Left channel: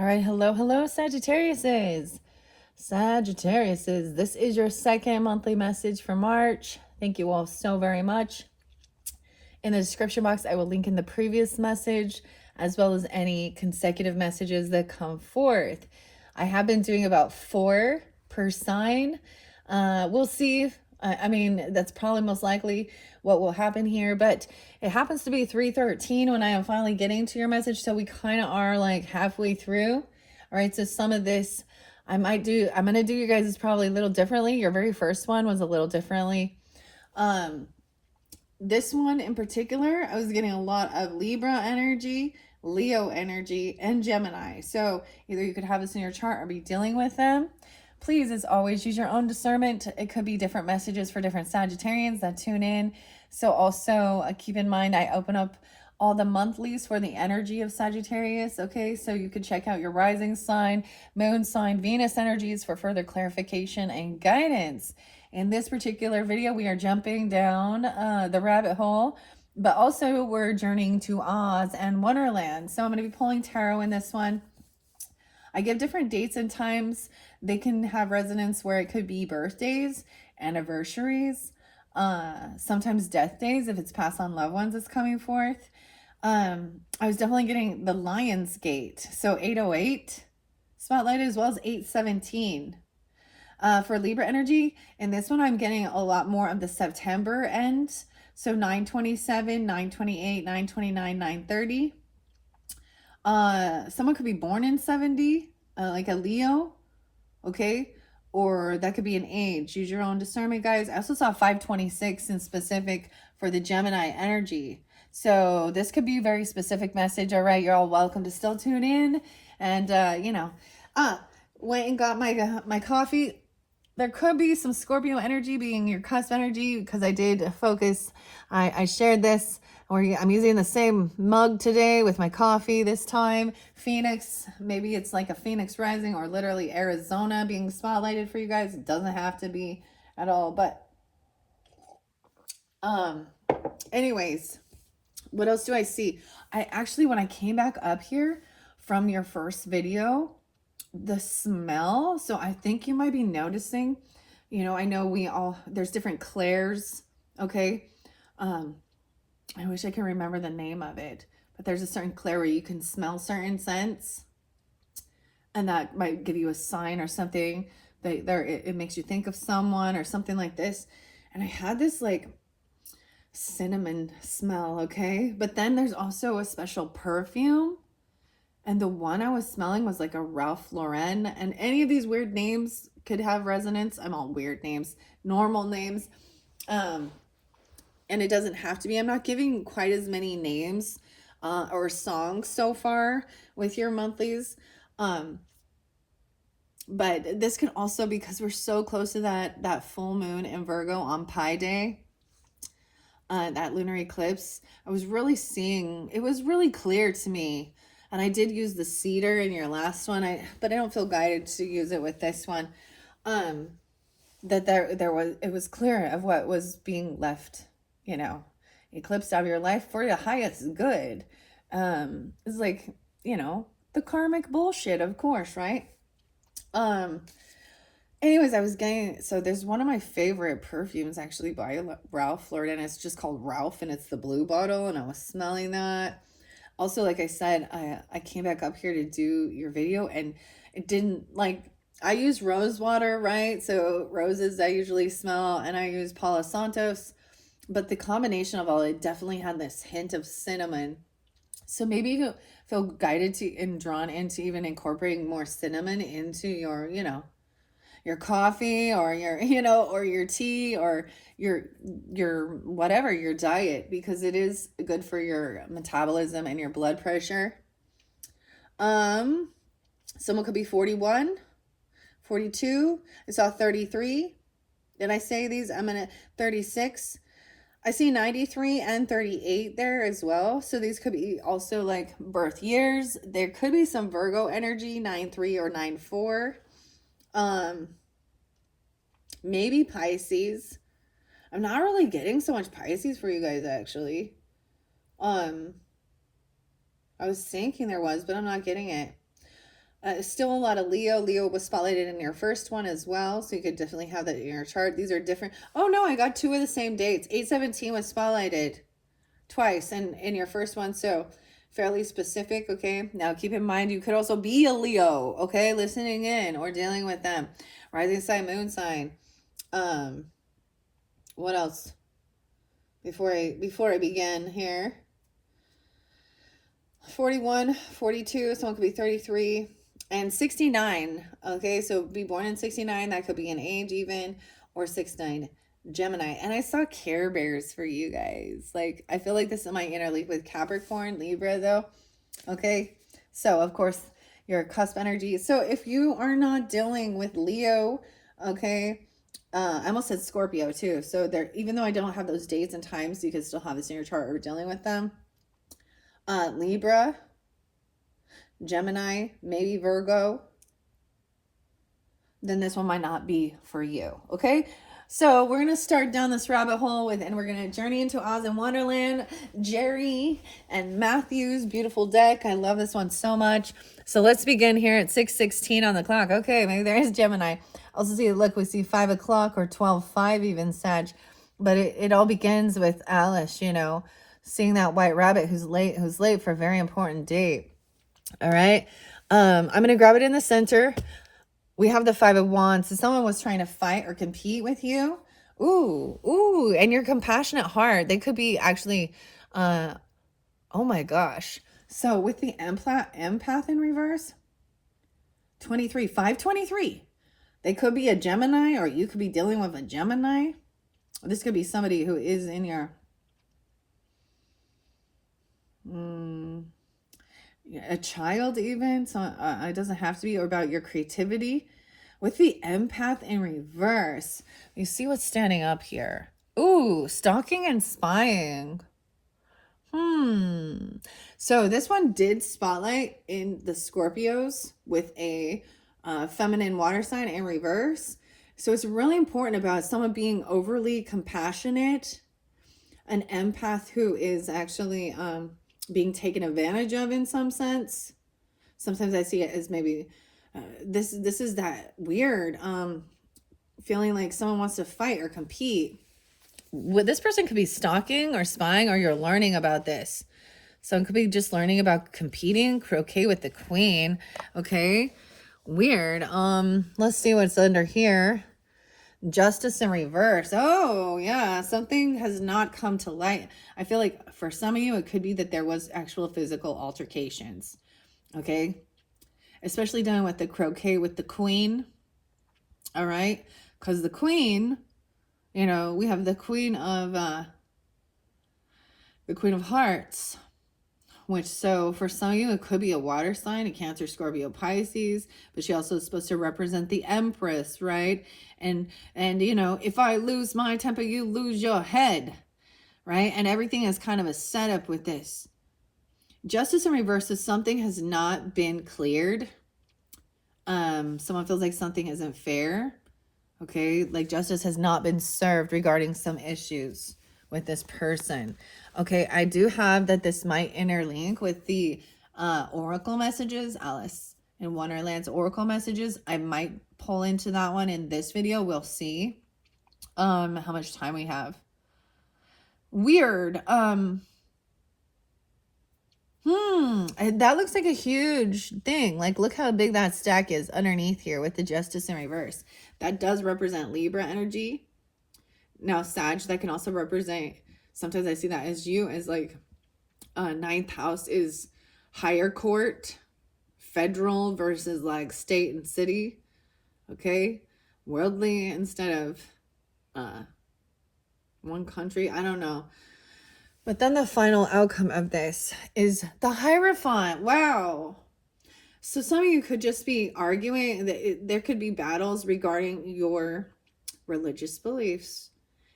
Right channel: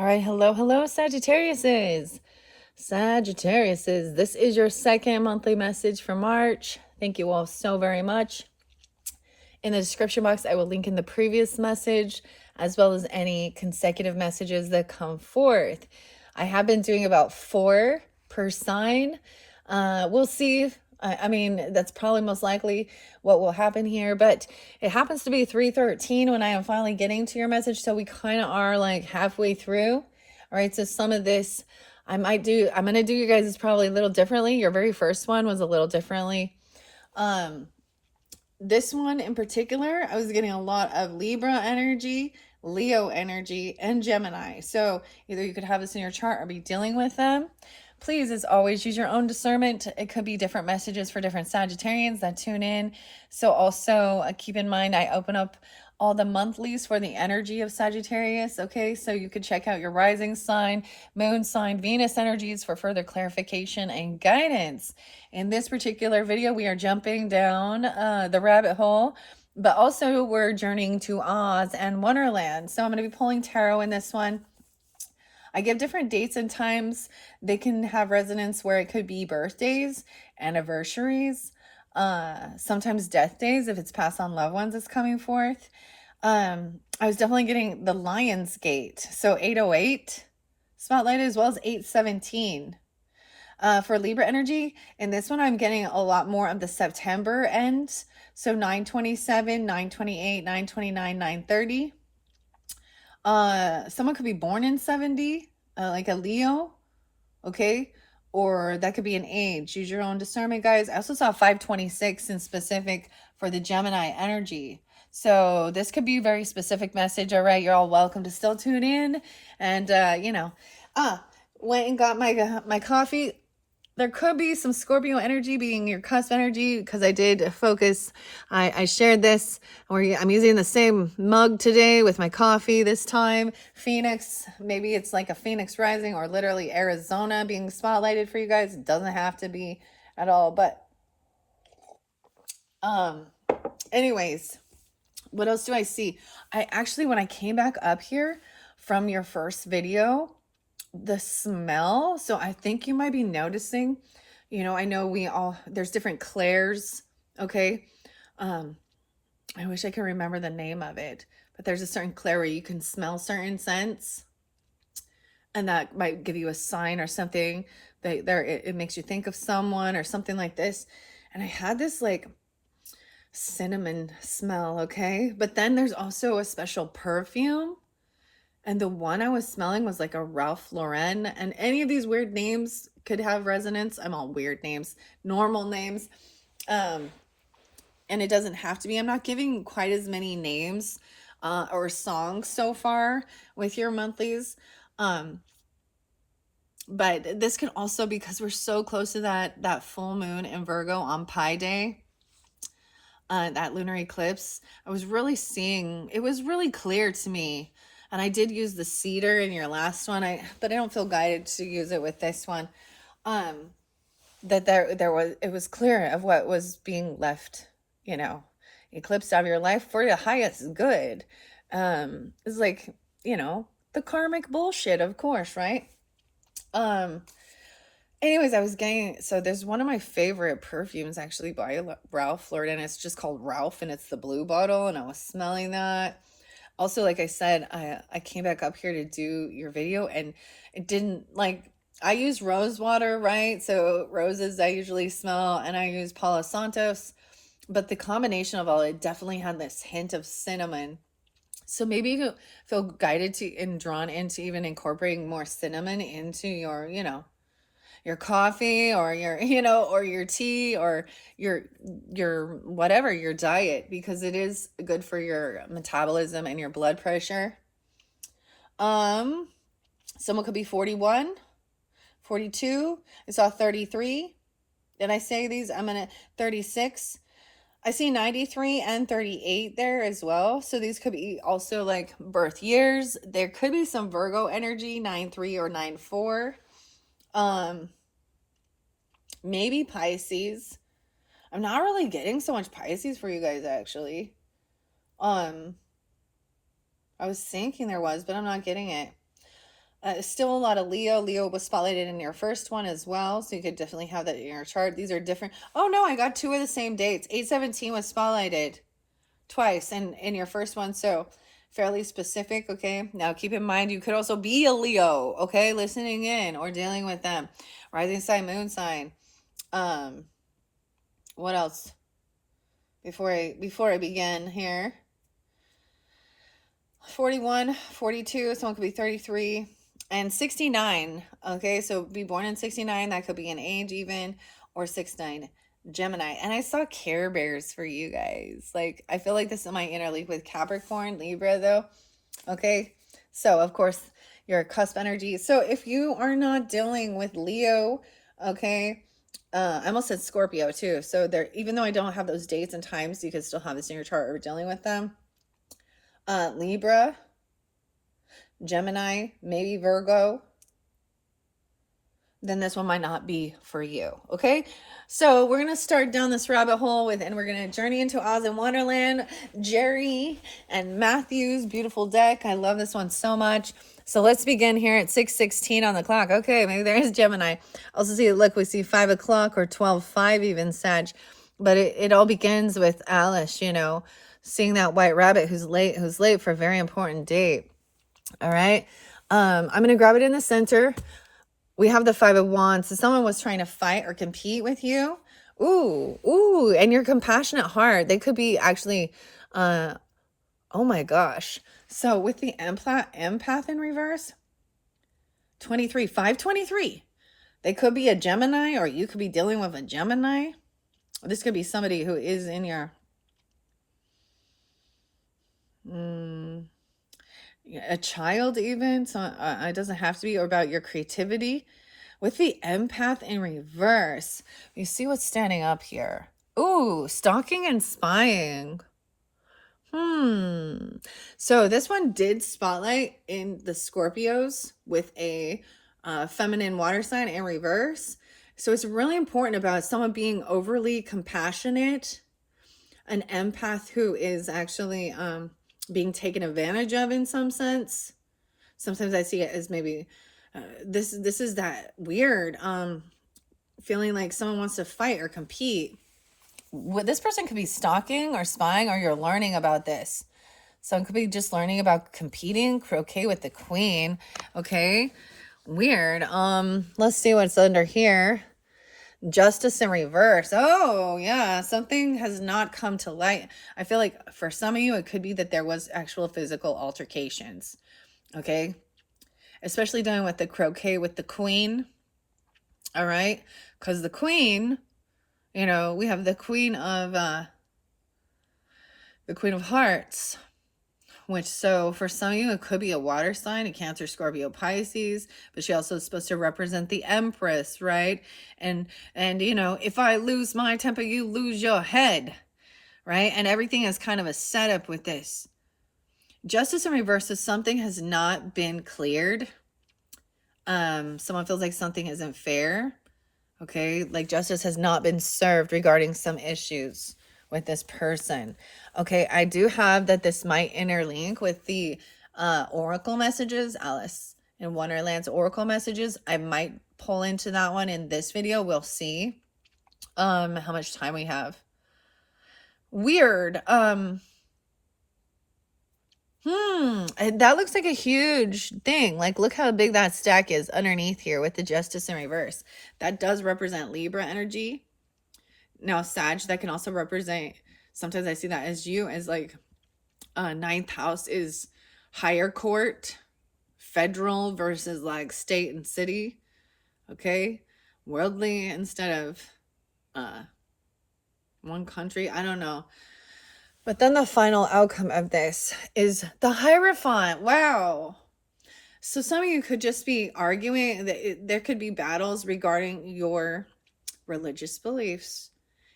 All right, hello, Sagittariuses. Sagittariuses, this is your second monthly message for March. Thank you all so very much. In the description box, I will link in the previous message as well as any consecutive messages that come forth. I have been doing about 4 per sign. We'll see. I mean, that's probably most likely what will happen here, but it happens to be 3:13 when I am finally getting to your message, so we kind of are like halfway through. All right, so some of this I'm going to do you guys probably a little differently. Your very first one was a little differently. This one in particular, I was getting a lot of Libra energy, Leo energy, and Gemini. So either you could have this in your chart or be dealing with them. Please, as always, use your own discernment. It could be different messages for different Sagittarians that tune in. So also keep in mind, I open up all the monthlies for the energy of Sagittarius. Okay, so you could check out your rising sign, moon sign, Venus energies for further clarification and guidance. In this particular video, we are jumping down the rabbit hole, but also we're journeying to Oz and Wonderland. So I'm going to be pulling tarot in this one. I give different dates and times. They can have resonance where it could be birthdays, anniversaries, sometimes death days if it's passed on loved ones is coming forth. I was definitely getting the Lion's Gate. So 808 spotlight as well as 817. For Libra energy, in this one, I'm getting a lot more of the September end. So 927, 928, 929, 930. Someone could be born in 70, like a Leo, okay? Or that could be an age. Use your own discernment, guys. I also saw 526 in specific for the Gemini energy. So this could be a very specific message. All right, you're all welcome to still tune in. And, went and got my coffee. There could be some Scorpio energy being your cusp energy because I did focus. I shared this where I'm using the same mug today with my coffee this time. Phoenix, maybe it's like a Phoenix rising or literally Arizona being spotlighted for you guys. It doesn't have to be at all, but anyways, what else do I see? I actually, when I came back up here from your first video, the smell, so I think you might be noticing, I know there's different clairs, okay? I wish I could remember the name of it, but there's a certain clair where you can smell certain scents, and that might give you a sign or something that it makes you think of someone or something like this. And I had this like cinnamon smell, okay? But then there's also a special perfume. And the one I was smelling was like a Ralph Lauren. And any of these weird names could have resonance. I'm all weird names, normal names. And it doesn't have to be. I'm not giving quite as many names or songs so far with your monthlies. But this can also, because we're so close to that full moon in Virgo on Pi Day, that lunar eclipse, I was really seeing, it was really clear to me. And I did use the cedar in your last one, but I don't feel guided to use it with this one. That it was clear of what was being left, eclipsed out of your life for the highest good. It's like, the karmic bullshit, of course, right? Anyways, so there's one of my favorite perfumes actually by Ralph Lauren. It's just called Ralph, and it's the blue bottle, and I was smelling that. Also, like I said, I came back up here to do your video, and it didn't, I use rose water, right? So roses I usually smell, and I use Palo Santos, but the combination of all, it definitely had this hint of cinnamon. So maybe you feel guided to and drawn into even incorporating more cinnamon into your, your coffee or your, or your tea or your whatever, your diet, because it is good for your metabolism and your blood pressure. Someone could be 41, 42. I saw 33. Did I say these? I'm gonna 36. I see 93 and 38 there as well. So these could be also like birth years. There could be some Virgo energy, 9-3 or 9-4. Maybe Pisces. I'm not really getting so much Pisces for you guys, actually. I was thinking there was, but I'm not getting it. Still a lot of Leo. Leo was spotlighted in your first one as well, so you could definitely have that in your chart. These are different. Oh no, I got two of the same dates. 8/17 was spotlighted twice in your first one, so fairly specific. Okay, now keep in mind you could also be a Leo, okay, listening in or dealing with them. Rising sign, moon sign. What else before I begin here? 41, 42, someone could be 33 and 69. Okay, so be born in 69, that could be an age even, or 69 Gemini. And I saw Care Bears for you guys. Like, I feel like this might interleap with Capricorn, Libra though. Okay, so of course your cusp energy. So if you are not dealing with Leo, okay, I almost said Scorpio too. So there, even though I don't have those dates and times, you could still have this in your chart or dealing with them. Libra, Gemini, maybe Virgo, then this one might not be for you. Okay, so we're gonna start down this rabbit hole with, and we're gonna journey into Oz and Wonderland. Jerry and Matthew's beautiful deck. I love this one so much. So let's begin here at 6:16 on the clock. Okay, maybe there is Gemini. Also see, look, we see 5 o'clock or 12:05 even, Sag. But it all begins with Alice, you know, seeing that white rabbit who's late for a very important date. All right. I'm going to grab it in the center. We have the 5 of Wands. So someone was trying to fight or compete with you. Ooh, and your compassionate heart. They could be actually, oh my gosh. So with the empath in reverse, 23, 523. They could be a Gemini, or you could be dealing with a Gemini. This could be somebody who is in your a child even. So it doesn't have to be, or about your creativity. With the empath in reverse, you see what's standing up here. Ooh, stalking and spying. So this one did spotlight in the Scorpios with a feminine water sign in reverse. So it's really important about someone being overly compassionate, an empath who is actually being taken advantage of in some sense. Sometimes I see it as maybe this is that weird feeling like someone wants to fight or compete. This person could be stalking or spying, or you're learning about this. Someone could be just learning about competing. Croquet with the Queen. Okay, weird. Let's see what's under here. Justice in reverse. Oh yeah, something has not come to light. I feel like for some of you it could be that there was actual physical altercations. Okay, especially dealing with the croquet with the Queen. All right, because the Queen, you know, we have the Queen of Hearts, which, so for some of you it could be a water sign, a Cancer, Scorpio, Pisces, but she also is supposed to represent the Empress, right? And you know, if I lose my temper, you lose your head, right? And everything is kind of a setup with this. Justice in reverse is something has not been cleared. Someone feels like something isn't fair. Okay, like justice has not been served regarding some issues with this person. Okay, I do have that this might interlink with the oracle messages, Alice in Wonderland's oracle messages. I might pull into that one in this video. We'll see how much time we have. Weird. That looks like a huge thing. Like, look how big that stack is underneath here with the Justice in reverse. That does represent Libra energy. Now, Sag, that can also represent, sometimes I see that as you, as like 9th house is higher court, federal versus like state and city. Okay, worldly instead of one country. I don't know. But then the final outcome of this is the Hierophant. Wow. So some of you could just be arguing that there could be battles regarding your religious beliefs.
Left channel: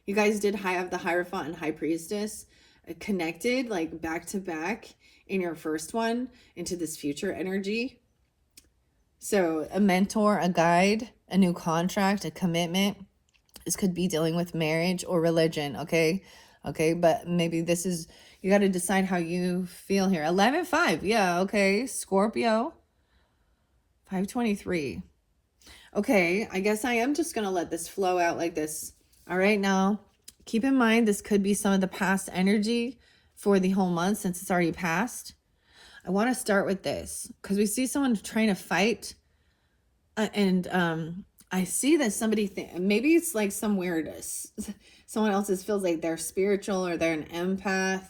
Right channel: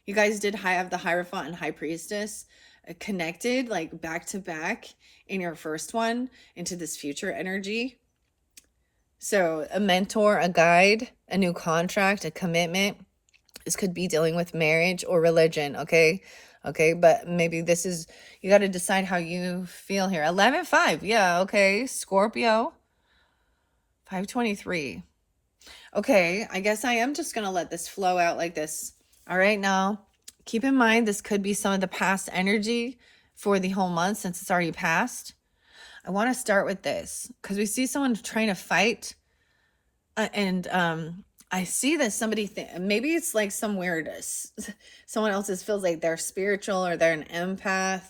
You guys did have the Hierophant and High Priestess connected, like back to back in your first one into this future energy. So a mentor, a guide, a new contract, a commitment. This could be dealing with marriage or religion, okay? Okay, but maybe this is, you got to decide how you feel here. 11-5, yeah, okay. Scorpio. 523. Okay, I guess I am just going to let this flow out like this. All right, now keep in mind this could be some of the past energy for the whole month since it's already passed. I want to start with this because we see someone trying to fight, and I see that somebody maybe it's like some weirdness. Someone else's feels like they're spiritual or they're an empath.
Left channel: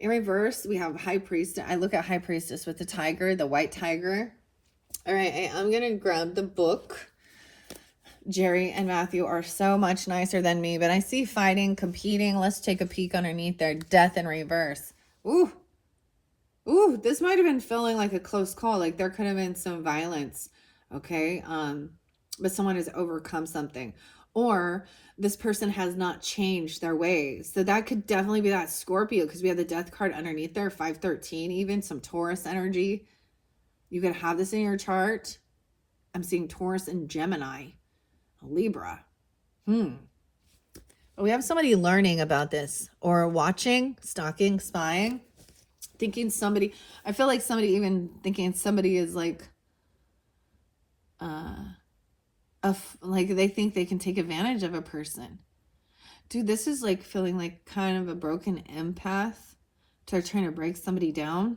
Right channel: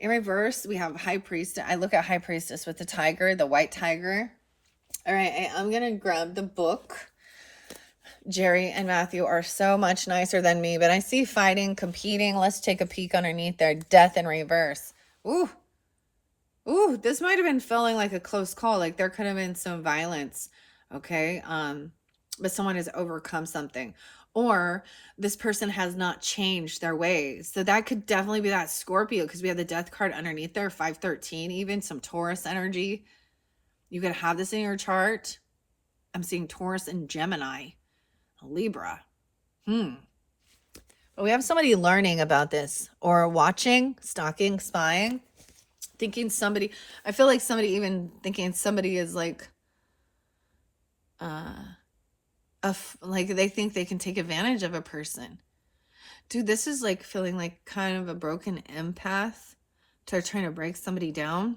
In reverse, we have High Priestess. I look at High Priestess with the tiger, the white tiger. All right, I'm gonna grab the book. Jerry and Matthew are so much nicer than me, but I see fighting, competing. Let's take a peek underneath there. Death in reverse. Ooh. Ooh, this might have been feeling like a close call. Like there could have been some violence. Okay. But someone has overcome something. Or this person has not changed their ways. So that could definitely be that Scorpio because we have the death card underneath there, 513, even some Taurus energy. You could have this in your chart. I'm seeing Taurus and Gemini, Libra. But we have somebody learning about this or watching, stalking, spying, thinking somebody, I feel like somebody even thinking somebody is like, like they think they can take advantage of a person. Dude, this is like feeling like kind of a broken empath to trying to break somebody down.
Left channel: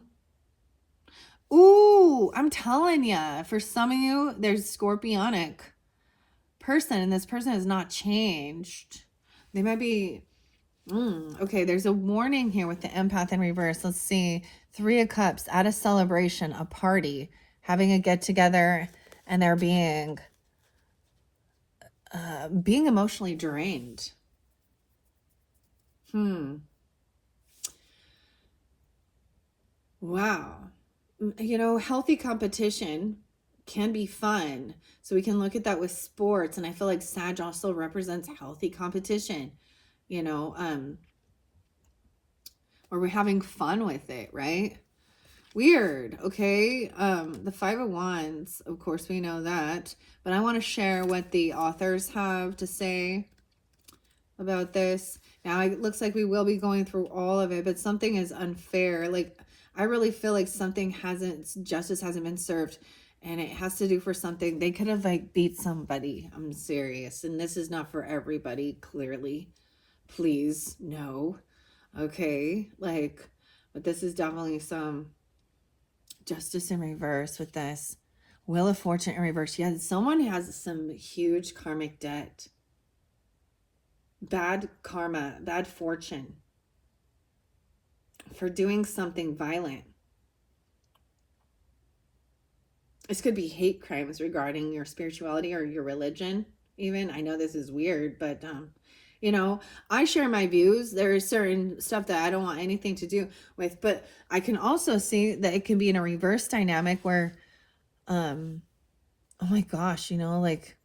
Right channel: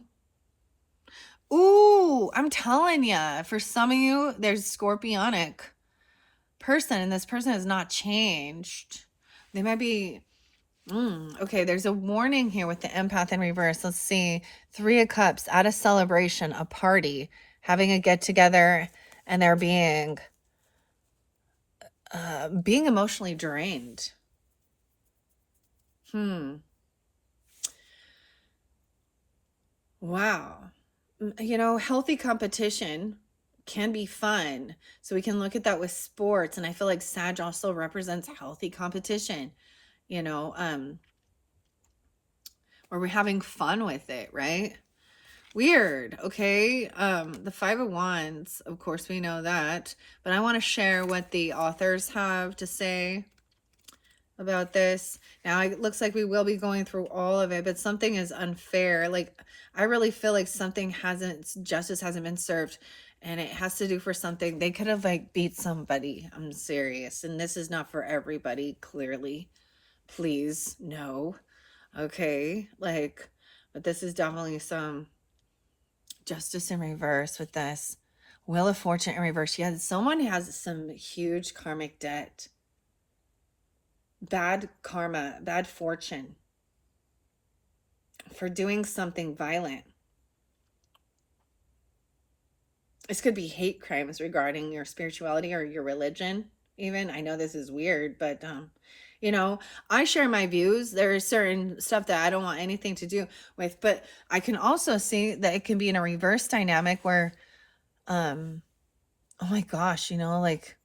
Ooh, I'm telling ya, for some of you, there's scorpionic person and this person has not changed. They might be, okay, there's a warning here with the empath in reverse. Let's see, 3 of Cups at a celebration, a party, having a get together, and they're being emotionally drained. Wow. You know, healthy competition can be fun. So we can look at that with sports. And I feel like Sag also represents healthy competition, you know, where we're having fun with it, right? Weird. Okay. The 5 of Wands, of course, we know that, but I want to share what the authors have to say about this. Now, it looks like we will be going through all of it, but something is unfair. Like, I really feel like justice hasn't been served, and it has to do for something. They could have like beat somebody. I'm serious. And this is not for everybody, clearly. Please, no. Okay. Like, but this is definitely some justice in reverse with this. Wheel of Fortune in reverse. Yeah, someone has some huge karmic debt. Bad karma, bad fortune for doing something violent. This could be hate crimes regarding your spirituality or your religion even. I know this is weird, but you know, I share my views. There is certain stuff that I don't want anything to do with, but I can also see that it can be in a reverse dynamic where oh my gosh, you know, like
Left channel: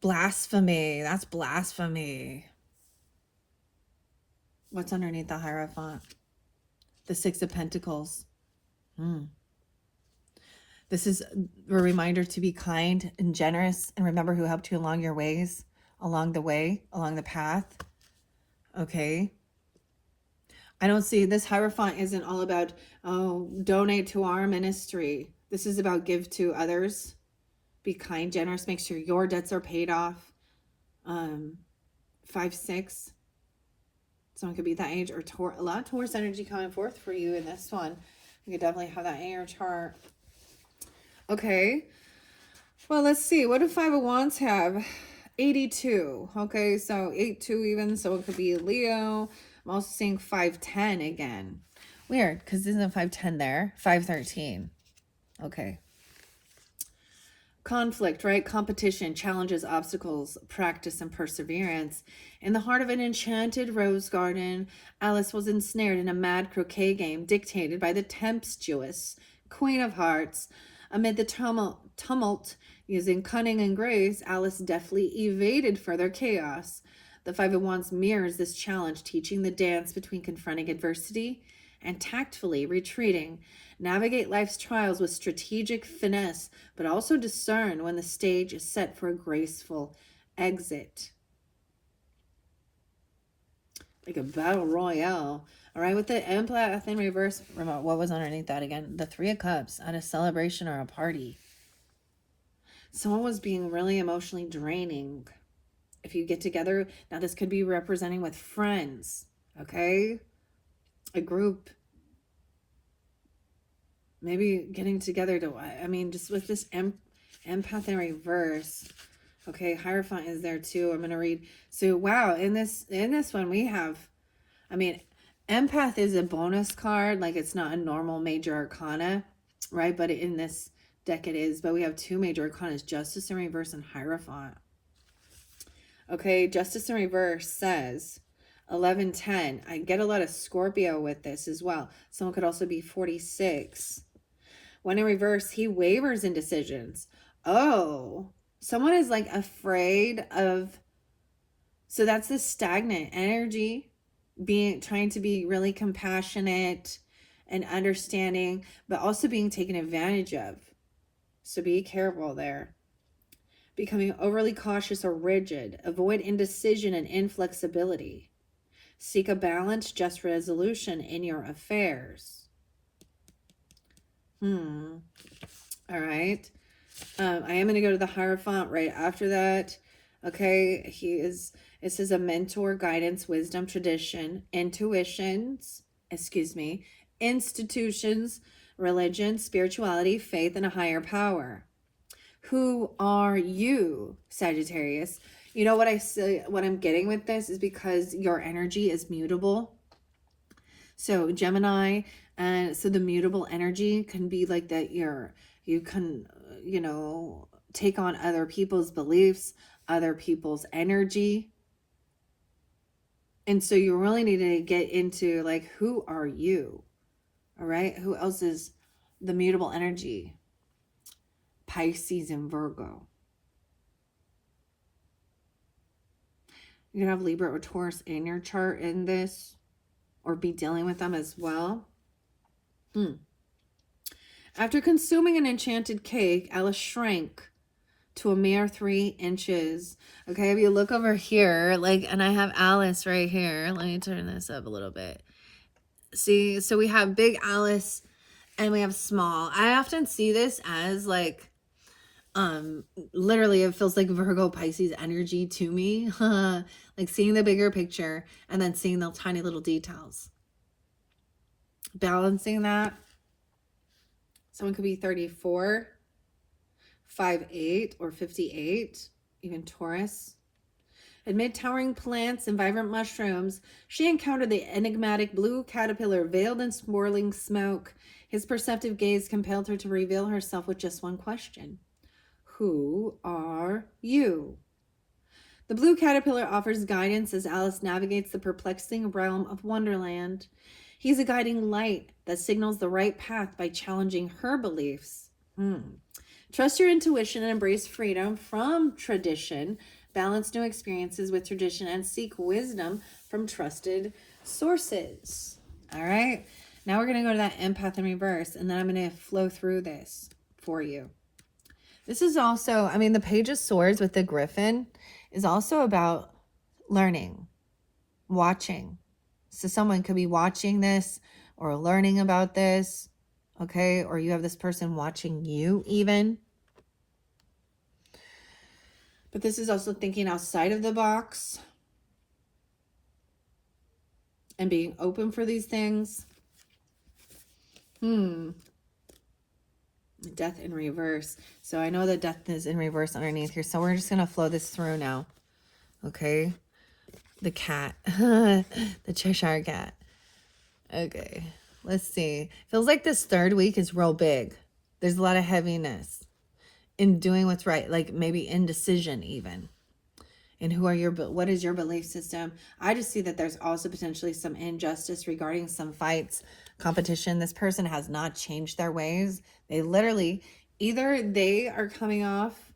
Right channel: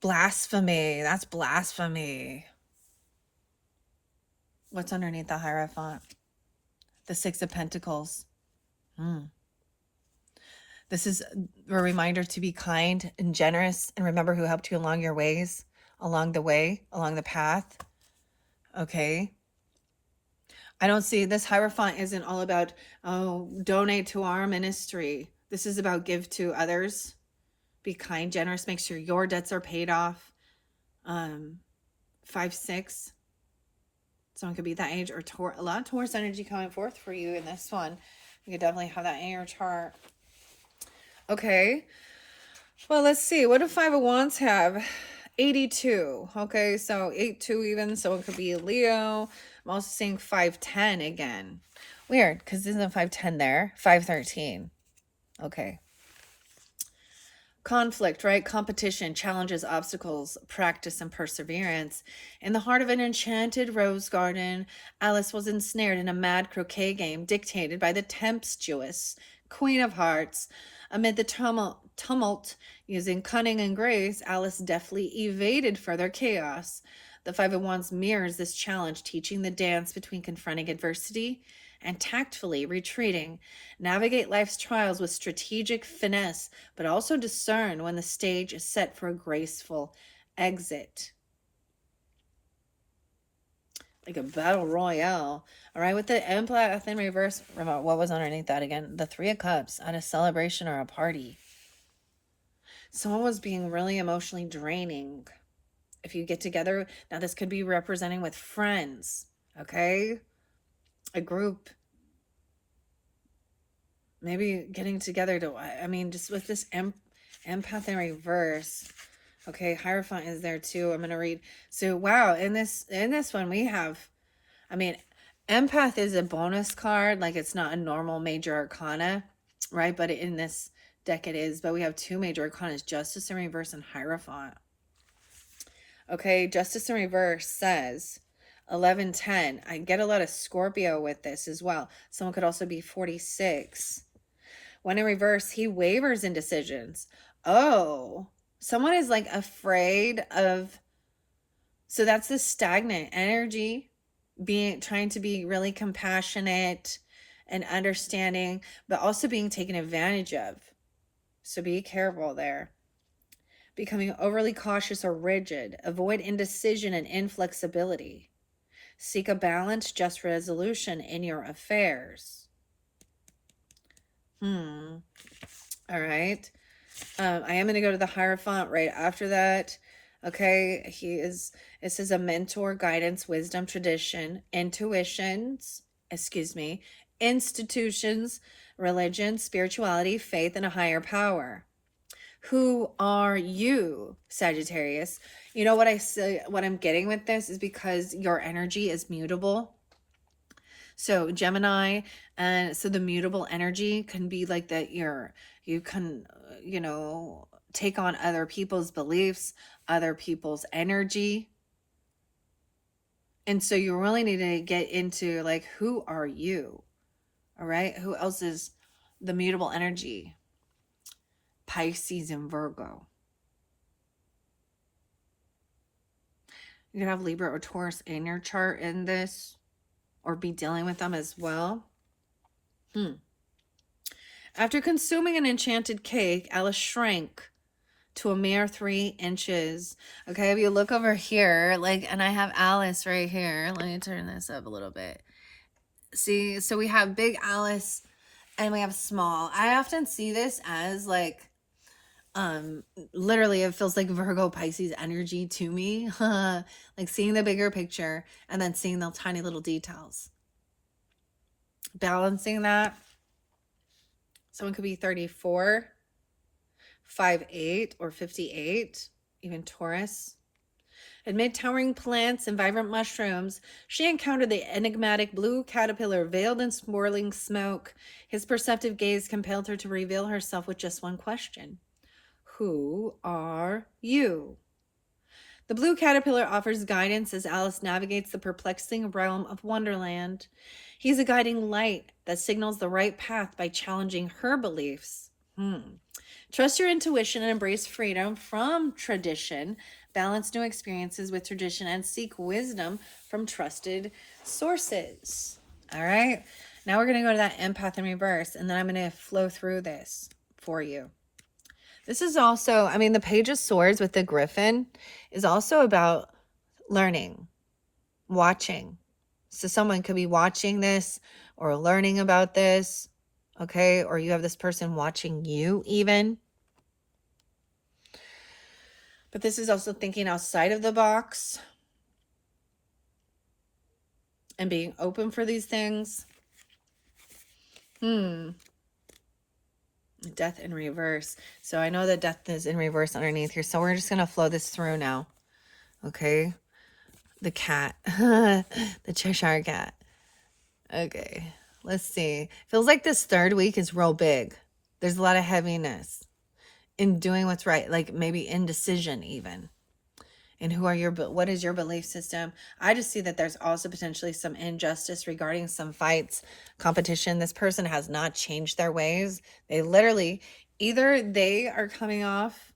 blasphemy. That's blasphemy. What's underneath the Hierophant? The 6 of Pentacles. This is a reminder to be kind and generous and remember who helped you along your ways, along the way, along the path. Okay. I don't see this Hierophant isn't all about, oh, donate to our ministry. This is about give to others. Be kind, generous, make sure your debts are paid off. 5-6. Someone could be that age or a lot of Taurus energy coming forth for you in this one. You could definitely have that in your chart. Okay. Well, let's see. What do 5 of Wands have? 82. Okay, so 8-2 even. So it could be Leo. I'm also seeing 510 again. Weird, because isn't 510 there? 513. Okay. Conflict, right? Competition, challenges, obstacles, practice, and perseverance. In the heart of an enchanted rose garden, Alice was ensnared in a mad croquet game dictated by the tempestuous Queen of Hearts. Amid the tumult, using cunning and grace, Alice deftly evaded further chaos. The 5 of Wands mirrors this challenge, teaching the dance between confronting adversity and tactfully retreating. Navigate life's trials with strategic finesse, but also discern when the stage is set for a graceful exit. like a battle royale. All right, with the empath in reverse, what was underneath that again? The Three of Cups at a celebration or a party. Someone was being really emotionally draining. If you get together, now this could be representing with friends, okay? A group, maybe getting together to, I mean, just with this empath in reverse. Okay, Hierophant is there too. I'm gonna read. So wow, in this one we have, I mean, empath is a bonus card, like it's not a normal major arcana, right? But in this deck it is. But we have two major arcanas, Justice in reverse and Hierophant. Okay, Justice in reverse says 1110. I get a lot of Scorpio with this as well. Someone could also be 46. When in reverse, he wavers in decisions. Oh, someone is like afraid of, so that's the stagnant energy, trying to be really compassionate and understanding, but also being taken advantage of. So be careful there. Becoming overly cautious or rigid. Avoid indecision and inflexibility. Seek a balanced, just resolution in your affairs. All right. I am going to go to the Hierophant right after that. Okay. It says a mentor, guidance, wisdom, tradition, institutions, religion, spirituality, faith, and a higher power. Who are you, Sagittarius? You know what I say, what I'm getting with this is because your energy is mutable. So Gemini, and so the mutable energy can be like that you can, take on other people's beliefs, other people's energy. And so you really need to get into like, who are you? All right. Who else is the mutable energy? Pisces and Virgo. You can have Libra or Taurus in your chart in this, or be dealing with them as well. After consuming an enchanted cake, Alice shrank to a mere 3 inches. Okay, if you look over here, like, and I have Alice right here. Let me turn this up a little bit. See, so we have big Alice and we have small. I often see this as like, literally it feels like Virgo Pisces energy to me. Like seeing the bigger picture and then seeing the tiny little details. Balancing that. Someone could be 34, 5'8", or 58, even Taurus. Amid towering plants and vibrant mushrooms, she encountered the enigmatic blue caterpillar veiled in swirling smoke. His perceptive gaze compelled her to reveal herself with just one question. Who are you? The blue caterpillar offers guidance as Alice navigates the perplexing realm of Wonderland. He's a guiding light that signals the right path by challenging her beliefs. Trust your intuition and embrace freedom from tradition. Balance new experiences with tradition and seek wisdom from trusted sources. All right. Now we're going to go to that empath in reverse, and then I'm going to flow through this for you. This is also, I mean, the Page of Swords with the Griffin is also about learning, watching. So someone could be watching this or learning about this, okay? Or you have this person watching you even. But this is also thinking outside of the box and being open for these things. Death in reverse. So I know that death is in reverse underneath here. So we're just going to flow this through now. Okay. The cat. The Cheshire cat. Okay. Let's see. Feels like this third week is real big. There's a lot of heaviness in doing what's right. Like maybe indecision even. And what is your belief system? I just see that there's also potentially some injustice regarding some fights, competition. This person has not changed their ways. They literally, either they are coming off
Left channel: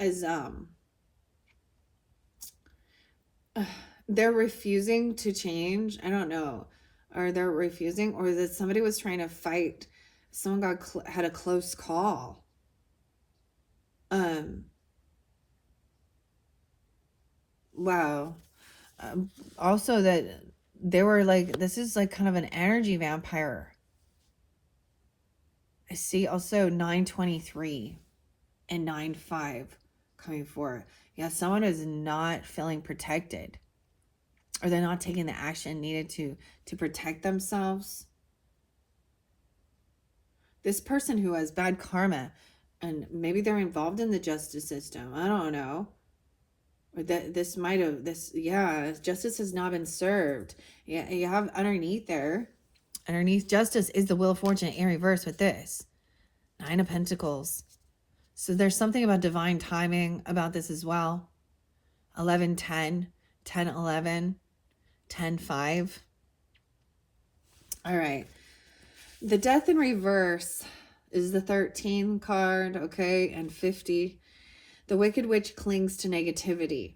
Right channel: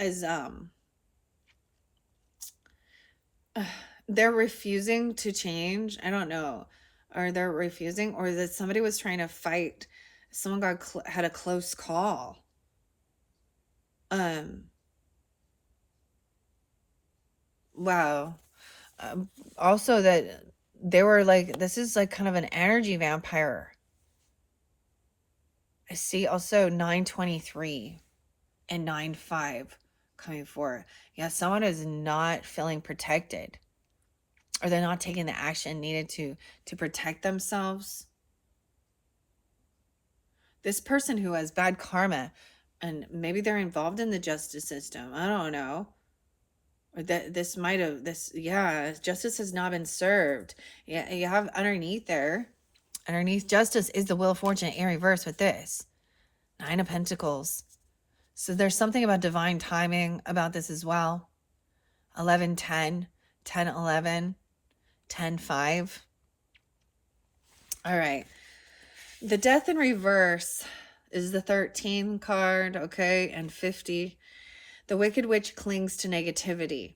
as, they're refusing to change. I don't know. Or they're refusing, or that somebody was trying to fight. Someone had a close call. Wow. Also that they were like, this is like kind of an energy vampire. I see also 923 and 95 coming forward. Yeah, someone is not feeling protected, or they're not taking the action needed to protect themselves. This person who has bad karma, and maybe they're involved in the justice system. I don't know. Or that this might have justice has not been served. Yeah, you have underneath there. Underneath justice is the Wheel of Fortune in reverse with this. 9 of Pentacles. So there's something about divine timing about this as well. 11, 10, 10, 11, 10, 5. All right. The Death in reverse is the 13 card, okay, and 50. The Wicked Witch clings to negativity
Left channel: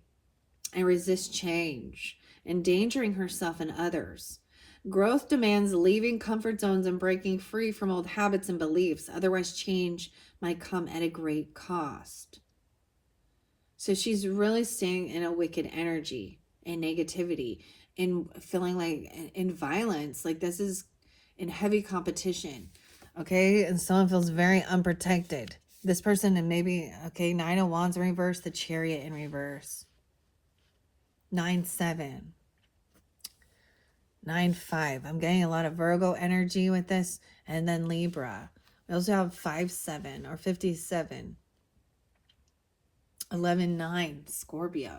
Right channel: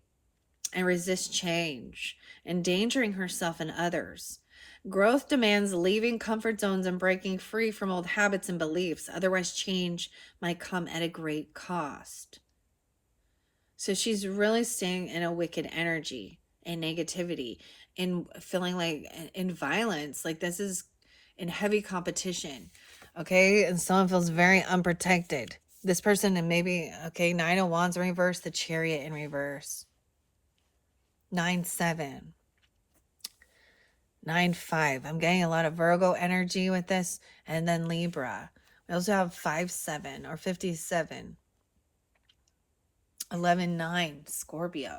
and resists change, endangering herself and others. Growth demands leaving comfort zones and breaking free from old habits and beliefs. Otherwise, change might come at a great cost. So she's really staying in a wicked energy and negativity and feeling like in violence. Like this is in heavy competition. Okay. And someone feels very unprotected. This person, and maybe, okay, 9 of Wands in reverse, the Chariot in reverse. 9, 7. 9, 5. I'm getting a lot of Virgo energy with this. And then Libra. We also have 5, 7 or 57. 11, 9. Scorpio.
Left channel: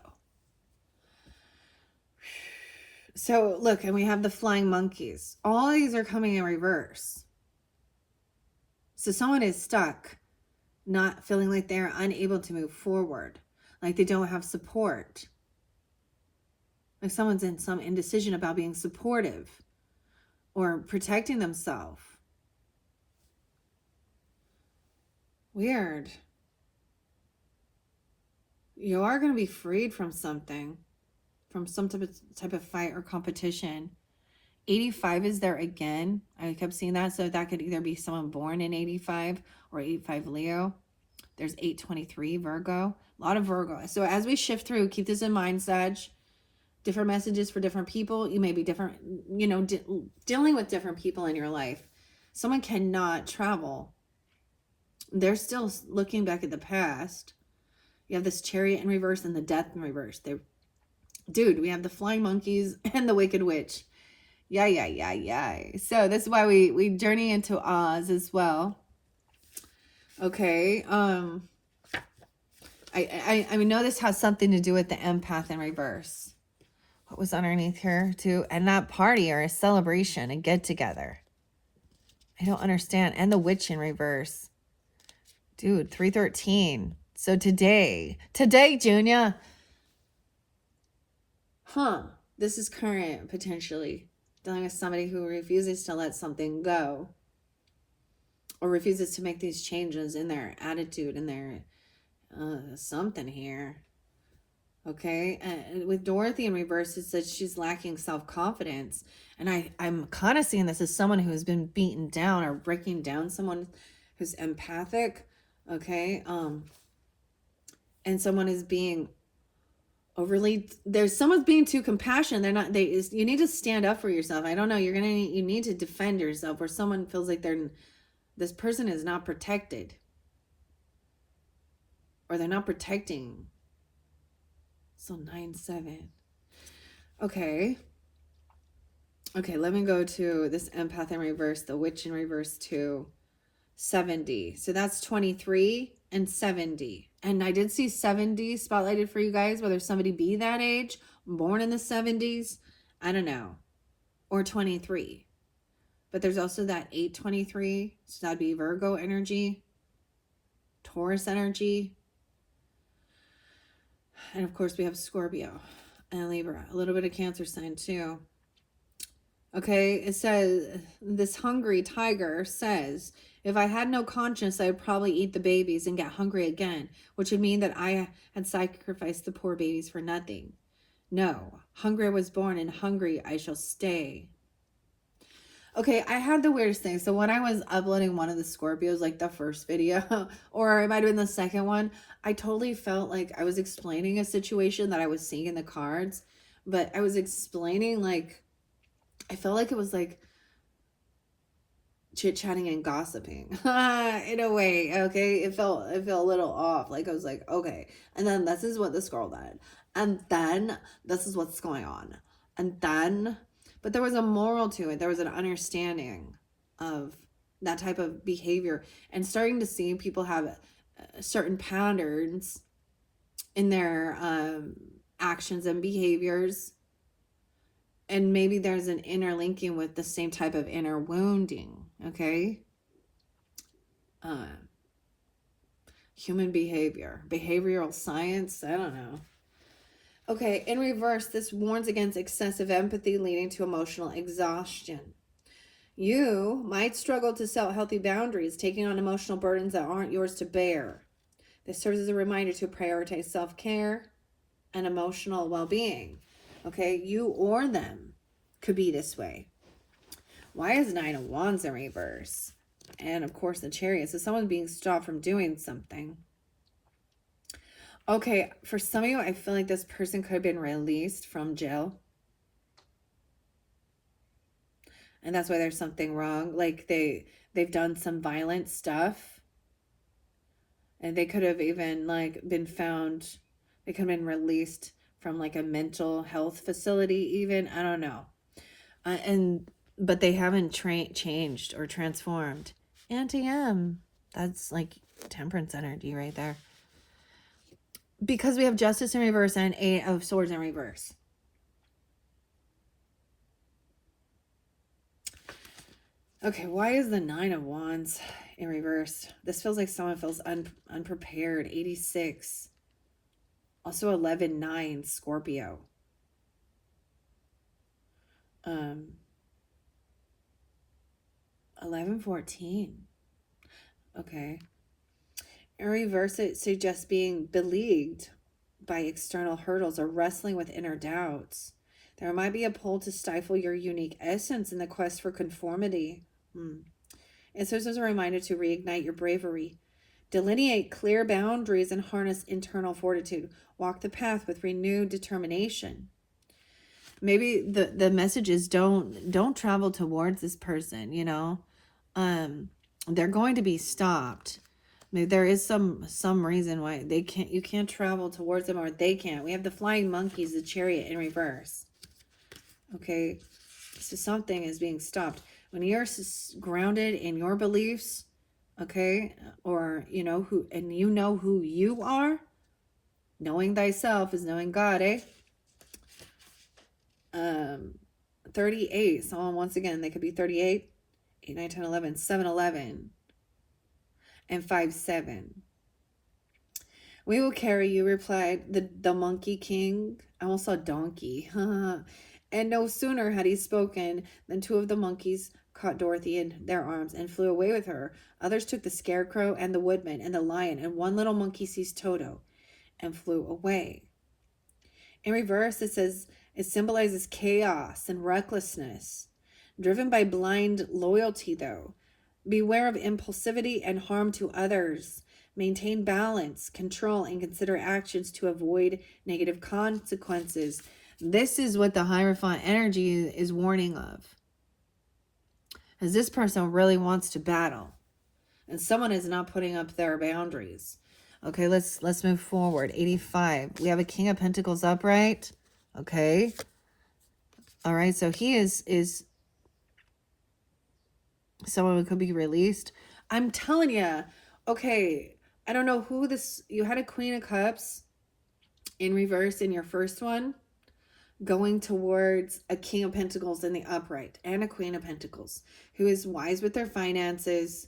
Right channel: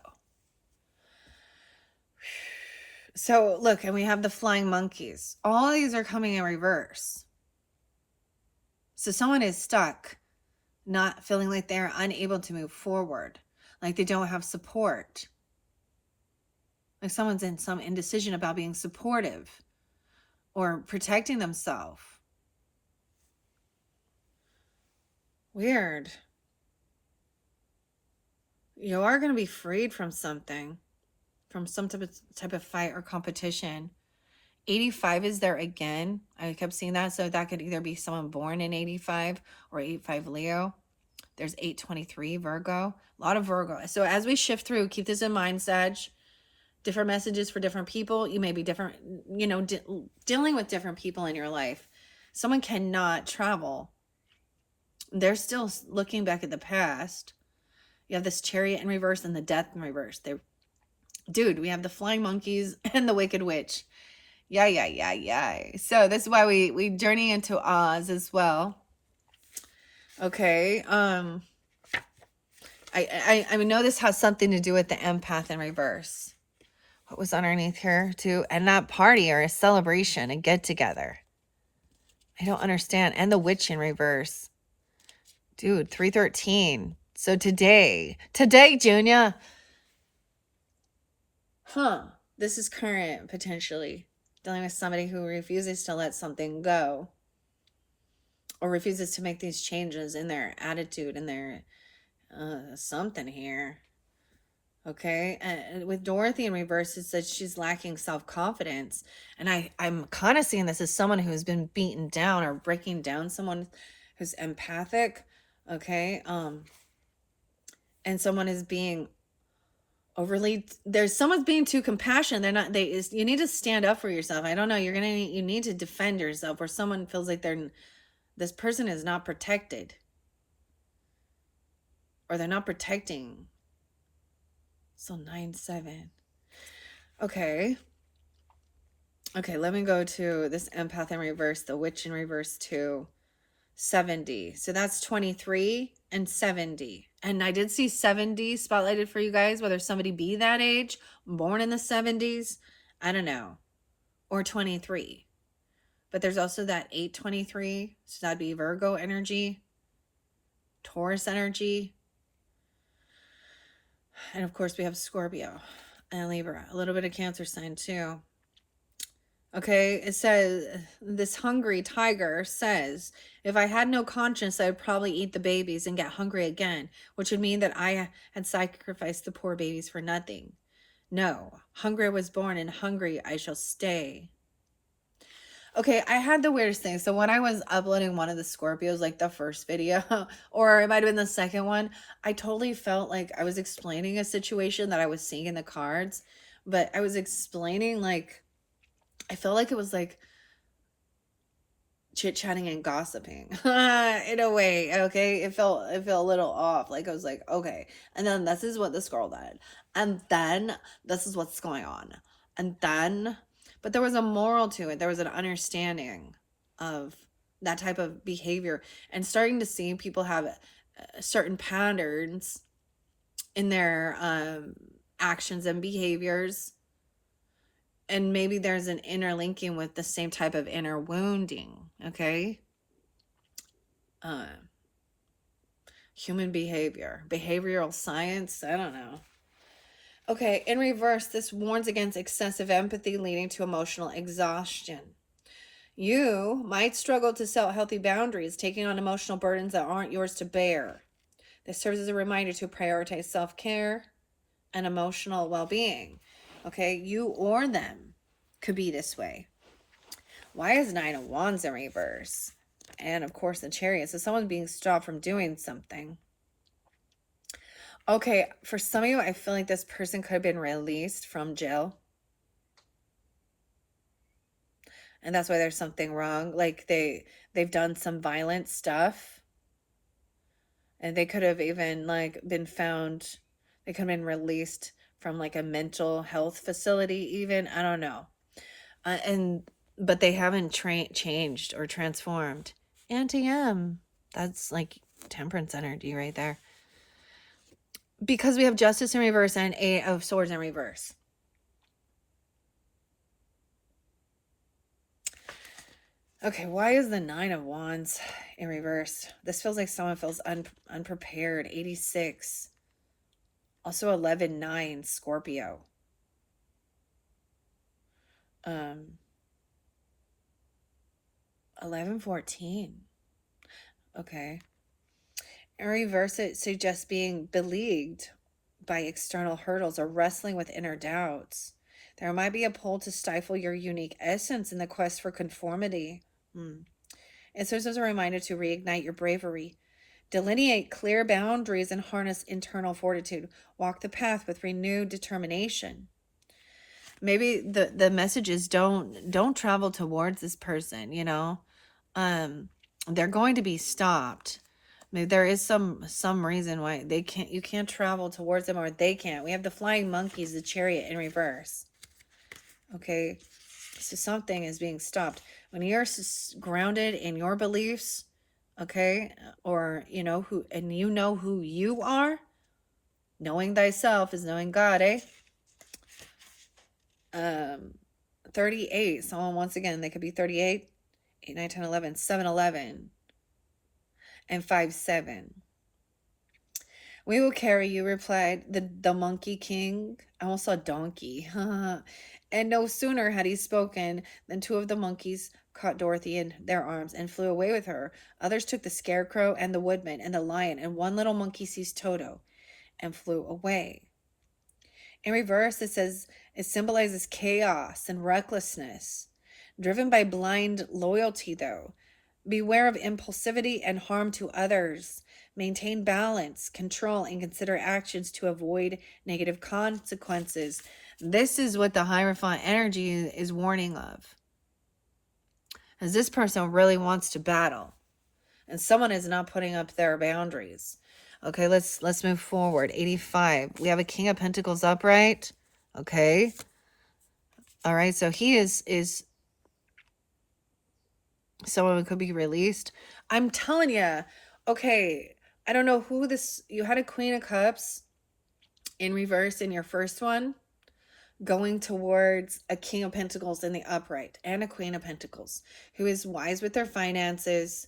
So look, and we have the flying monkeys. All of these are coming in reverse. So someone is stuck, not feeling like they're unable to move forward. Like they don't have support. Like someone's in some indecision about being supportive or protecting themselves. Weird. You are going to be freed from something, from some type of fight or competition. 85 is there again. I kept seeing that. So that could either be someone born in 85 or 85 Leo. There's 823 Virgo. A lot of Virgo. So as we shift through, keep this in mind, Sag. Different messages for different people. You may be different, dealing with different people in your life. Someone cannot travel. They're still looking back at the past. You have this Chariot in reverse and the Death in reverse. Dude, we have the flying monkeys and the Wicked Witch. Yeah. So this is why we journey into Oz as well. Okay. I know this has something to do with the empath in reverse. What was underneath here too? And not party or a celebration, a get together. I don't understand. And the witch in reverse. Dude, 313. So today, Junior. This is current, potentially. Dealing with somebody who refuses to let something go. Or refuses to make these changes in their attitude, in their something here. Okay, and with Dorothy in reverse, it says she's lacking self-confidence. And I'm kind of seeing this as someone who's been beaten down or breaking down, someone who's empathic. Okay, and someone is being overly, someone's being too compassionate. You need to stand up for yourself. I don't know, you need to defend yourself, or someone feels like this person is not protected, or they're not protecting. So 9-7. Okay, let me go to this empath in reverse, the witch in reverse too. 70. So that's 23 and 70. And I did see 70 spotlighted for you guys, whether somebody be that age, born in the 70s, I don't know, or 23. But there's also that 823. So that'd be Virgo energy, Taurus energy. And of course we have Scorpio and Libra, a little bit of Cancer sign too. Okay, it says, this hungry tiger says, if I had no conscience, I would probably eat the babies and get hungry again, which would mean that I had sacrificed the poor babies for nothing. No, hungry I was born, and hungry I shall stay. Okay, I had the weirdest thing. So when I was uploading one of the Scorpios, like the first video, or it might have been the second one, I totally felt like I was explaining a situation that I was seeing in the cards, but I was explaining like I felt like it was like chit-chatting and gossiping in a way. Okay, it felt a little off. Like I was like, okay, and then this is what this girl did, and then this is what's going on, and then, but there was a moral to it. There was an understanding of that type of behavior, and starting to see people have certain patterns in their actions and behaviors, and maybe there's an interlinking with the same type of inner wounding. Okay, human behavior, behavioral science, I don't know. Okay, in reverse, this warns against excessive empathy leading to emotional exhaustion. You might struggle to set healthy boundaries, taking on emotional burdens that aren't yours to bear. This serves as a reminder to prioritize self-care and emotional well-being. Okay, you or them could be this way. Why is Nine of Wands in reverse? And of course the Chariot. So someone's being stopped from doing something. Okay, for some of you, I feel like this person could have been released from jail. And that's why there's something wrong. Like they've done some violent stuff. And they could have even like been found, they could have been released from like a mental health facility even. I don't know. But they haven't changed or transformed. Anti-M. That's like Temperance energy right there. Because we have Justice in reverse and Eight of Swords in reverse. Okay, why is the Nine of Wands in reverse? This feels like someone feels unprepared. 86. Also 11-9, Scorpio. 11-14. Okay. In reverse, it suggests being beleaguered by external hurdles or wrestling with inner doubts. There might be a pull to stifle your unique essence in the quest for conformity. It serves as a reminder to reignite your bravery. Delineate clear boundaries and harness internal fortitude. Walk the path with renewed determination. Maybe the message is don't travel towards this person, you know. They're going to be stopped. Maybe there is some reason why you can't travel towards them, or they can't. We have the flying monkeys, the Chariot in reverse. Okay, so something is being stopped. When you're grounded in your beliefs, okay, or you know who you are, knowing thyself is knowing God, eh? 38. So once again, they could be 38, 8, 9, 10, 11, 7, 11, and 5, 7. We will carry you, replied the Monkey King. I almost saw donkey. And no sooner had he spoken than two of the monkeys caught Dorothy in their arms and flew away with her. Others took the Scarecrow and the Woodman and the Lion, and one little monkey seized Toto and flew away. In reverse, it symbolizes chaos and recklessness, driven by blind loyalty, though. Beware of impulsivity and harm to others. Maintain balance, control, and consider actions to avoid negative consequences. This is what the Hierophant energy is warning of. As this person really wants to battle, and someone is not putting up their boundaries. Okay, let's move forward. 85. We have a King of Pentacles upright. Okay. All right, so he is someone who could be released. I'm telling you. Okay, I don't know who this... You had a Queen of Cups in reverse in your first one, going towards a King of Pentacles in the upright, and a Queen of Pentacles, who is wise with their finances.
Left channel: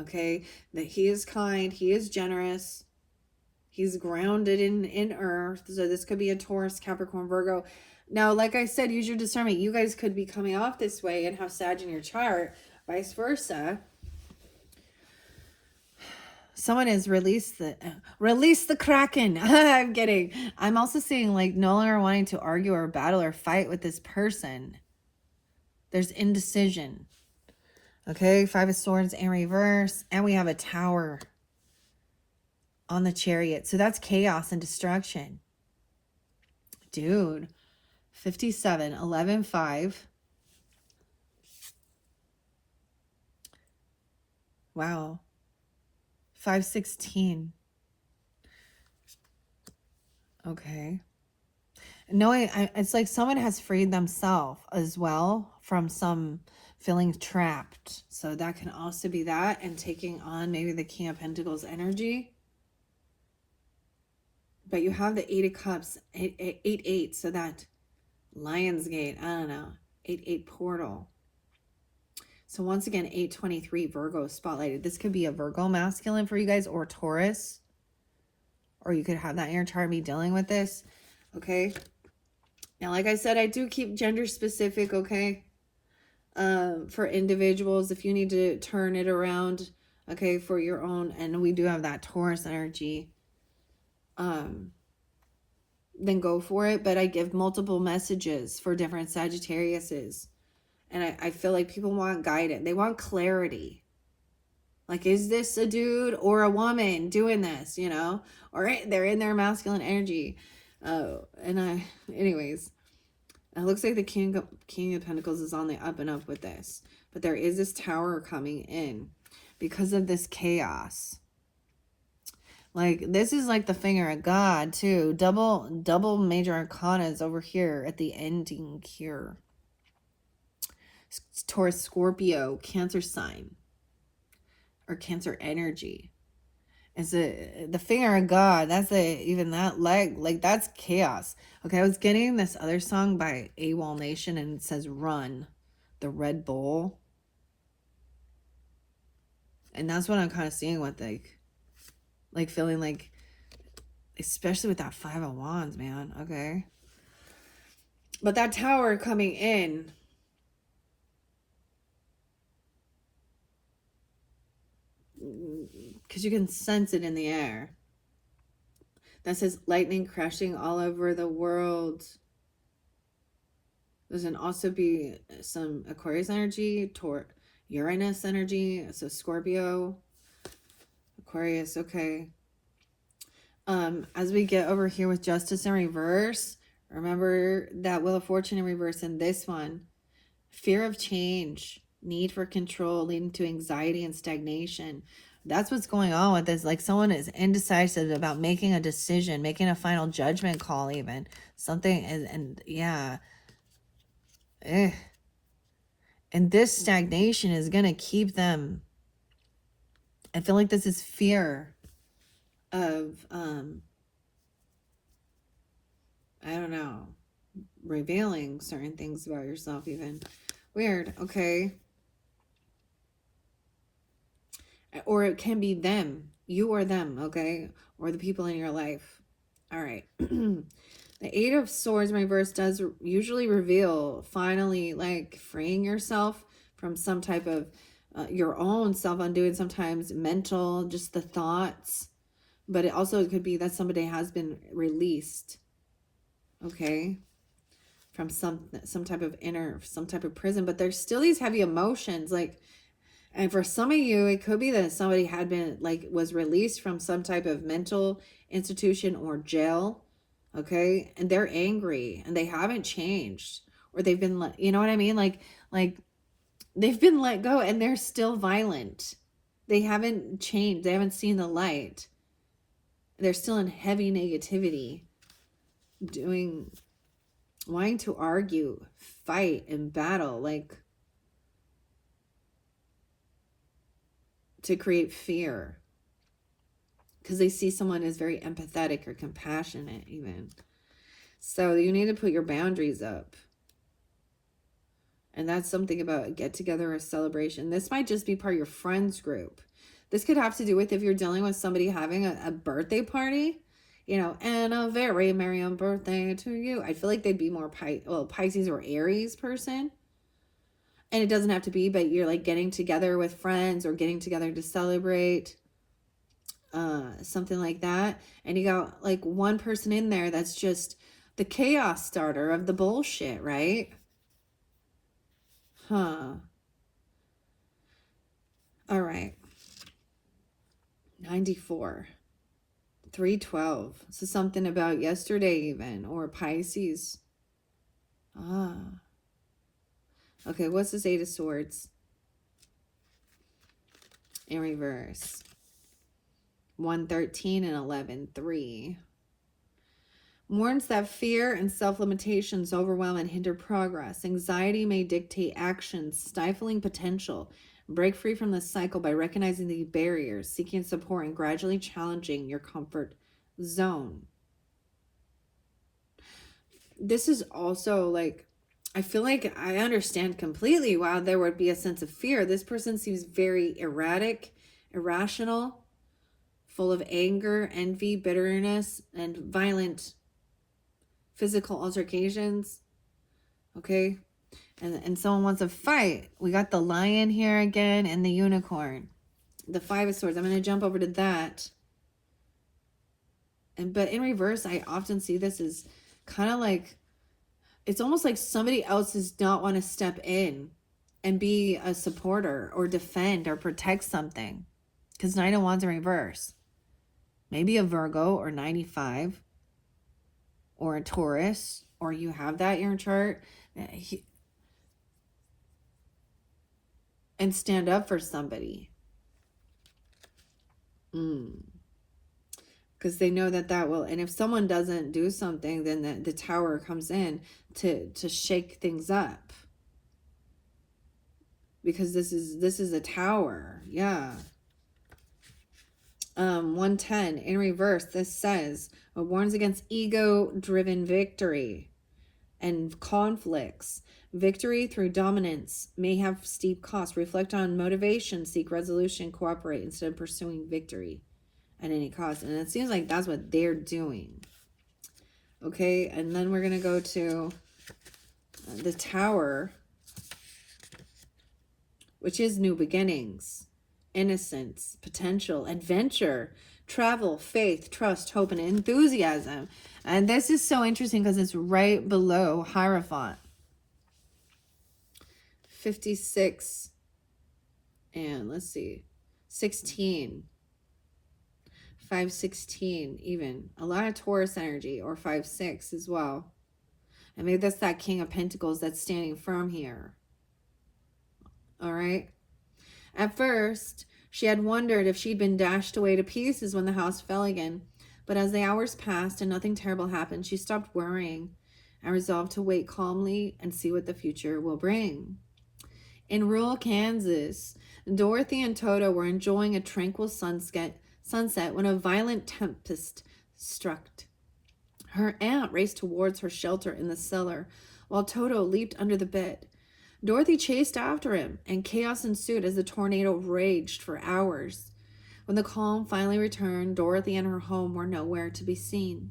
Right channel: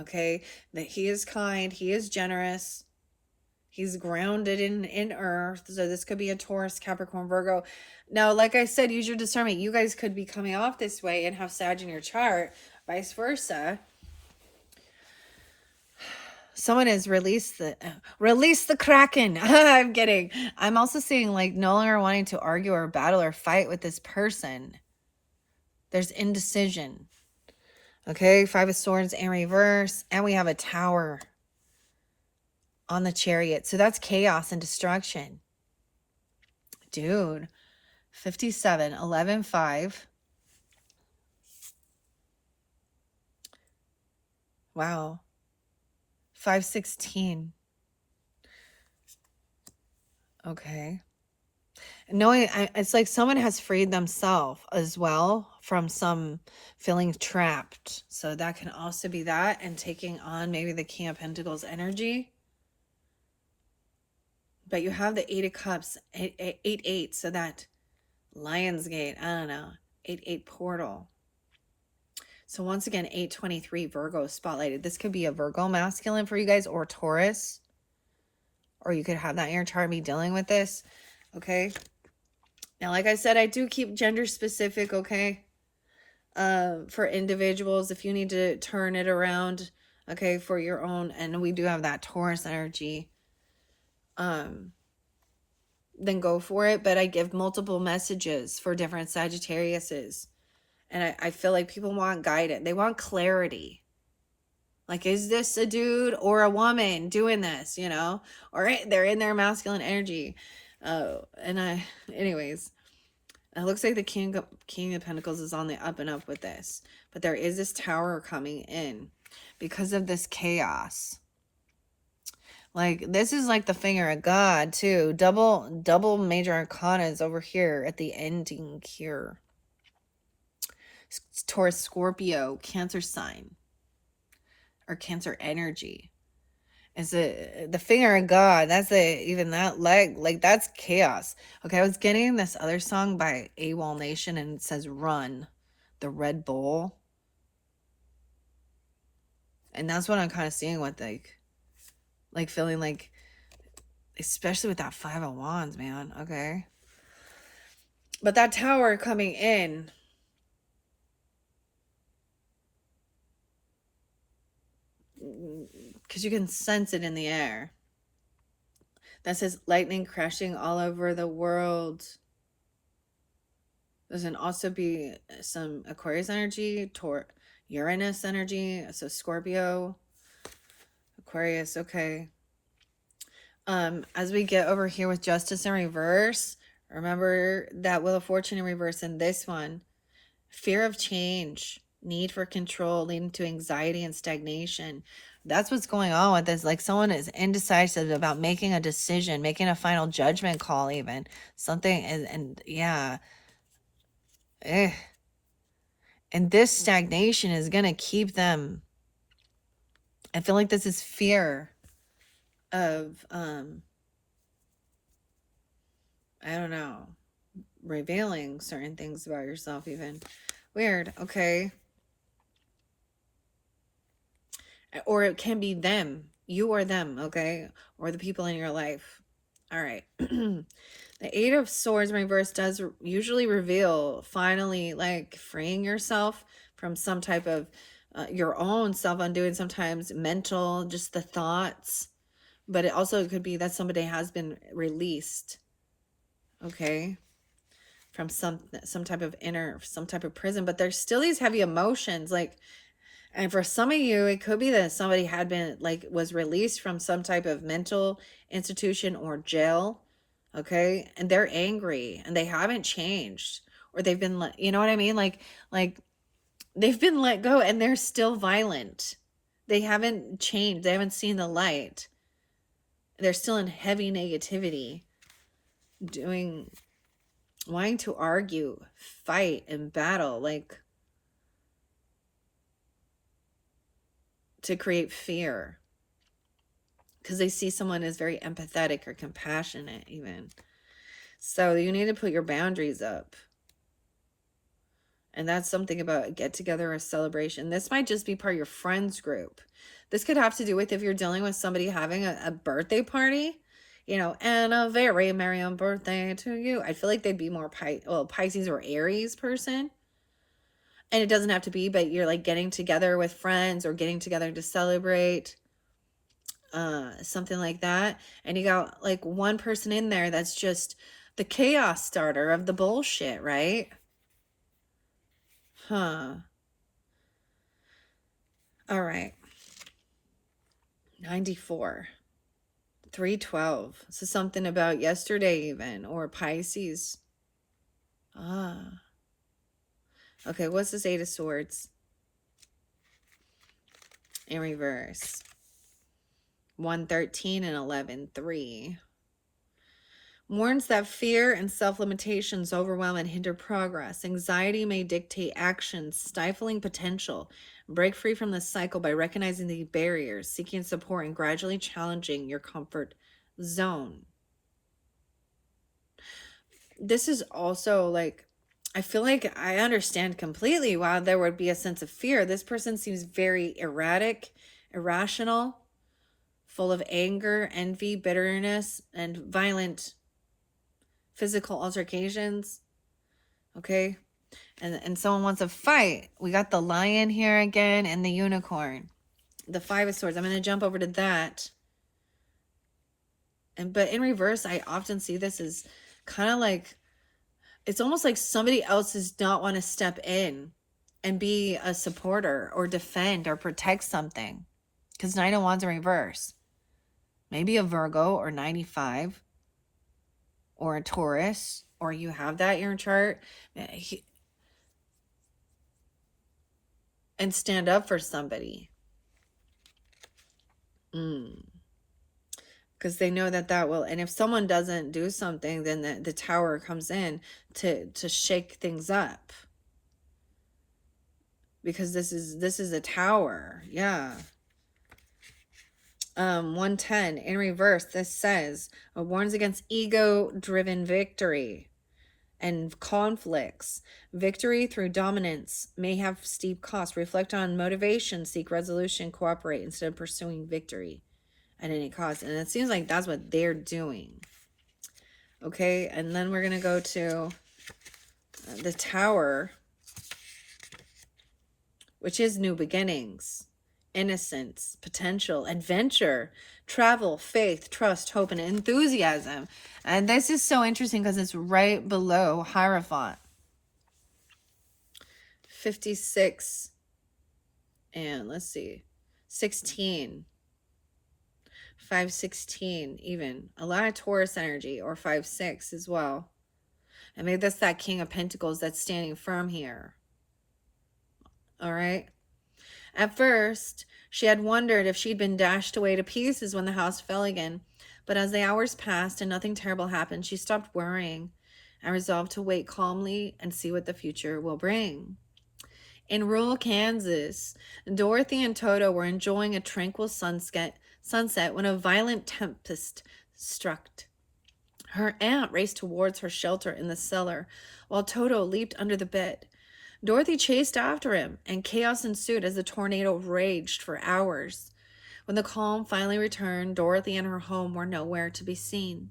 Okay, that he is kind, he is generous, he's grounded in earth. So this could be a Taurus, Capricorn, Virgo. Now, like I said, use your discernment. You guys could be coming off this way and have Sag in your chart, vice versa. Someone has released the Kraken. I'm kidding. I'm also seeing like no longer wanting to argue or battle or fight with this person. There's indecision. Okay, 5 of Swords in reverse. And we have a Tower on the Chariot. So that's chaos and destruction. Dude, 57, 11, 5. Wow. 516. Okay. No, it's like someone has freed themselves as well from some feeling trapped. So that can also be that, and taking on maybe the King of Pentacles energy. But you have the Eight of Cups, 8, so that Lion's Gate, I don't know, 8 portal. So once again, 823 Virgo spotlighted. This could be a Virgo masculine for you guys, or Taurus. Or you could have that in your chart and be dealing with this. Okay. Now, like I said, I do keep gender specific, okay? For individuals, if you need to turn it around, okay, for your own. And we do have that Taurus energy. Then go for it. But I give multiple messages for different Sagittariuses. And I feel like people want guidance. They want clarity. Like, is this a dude or a woman doing this, you know? Or they're in their masculine energy. Anyways, it looks like the King of Pentacles is on the up and up with this. But there is this Tower coming in because of this chaos. Like, this is like the finger of God, too. Double major arcanas over here at the ending here. Taurus, Scorpio, Cancer sign. Or Cancer energy. Is it the finger of God? That's even that like that's chaos. Okay, I was getting this other song by AWOL Nation, and it says "Run," the Red Bull, and that's what I'm kind of seeing with like feeling like, especially with that 5 of Wands, man. Okay, but that Tower coming in. Because you can sense it in the air. That says lightning crashing all over the world. There's can also be some Aquarius energy, Uranus energy, so Scorpio, Aquarius, okay. As we get over here with Justice in reverse, remember that Wheel of Fortune in reverse in this one. Fear of change, need for control, leading to anxiety and stagnation. That's what's going on with this. Like, someone is indecisive about making a decision, making a final judgment call, even. Something, and yeah. And this stagnation is going to keep them. I feel like this is fear of, I don't know, revealing certain things about yourself even. Weird, okay. Or it can be them, you or them, okay? Or the people in your life. All right. The 8 of Swords in reverse does usually reveal finally like freeing yourself from some type of your own self-undoing, sometimes mental, just the thoughts. But it also could be that somebody has been released, okay, from some type of some type of prison. But there's still these heavy emotions, like, and for some of you, it could be that somebody had been was released from some type of mental institution or jail. Okay. And they're angry and they haven't changed, or they've been, you know what I mean? Like they've been let go and they're still violent. They haven't changed. They haven't seen the light. They're still in heavy negativity, wanting to argue, fight, and battle, like, to create fear. Because they see someone as very empathetic or compassionate even. So you need to put your boundaries up. And that's something about a get-together or a celebration. This might just be part of your friends group. This could have to do with if you're dealing with somebody having a birthday party. You know, and a very merry on birthday to you. I feel like they'd be more Pisces or Aries person. And it doesn't have to be, but you're like getting together with friends or getting together to celebrate. Something like that. And you got like one person in there that's just the chaos starter of the bullshit, right? Huh. All right. 94. 312. So something about yesterday even, or Pisces. Okay, what's this 8 of Swords? in reverse. 113 and 11:3. Warns that fear and self-limitations overwhelm and hinder progress. Anxiety may dictate actions, stifling potential. Break free from this cycle by recognizing the barriers, seeking support, and gradually challenging your comfort zone. This is also like, I feel like I understand completely why there would be a sense of fear. This person seems very erratic, irrational, full of anger, envy, bitterness, and violent physical altercations. Okay? And someone wants to fight. We got the lion here again and the unicorn. The 5 of Swords. I'm going to jump over to that. But in reverse, I often see this as kind of like, it's almost like somebody else does not want to step in and be a supporter or defend or protect something. Because 9 of Wands in reverse. Maybe a Virgo or 95 or a Taurus, or you have that in your chart. And stand up for somebody. Because they know that will, and if someone doesn't do something, then the Tower comes in to shake things up. Because this is a Tower. Yeah. 110 in reverse. This says, it warns against ego-driven victory and conflicts. Victory through dominance may have steep costs. Reflect on motivation, seek resolution, cooperate instead of pursuing victory at any cost. And it seems like that's what they're doing. Okay, and then we're going to go to the Tower, which is new beginnings, innocence, potential, adventure, travel, faith, trust, hope, and enthusiasm. And this is so interesting because it's right below Hierophant. 56 and let's see, 16. 516 even. A lot of Taurus energy, or 5-6 as well. And maybe that's that King of Pentacles that's standing firm here. All right. At first, she had wondered if she'd been dashed away to pieces when the house fell again. But as the hours passed and nothing terrible happened, she stopped worrying and resolved to wait calmly and see what the future will bring. In rural Kansas, Dorothy and Toto were enjoying a tranquil sunset when a violent tempest struck. Her aunt raced towards her shelter in the cellar, while Toto leaped under the bed. Dorothy chased after him, and chaos ensued as the tornado raged for hours. When the calm finally returned, Dorothy and her home were nowhere to be seen.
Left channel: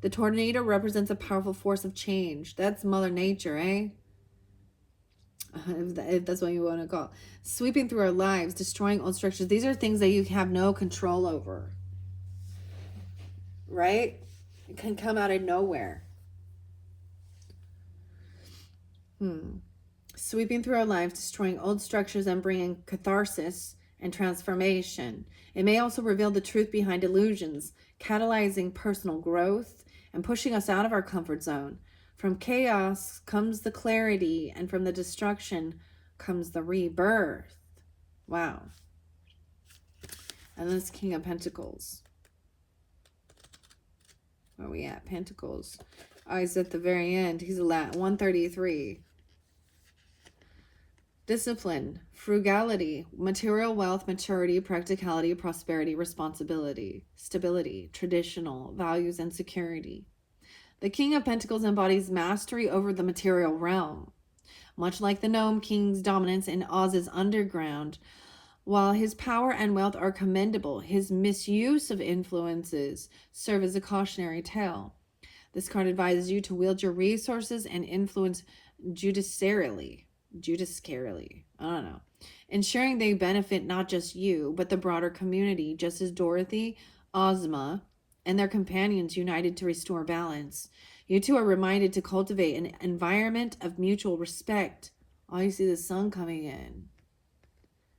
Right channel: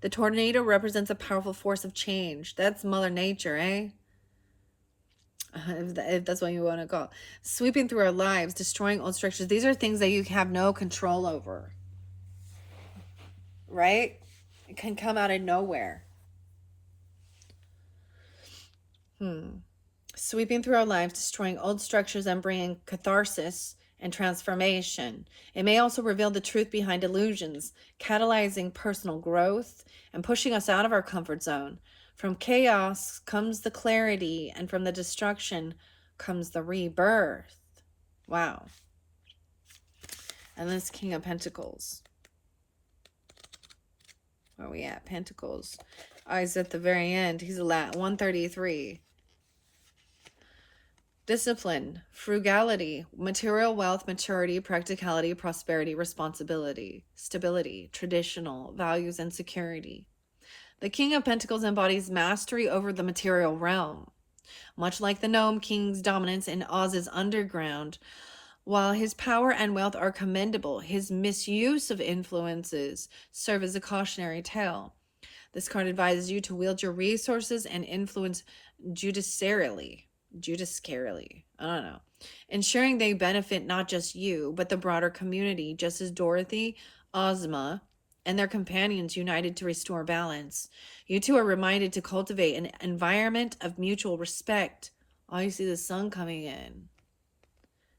The tornado represents a powerful force of change. That's Mother Nature, eh? If that's what you want to call it. Sweeping through our lives, destroying old structures. These are things that you have no control over. Right? It can come out of nowhere. Sweeping through our lives, destroying old structures and bringing catharsis and transformation. It may also reveal the truth behind illusions, catalyzing personal growth and pushing us out of our comfort zone. From chaos comes the clarity, and from the destruction comes the rebirth. Wow. And this King of Pentacles. Where are we at? Pentacles. Oh, he's at the very end. He's 133. Discipline, frugality, material wealth, maturity, practicality, prosperity, responsibility, stability, traditional values, and security. The King of Pentacles embodies mastery over the material realm. Much like the Gnome King's dominance in Oz's underground, while his power and wealth are commendable, his misuse of influences serve as a cautionary tale. This card advises you to wield your resources and influence judiciarily, I don't know, ensuring they benefit not just you, but the broader community, just as Dorothy, Ozma, and their companions united to restore balance. You two are reminded to cultivate an environment of mutual respect. Oh, you see the sun coming in.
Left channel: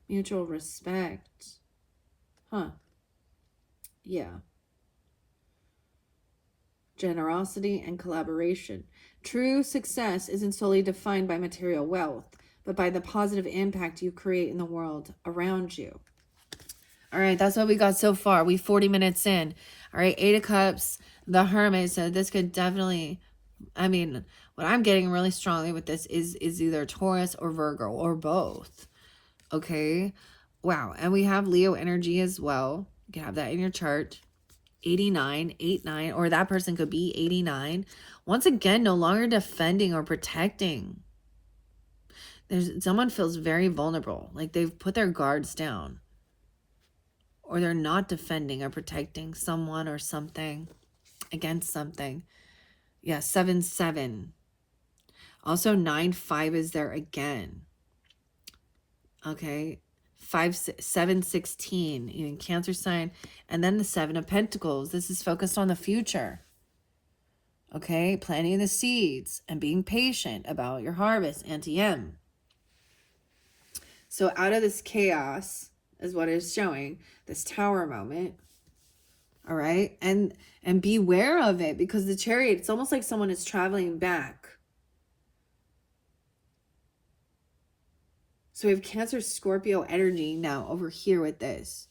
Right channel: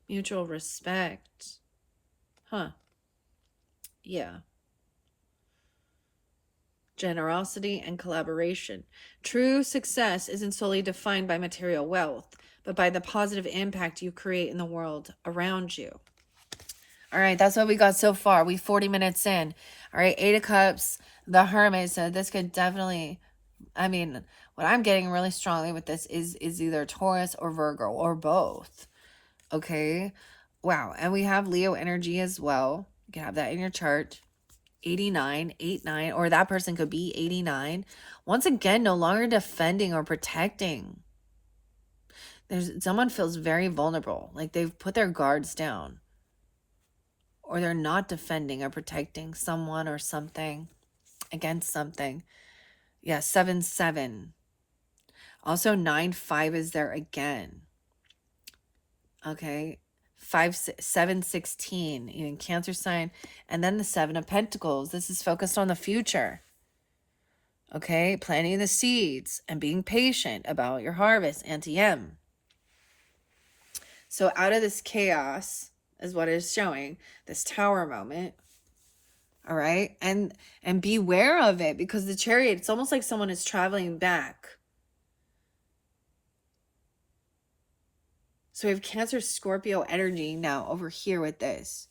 Mutual respect. Huh. Yeah. Generosity and collaboration. True success isn't solely defined by material wealth, but by the positive impact you create in the world around you. All right, that's what we got so far. We 40 minutes in. All right, Eight of Cups, the Hermit. So this could definitely, I mean, what I'm getting really strongly with this is either Taurus or Virgo or both. Okay. Wow. And we have Leo energy as well. You can have that in your chart. 89, 89, or that person could be 89. Once again, no longer defending or protecting. Someone feels very vulnerable, like they've put their guards down, or they're not defending or protecting someone or something against something. Yeah, 7, 7. Also 9, 5 is there again. Okay. 5, 7, 16, even Cancer sign. And then the 7 of Pentacles. This is focused on the future. Okay. Planting the seeds and being patient about your harvest. Anti-M. So out of this chaos is what it's showing. This Tower moment. All right. And beware of it, because the Chariot, it's almost like someone is traveling back. So we have Cancer, Scorpio energy now over here with this.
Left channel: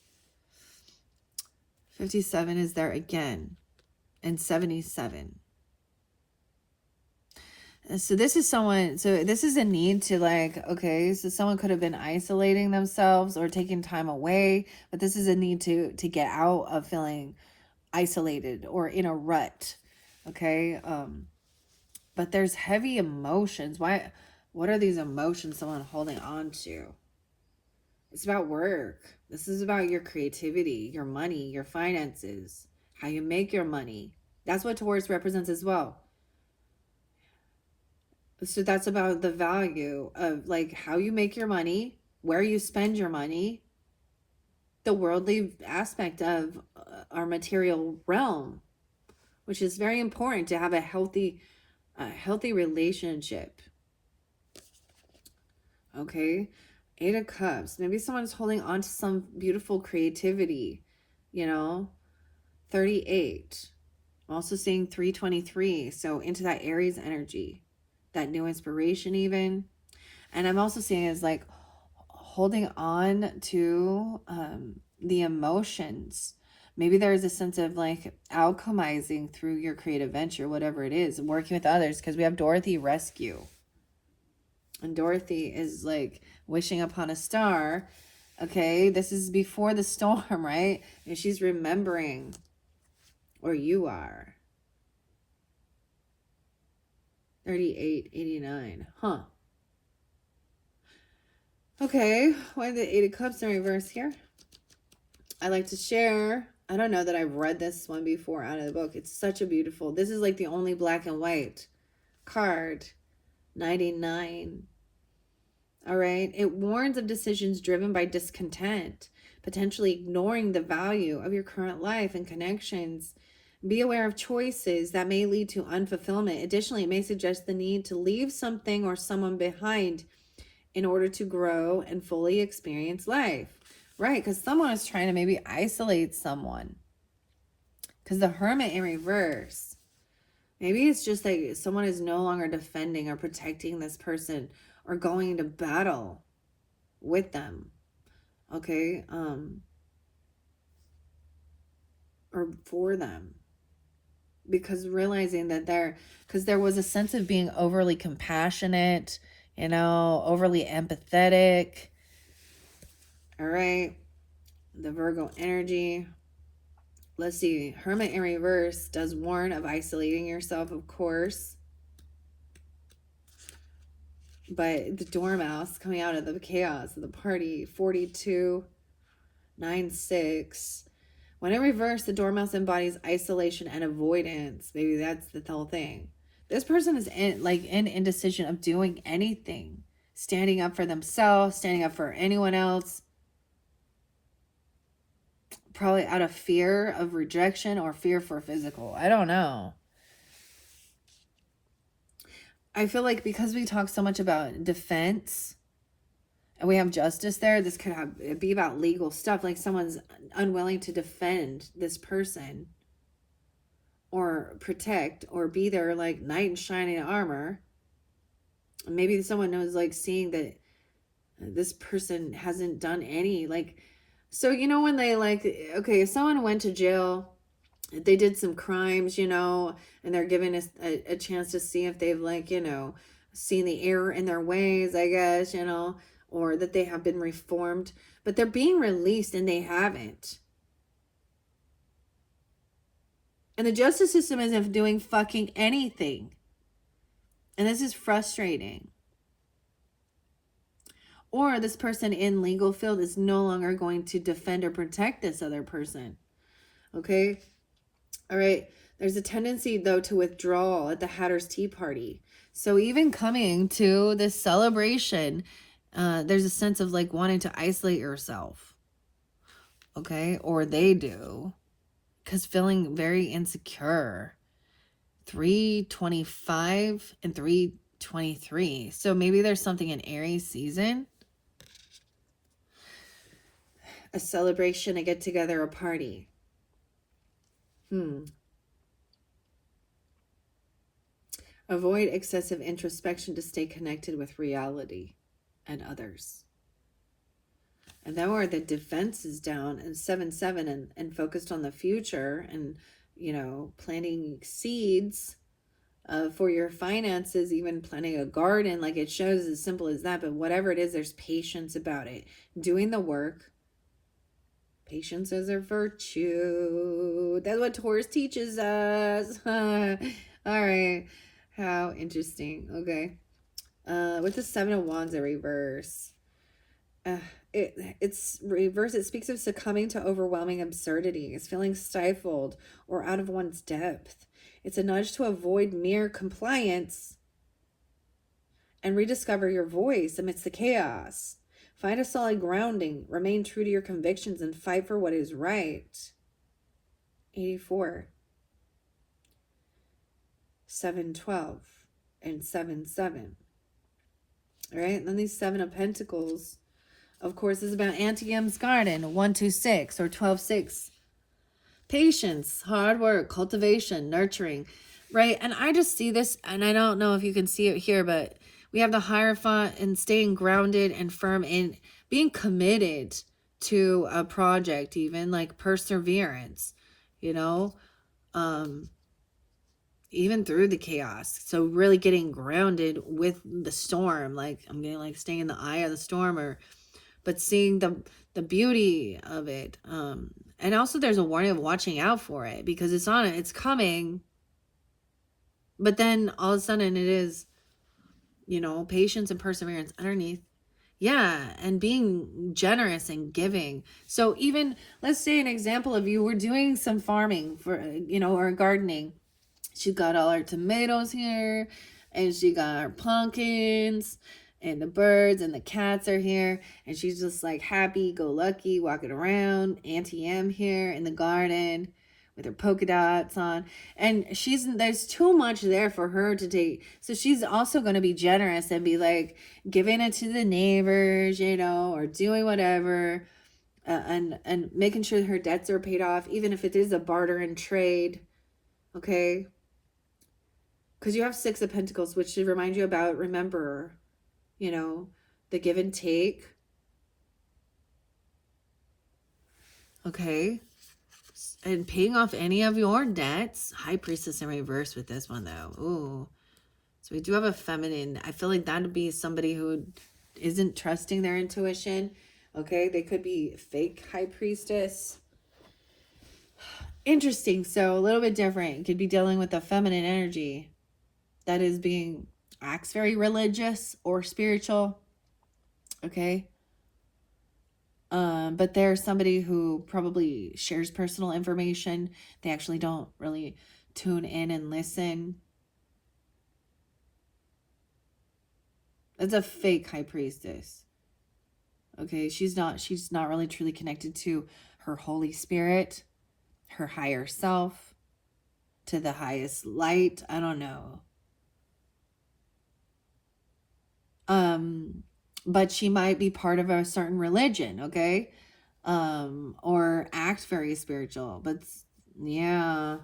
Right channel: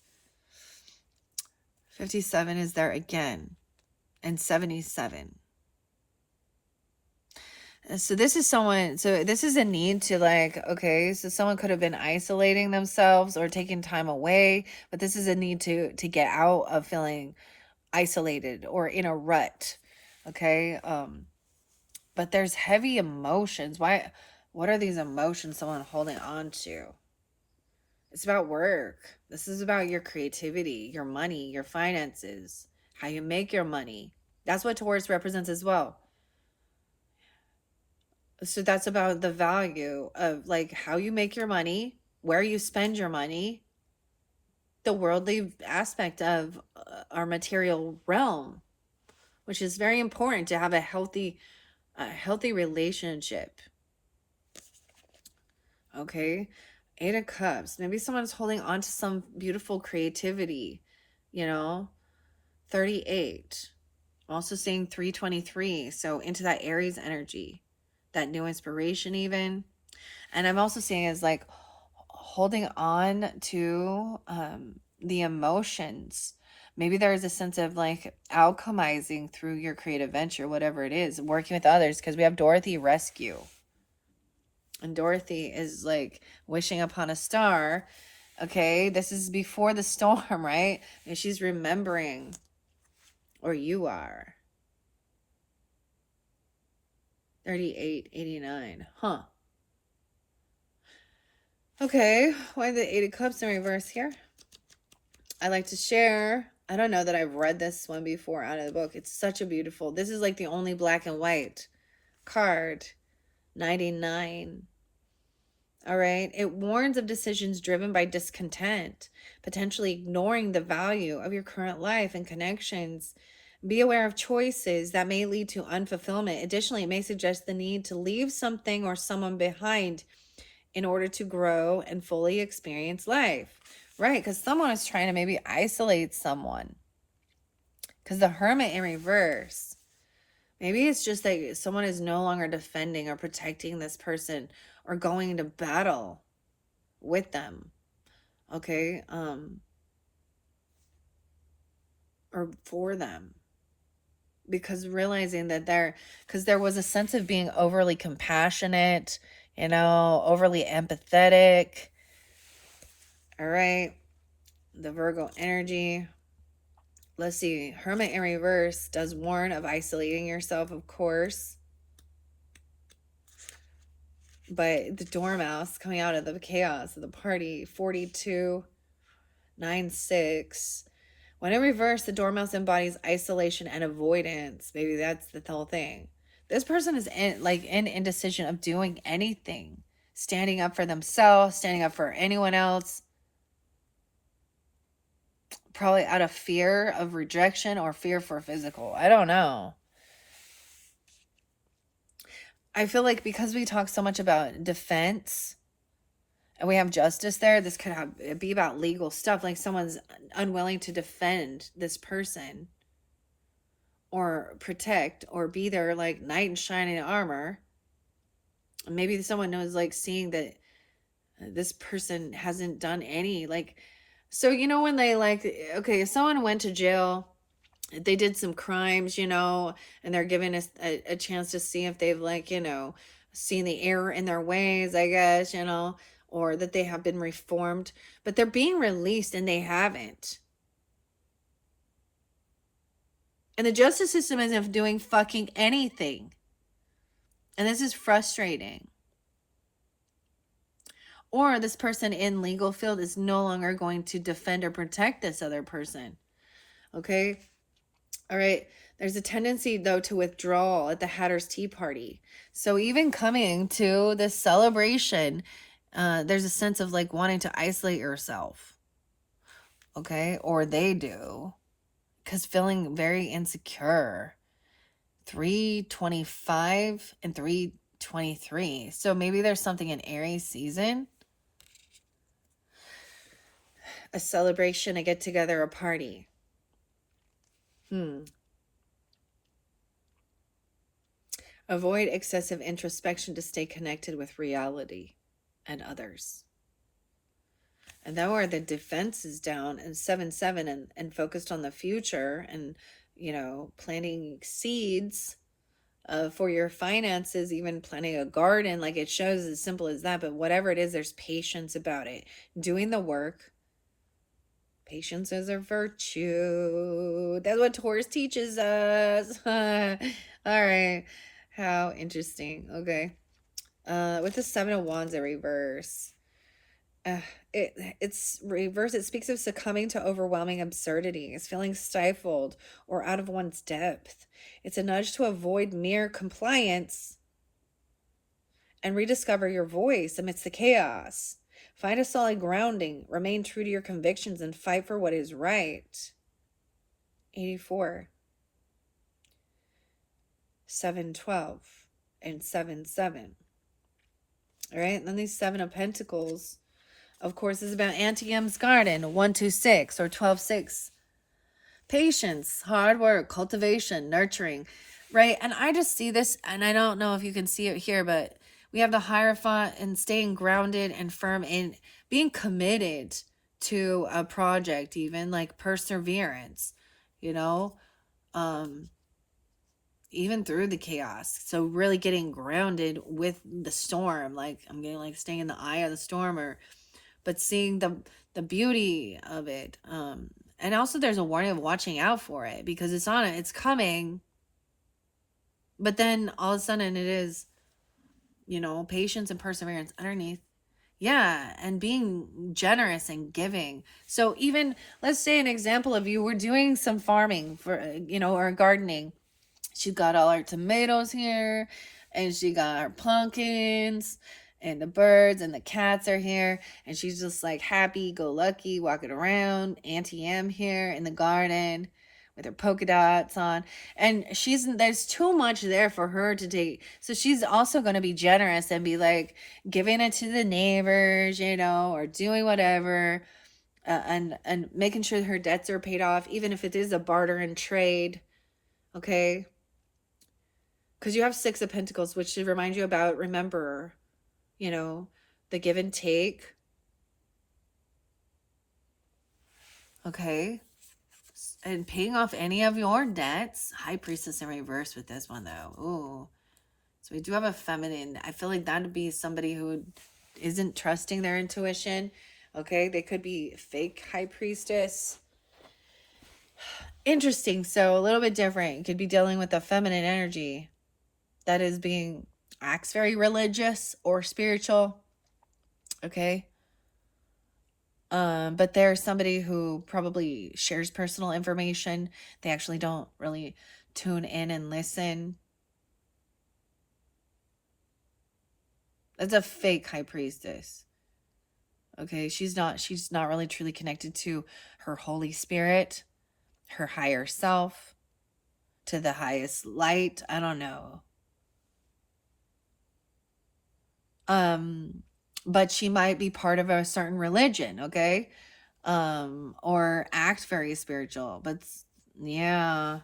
57 is there again. And 77. So this is someone, so this is a need to like, okay, so someone could have been isolating themselves or taking time away, but this is a need to get out of feeling isolated or in a rut. Okay. But there's heavy emotions. What are these emotions someone holding on to? It's about work. This is about your creativity, your money, your finances, how you make your money. That's what Taurus represents as well. So that's about the value of like how you make your money, where you spend your money, the worldly aspect of our material realm, which is very important to have a healthy relationship. Okay. 8 of Cups. Maybe someone's holding on to some beautiful creativity, 38. I'm also seeing 323. So into that Aries energy, that new inspiration even. And I'm also seeing is like holding on to the emotions. Maybe there is a sense of like alchemizing through your creative venture, whatever it is, working with others, because we have Dorothy Rescue. And Dorothy is like wishing upon a star. Okay, this is before the storm, right? And she's remembering, or you are. 38, 89. Huh. Okay, why the 8 of Cups in reverse here? I like to share. I don't know that I've read this one before out of the book. It's such a beautiful, this is like the only black and white card. 99. All right. It warns of decisions driven by discontent, potentially ignoring the value of your current life and connections. Be aware of choices that may lead to unfulfillment. Additionally, it may suggest the need to leave something or someone behind in order to grow and fully experience life. Right, because someone is trying to maybe isolate someone. Because the Hermit in reverse, maybe it's just like someone is no longer defending or protecting this person or going into battle with them. Okay, or for them. Because realizing that because there was a sense of being overly compassionate, overly empathetic. All right, the Virgo energy. Let's see. Hermit in reverse does warn of isolating yourself, of course. But the Dormouse coming out of the chaos of the party, 42, 9, 6. When in reverse, the Dormouse embodies isolation and avoidance. Maybe that's the whole thing. This person is in indecision of doing anything. Standing up for themselves, standing up for anyone else. Probably out of fear of rejection or fear for physical. I don't know. I feel like because we talk so much about defense and we have justice there, this could be about legal stuff. Like someone's unwilling to defend this person or protect or be their like knight in shining armor. Maybe someone knows like seeing that this person hasn't done any like So, you know, when they like, okay, if someone went to jail, they did some crimes, you know, and they're given a chance to see if they've, like, you know, seen the error in their ways, I guess, you know, or that they have been reformed, but they're being released and they haven't. And the justice system isn't doing fucking anything. And this is frustrating. Or this person in legal field is no longer going to defend or protect this other person. Okay? All right. There's a tendency, though, to withdrawal at the Hatter's Tea Party. So even coming to this celebration, there's a sense of like wanting to isolate yourself. Okay? Or they do. Because feeling very insecure. 325 and 323. So maybe there's something in Aries season. A celebration, a get together, a party. Avoid excessive introspection to stay connected with reality and others. And now where the defense is down and 7-7 and focused on the future and, you know, planting seeds for your finances, even planting a garden, like it shows as simple as that. But whatever it is, there's patience about it. Doing the work. Patience is a virtue. That's what Taurus teaches us. All right. How interesting. Okay. With the 7 of Wands in reverse. It's reverse. It speaks of succumbing to overwhelming absurdities, feeling stifled or out of one's depth. It's a nudge to avoid mere compliance and rediscover your voice amidst the chaos. Find a solid grounding, remain true to your convictions, and fight for what is right. 84. 7-12 and 7-7. All right, and then these 7 of Pentacles, of course, is about Antium's Garden, 1-2-6 or 12-6. Patience, hard work, cultivation, nurturing, right? And I just see this, and I don't know if you can see it here, but we have the Hierophant and staying grounded and firm in being committed to a project, even like perseverance, you know, even through the chaos. So really getting grounded with the storm, like I'm getting like staying in the eye of the storm, but seeing the beauty of it. And also there's a warning of watching out for it because it's coming. But then all of a sudden it is, you know, patience and perseverance underneath. Yeah, and being generous and giving. So even, let's say an example of you were doing some farming for, you know, or gardening. She got all her tomatoes here, and she got her pumpkins, and the birds and the cats are here, and she's just like happy go lucky walking around. Auntie M here in the garden with her polka dots on, and there's too much there for her to take, so she's also going to be generous and be like giving it to the neighbors, you know, or doing whatever, and making sure her debts are paid off, even if it is a barter and trade. Okay, because you have 6 of Pentacles, which should remind you about, remember, you know, the give and take. Okay. And paying off any of your debts. High Priestess in reverse with this one, though. Ooh. So we do have a feminine. I feel like that would be somebody who isn't trusting their intuition. Okay. They could be fake High Priestess. Interesting. So a little bit different. You could be dealing with a feminine energy that is acts very religious or spiritual. Okay. But there's somebody who probably shares personal information. They actually don't really tune in and listen. That's a fake High Priestess. Okay, she's not really truly connected to her Holy Spirit, her higher self, to the highest light. I don't know. But she might be part of a certain religion, okay? Or act very spiritual, but yeah.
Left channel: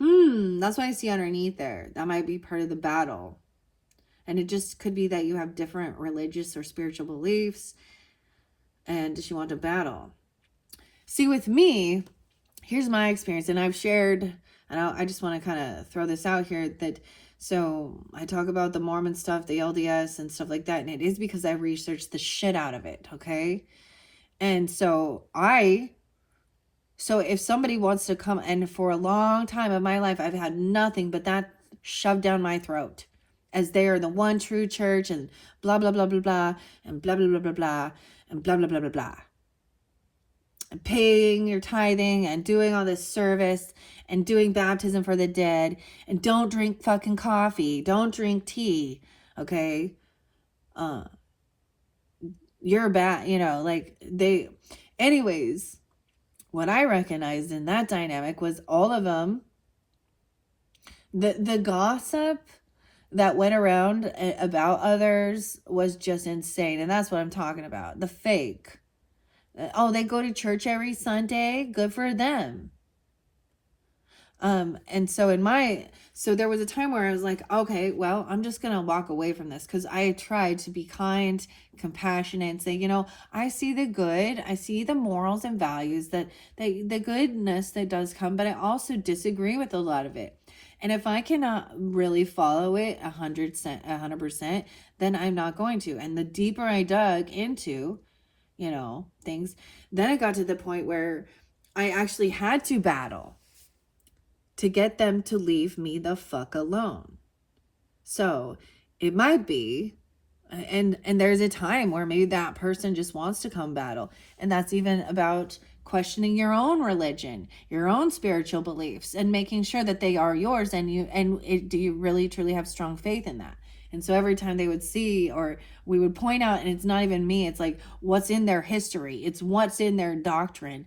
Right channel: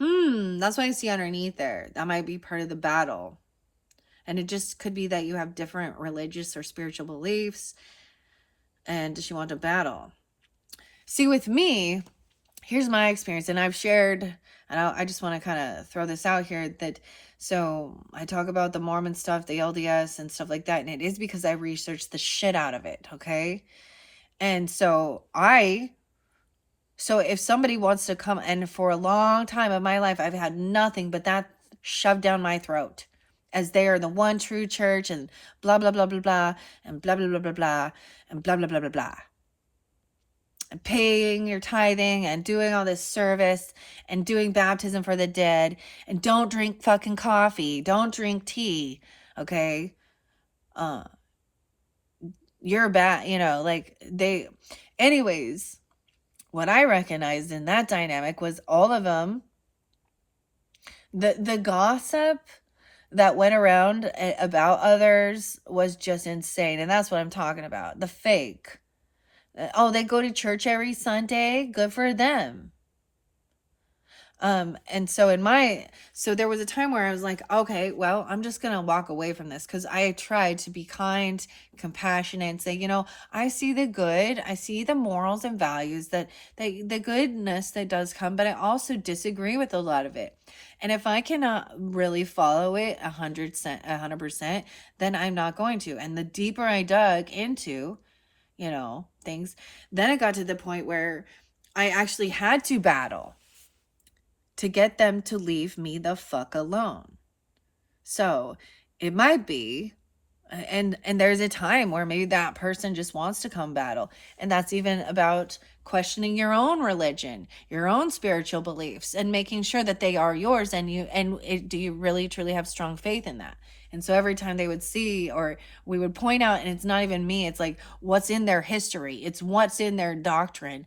That's what I see underneath there. That might be part of the battle. And it just could be that you have different religious or spiritual beliefs. And does she want to battle? See, with me, here's my experience, and I've shared, and I just want to kind of throw this out here that, so I talk about the Mormon stuff, the LDS and stuff like that, and it is because I researched the shit out of it, okay? And so if somebody wants to come, and for a long time of my life, I've had nothing but that shoved down my throat as they are the one true church and blah, blah, blah, blah, blah, and blah, blah, blah, blah, blah, and blah, blah, blah, blah, blah. And paying your tithing and doing all this service and doing baptism for the dead, and don't drink fucking coffee, don't drink tea, okay? You're bad, like anyways, what I recognized in that dynamic was all of them, the gossip that went around about others was just insane. And that's what I'm talking about. The fake. Oh, they go to church every Sunday. Good for them. And so there was a time where I was like, okay, well, I'm just going to walk away from this, because I tried to be kind, compassionate, and say, I see the good, I see the morals and values, that the goodness that does come, but I also disagree with a lot of it. And if I cannot really follow it 100%, then I'm not going to. And the deeper I dug into, things, then it got to the point where I actually had to battle to get them to leave me the fuck alone. So it might be, and there's a time where maybe that person just wants to come battle. And that's even about questioning your own religion, your own spiritual beliefs, and making sure that they are yours, and do you really truly have strong faith in that? And so every time they would see, or we would point out, and it's not even me, it's like what's in their history, it's what's in their doctrine.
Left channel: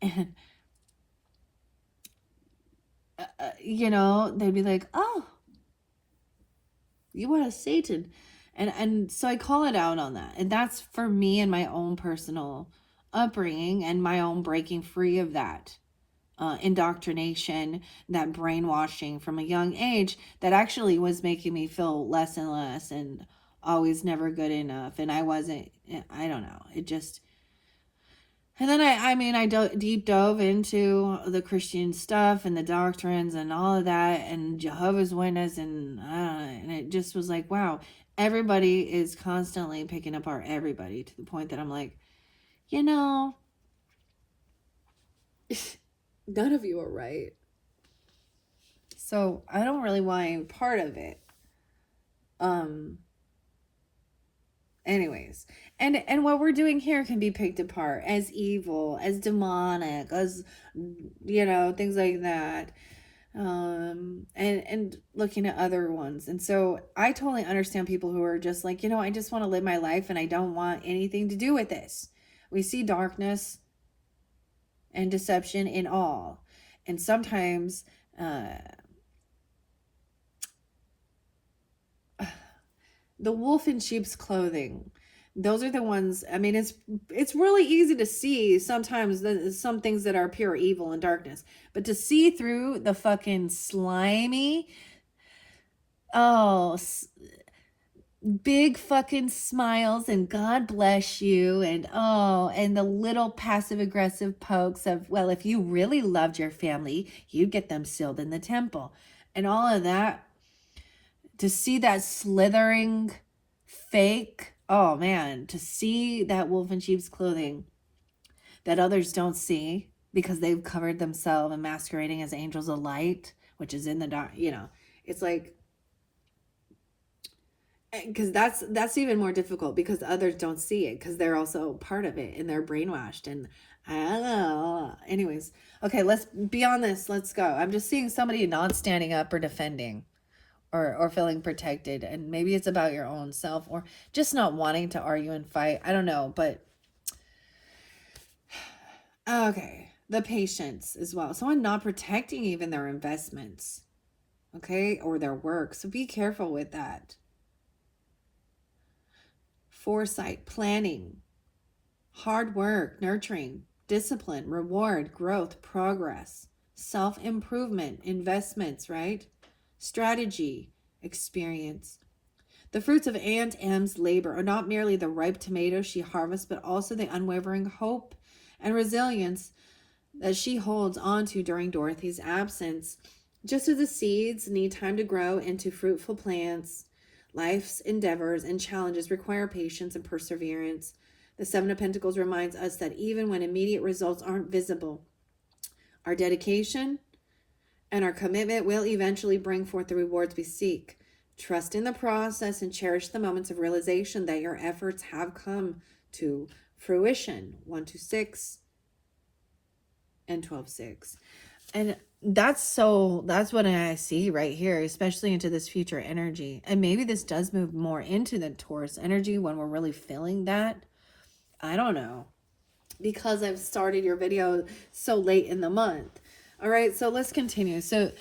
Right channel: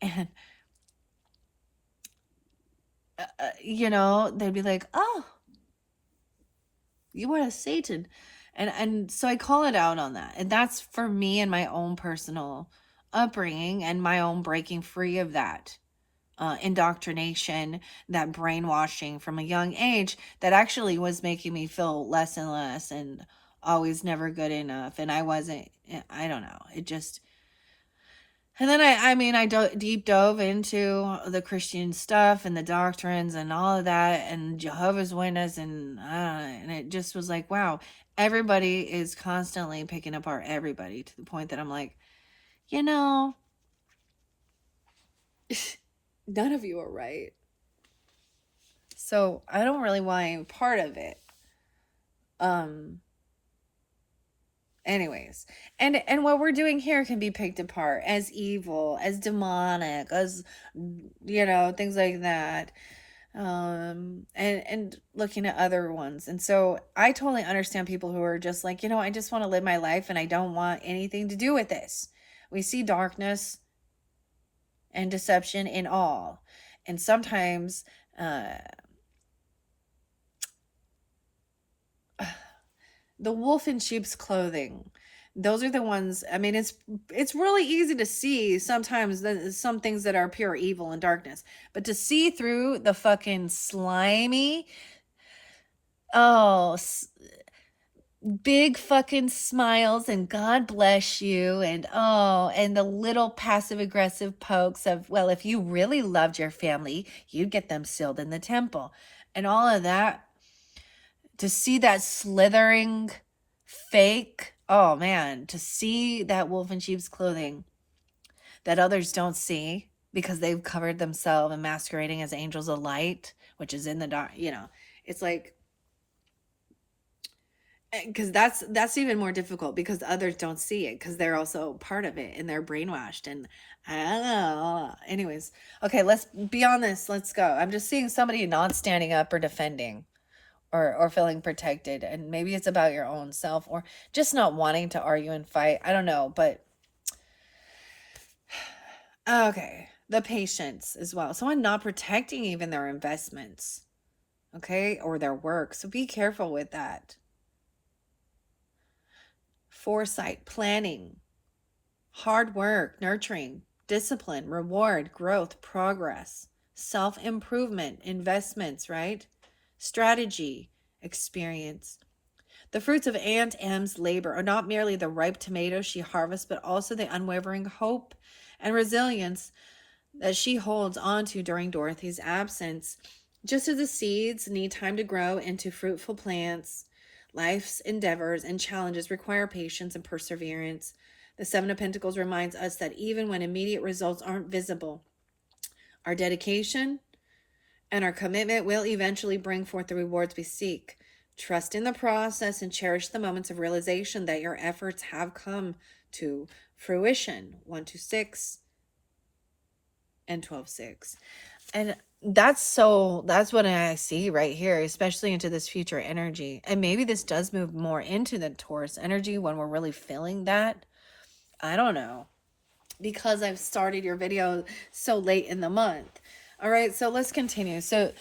And they'd be like, oh, you are a Satan. And so I call it out on that. And that's for me and my own personal upbringing and my own breaking free of that indoctrination, that brainwashing from a young age that actually was making me feel less and less and always never good enough. And I don't know. It just... And then I deep dove into the Christian stuff and the doctrines and all of that, and Jehovah's Witness, and it just was like, wow, everybody is constantly picking apart everybody, to the point that I'm like, none of you are right. So I don't really want any part of it. Anyways, and what we're doing here can be picked apart as evil, as demonic, as things like that, and looking at other ones. And so I totally understand people who are just like, I just want to live my life and I don't want anything to do with this. We see darkness and deception in all, and sometimes the wolf in sheep's clothing, those are the ones. It's really easy to see sometimes some things that are pure evil and darkness, but to see through the fucking slimy, big fucking smiles and God bless you, and the little passive aggressive pokes of, well, if you really loved your family, you'd get them sealed in the temple, and all of that. To see that slithering fake, oh man, to see that wolf in sheep's clothing that others don't see because they've covered themselves and masquerading as angels of light, which is in the dark, it's like, because that's even more difficult, because others don't see it because they're also part of it and they're brainwashed. And I don't know. Anyways, okay, let's be on this. Let's go. I'm just seeing somebody not standing up or defending. Or feeling protected, and maybe it's about your own self, or just not wanting to argue and fight. I don't know, but okay, the patience as well. Someone not protecting even their investments, okay, or their work. So be careful with that. Foresight, planning, hard work, nurturing, discipline, reward, growth, progress, self-improvement, investments, right? Strategy, experience. The fruits of Aunt M's labor are not merely the ripe tomatoes she harvests, but also the unwavering hope and resilience that she holds onto during Dorothy's absence. Just as the seeds need time to grow into fruitful plants, life's endeavors and challenges require patience and perseverance. The Seven of Pentacles reminds us that even when immediate results aren't visible, our dedication and our commitment will eventually bring forth the rewards we seek. Trust in the process and cherish the moments of realization that your efforts have come to fruition. 126 and 12:6. And that's what I see right here, especially into this future energy. And maybe this does move more into the Taurus energy when we're really feeling that. I don't know, because I've started your video so late in the month. All right, so let's continue. So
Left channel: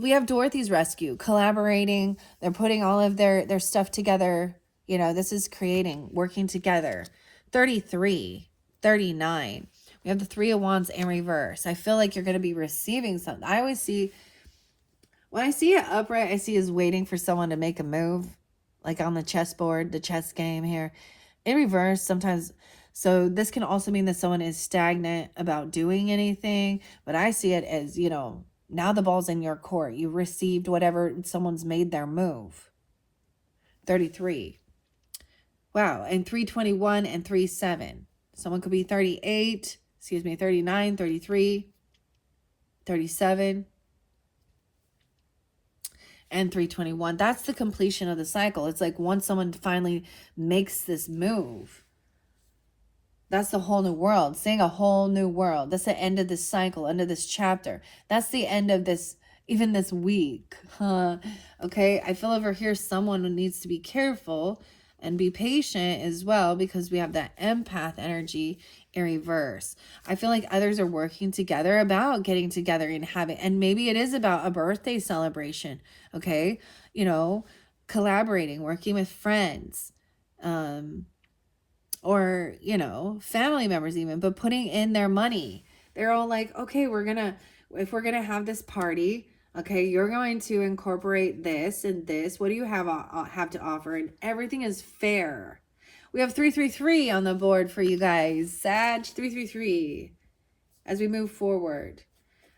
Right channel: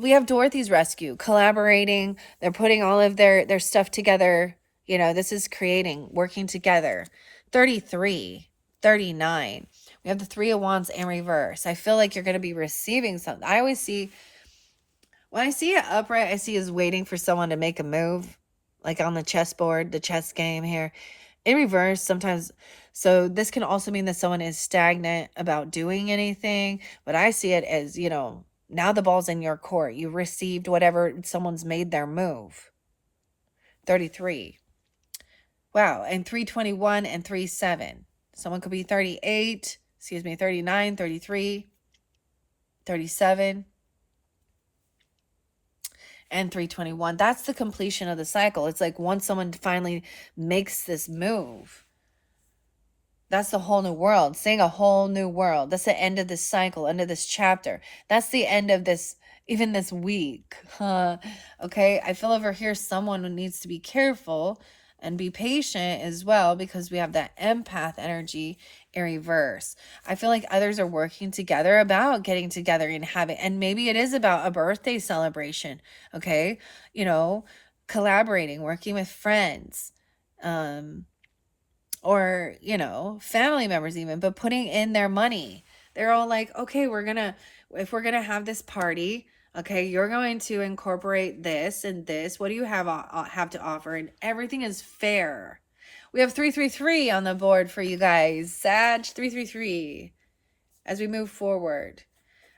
we have Dorothy's rescue, collaborating. They're putting all of their stuff together. You know, this is creating, working together. 33, 39. We have the Three of Wands in reverse. I feel like you're going to be receiving something. I always see, when I see it upright, I see is waiting for someone to make a move, like on the chessboard, the chess game here. In reverse, sometimes, so this can also mean that someone is stagnant about doing anything, but I see it as, you know, now the ball's in your court. You received whatever, someone's made their move. 33. Wow, and 321 and 37. Someone could be 38, 39, 33, 37, and 321. That's the completion of the cycle. It's like once someone finally makes this move, that's the whole new world. Seeing a whole new world. That's the end of this cycle, end of this chapter. That's the end of this, even this week. Okay, I feel over here someone who needs to be careful and be patient as well, because we have that empath energy in reverse. I feel like others are working together about getting together and having, and maybe it is about a birthday celebration. Okay, you know, collaborating, working with friends, or, you know, family members even, but putting in their money. They're all like, okay, if we're gonna have this party, okay, you're going to incorporate this and this. What do you have to offer? And everything is fair. We have 333 on the board for you guys. Sag 333 as we move forward.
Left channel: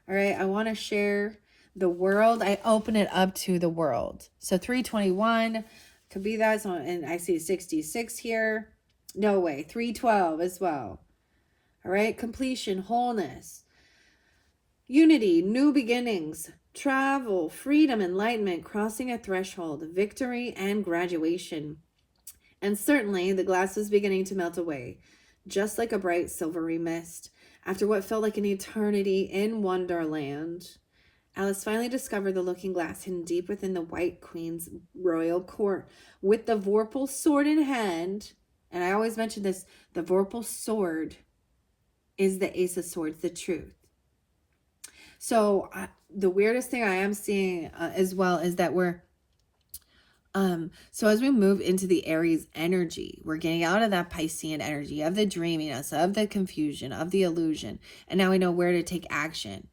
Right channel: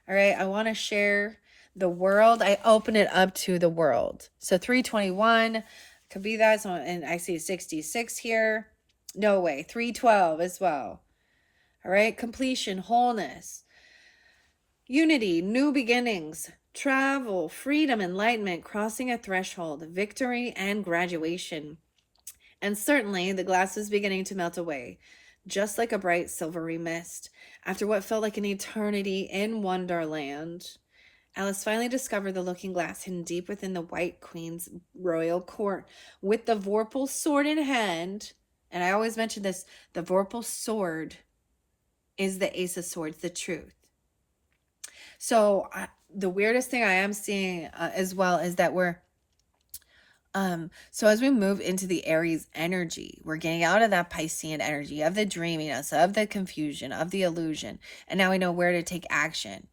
All right, I want to share the world. I open it up to the world. So 321 could be that. So, and I see 66 here. No way. 312 as well. All right, completion, wholeness, unity, new beginnings, travel, freedom, enlightenment, crossing a threshold, victory, and graduation. And certainly the glass is beginning to melt away, just like a bright silvery mist. After what felt like an eternity in Wonderland, Alice finally discovered the looking glass hidden deep within the White Queen's royal court. With the Vorpal sword in hand, and I always mention this, the Vorpal sword is the Ace of Swords, the truth. So the weirdest thing I am seeing as well is that we're, so as we move into the Aries energy, we're getting out of that Piscean energy, of the dreaminess, of the confusion, of the illusion. And now we know where to take action.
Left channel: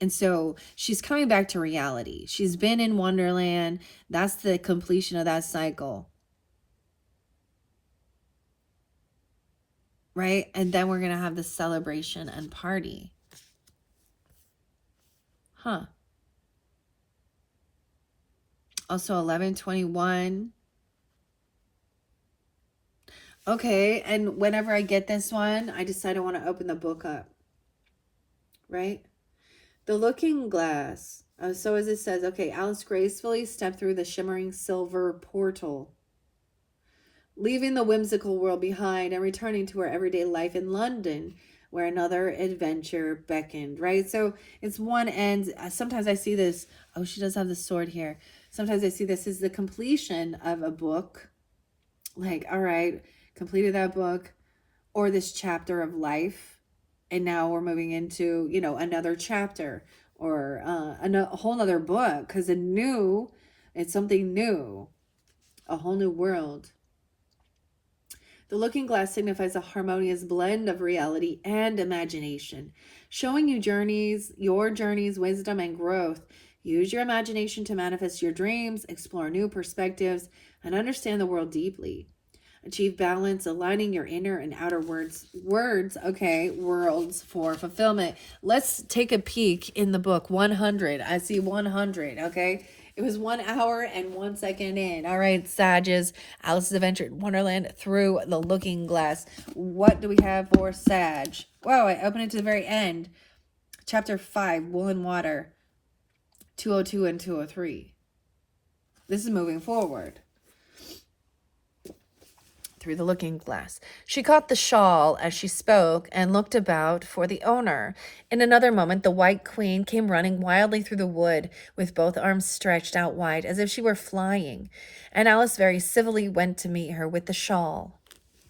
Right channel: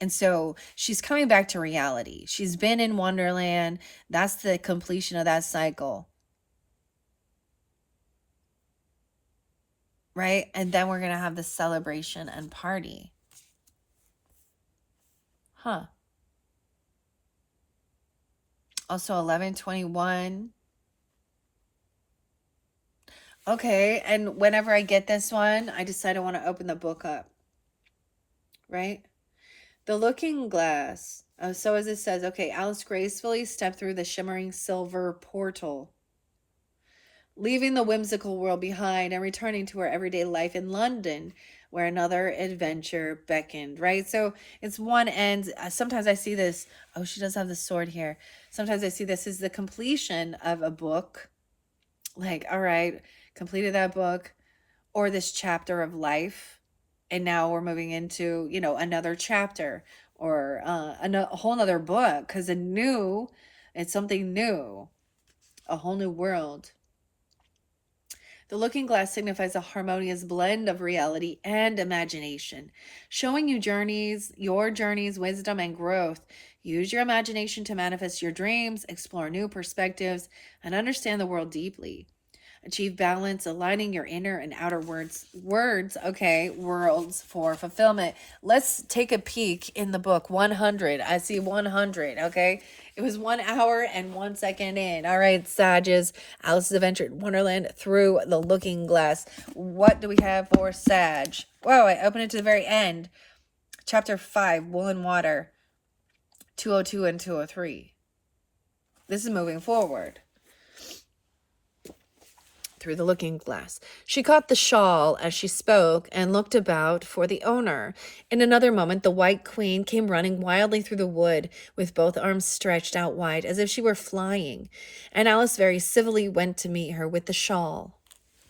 And so she's coming back to reality. She's been in Wonderland. That's the completion of that cycle. Right? And then we're going to have this celebration and party. Huh. Also 1121. Okay, and whenever I get this one, I decide I want to open the book up. Right? The looking glass. So as it says, okay, Alice gracefully stepped through the shimmering silver portal, leaving the whimsical world behind and returning to her everyday life in London, where another adventure beckoned, right? So it's one end. Sometimes I see this. Oh, she does have the sword here. Sometimes I see this as the completion of a book. Like, all right, completed that book or this chapter of life. And now we're moving into, you know, another chapter or a whole nother book, because it's something new, a whole new world. The looking glass signifies a harmonious blend of reality and imagination, showing you your journeys, wisdom, and growth. Use your imagination to manifest your dreams, explore new perspectives, and understand the world deeply. Achieve balance, aligning your inner and outer worlds for fulfillment. Let's take a peek in the book 100. I see 100, okay? It was 1 hour and 1 second in. All right, Sages, Alice's Adventure in Wonderland Through the Looking Glass. What do we have for Sag? Whoa, I opened it to the very end. Chapter 5, Wool and Water, 202 and 203. This is moving forward. Through the looking glass. She caught the shawl as she spoke and looked about for the owner. In another moment, the White Queen came running wildly through the wood with both arms stretched out wide as if she were flying, and Alice very civilly went to meet her with the shawl.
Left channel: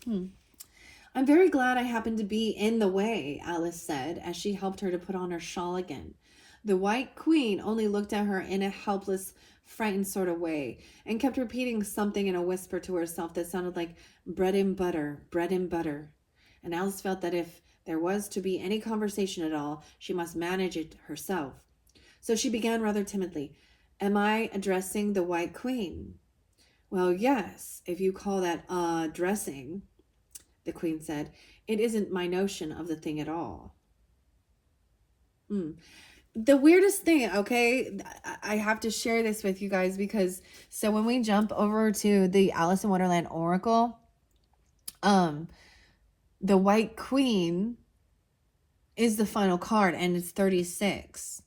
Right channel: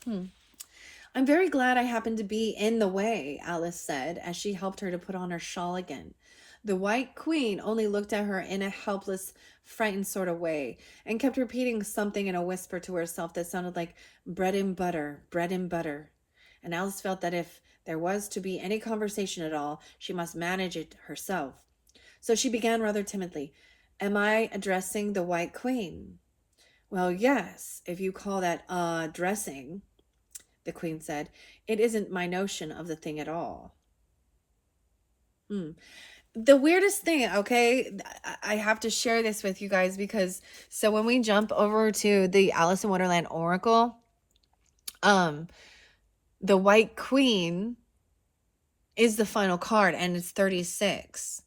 I'm very glad I happened to be in the way, Alice said as she helped her to put on her shawl again. The White Queen only looked at her in a helpless, frightened sort of way and kept repeating something in a whisper to herself that sounded like bread and butter, bread and butter. And Alice felt that if there was to be any conversation at all, she must manage it herself. So she began rather timidly. Am I addressing the White Queen? Well, yes, if you call that addressing, the Queen said. It isn't my notion of the thing at all. The weirdest thing, okay, I have to share this with you guys because so when we jump over to the Alice in Wonderland Oracle, the White Queen is the final card and it's 36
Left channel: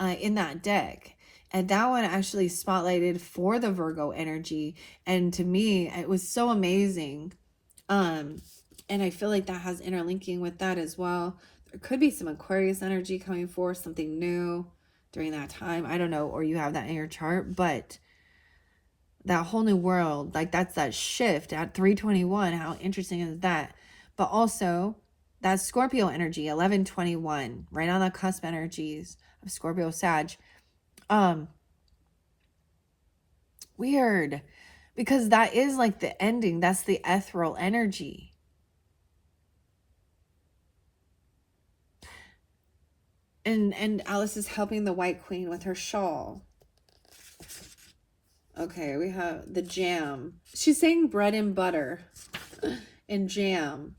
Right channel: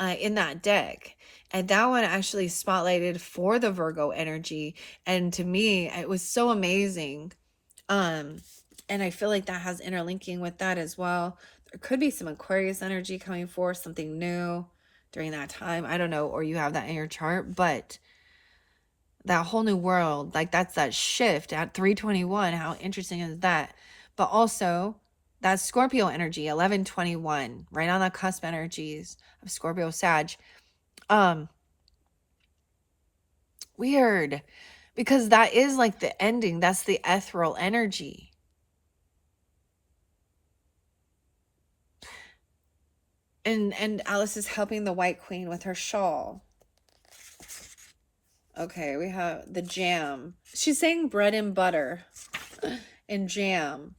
in that deck. And that one actually spotlighted for the Virgo energy. And to me, it was so amazing. And I feel like that has interlinking with that as well. There could be some Aquarius energy coming forth, something new during that time. I don't know, or you have that in your chart, but that whole new world, like that's that shift at 321. How interesting is that? But also that Scorpio energy, 1121, right on the cusp energies of Scorpio Sag. Weird, because that is like the ending. That's the ethereal energy. And Alice is helping the White Queen with her shawl. Okay, we have the jam. She's saying bread and butter and jam.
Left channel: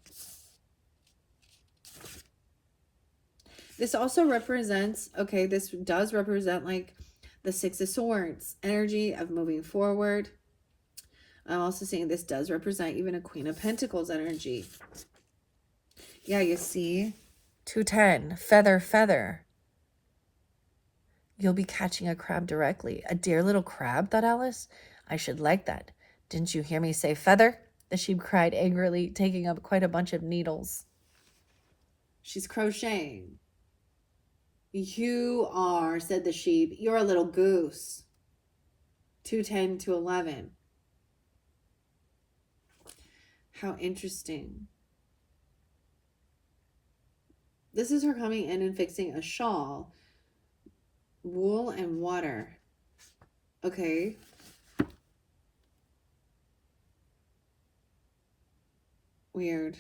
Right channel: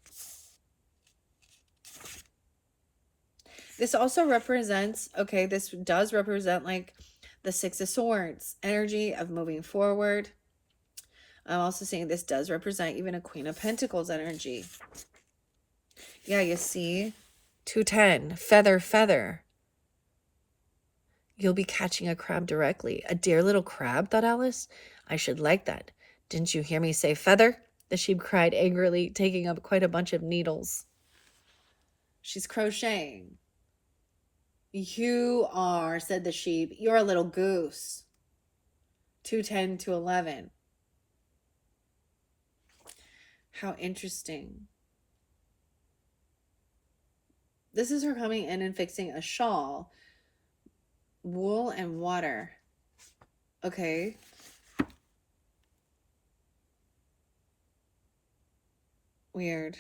This also represents, okay, this does represent like the Six of Swords, energy of moving forward. I'm also saying this does represent even a Queen of Pentacles energy. Yeah, you see? 210, feather, feather. You'll be catching a crab directly. A dear little crab, thought Alice. I should like that. Didn't you hear me say feather? The sheep cried angrily, taking up quite a bunch of needles. She's crocheting. You are, said the sheep. You're a little goose. 210 to 11. How interesting. This is her coming in and fixing a shawl. Wool and water. Okay. Weird.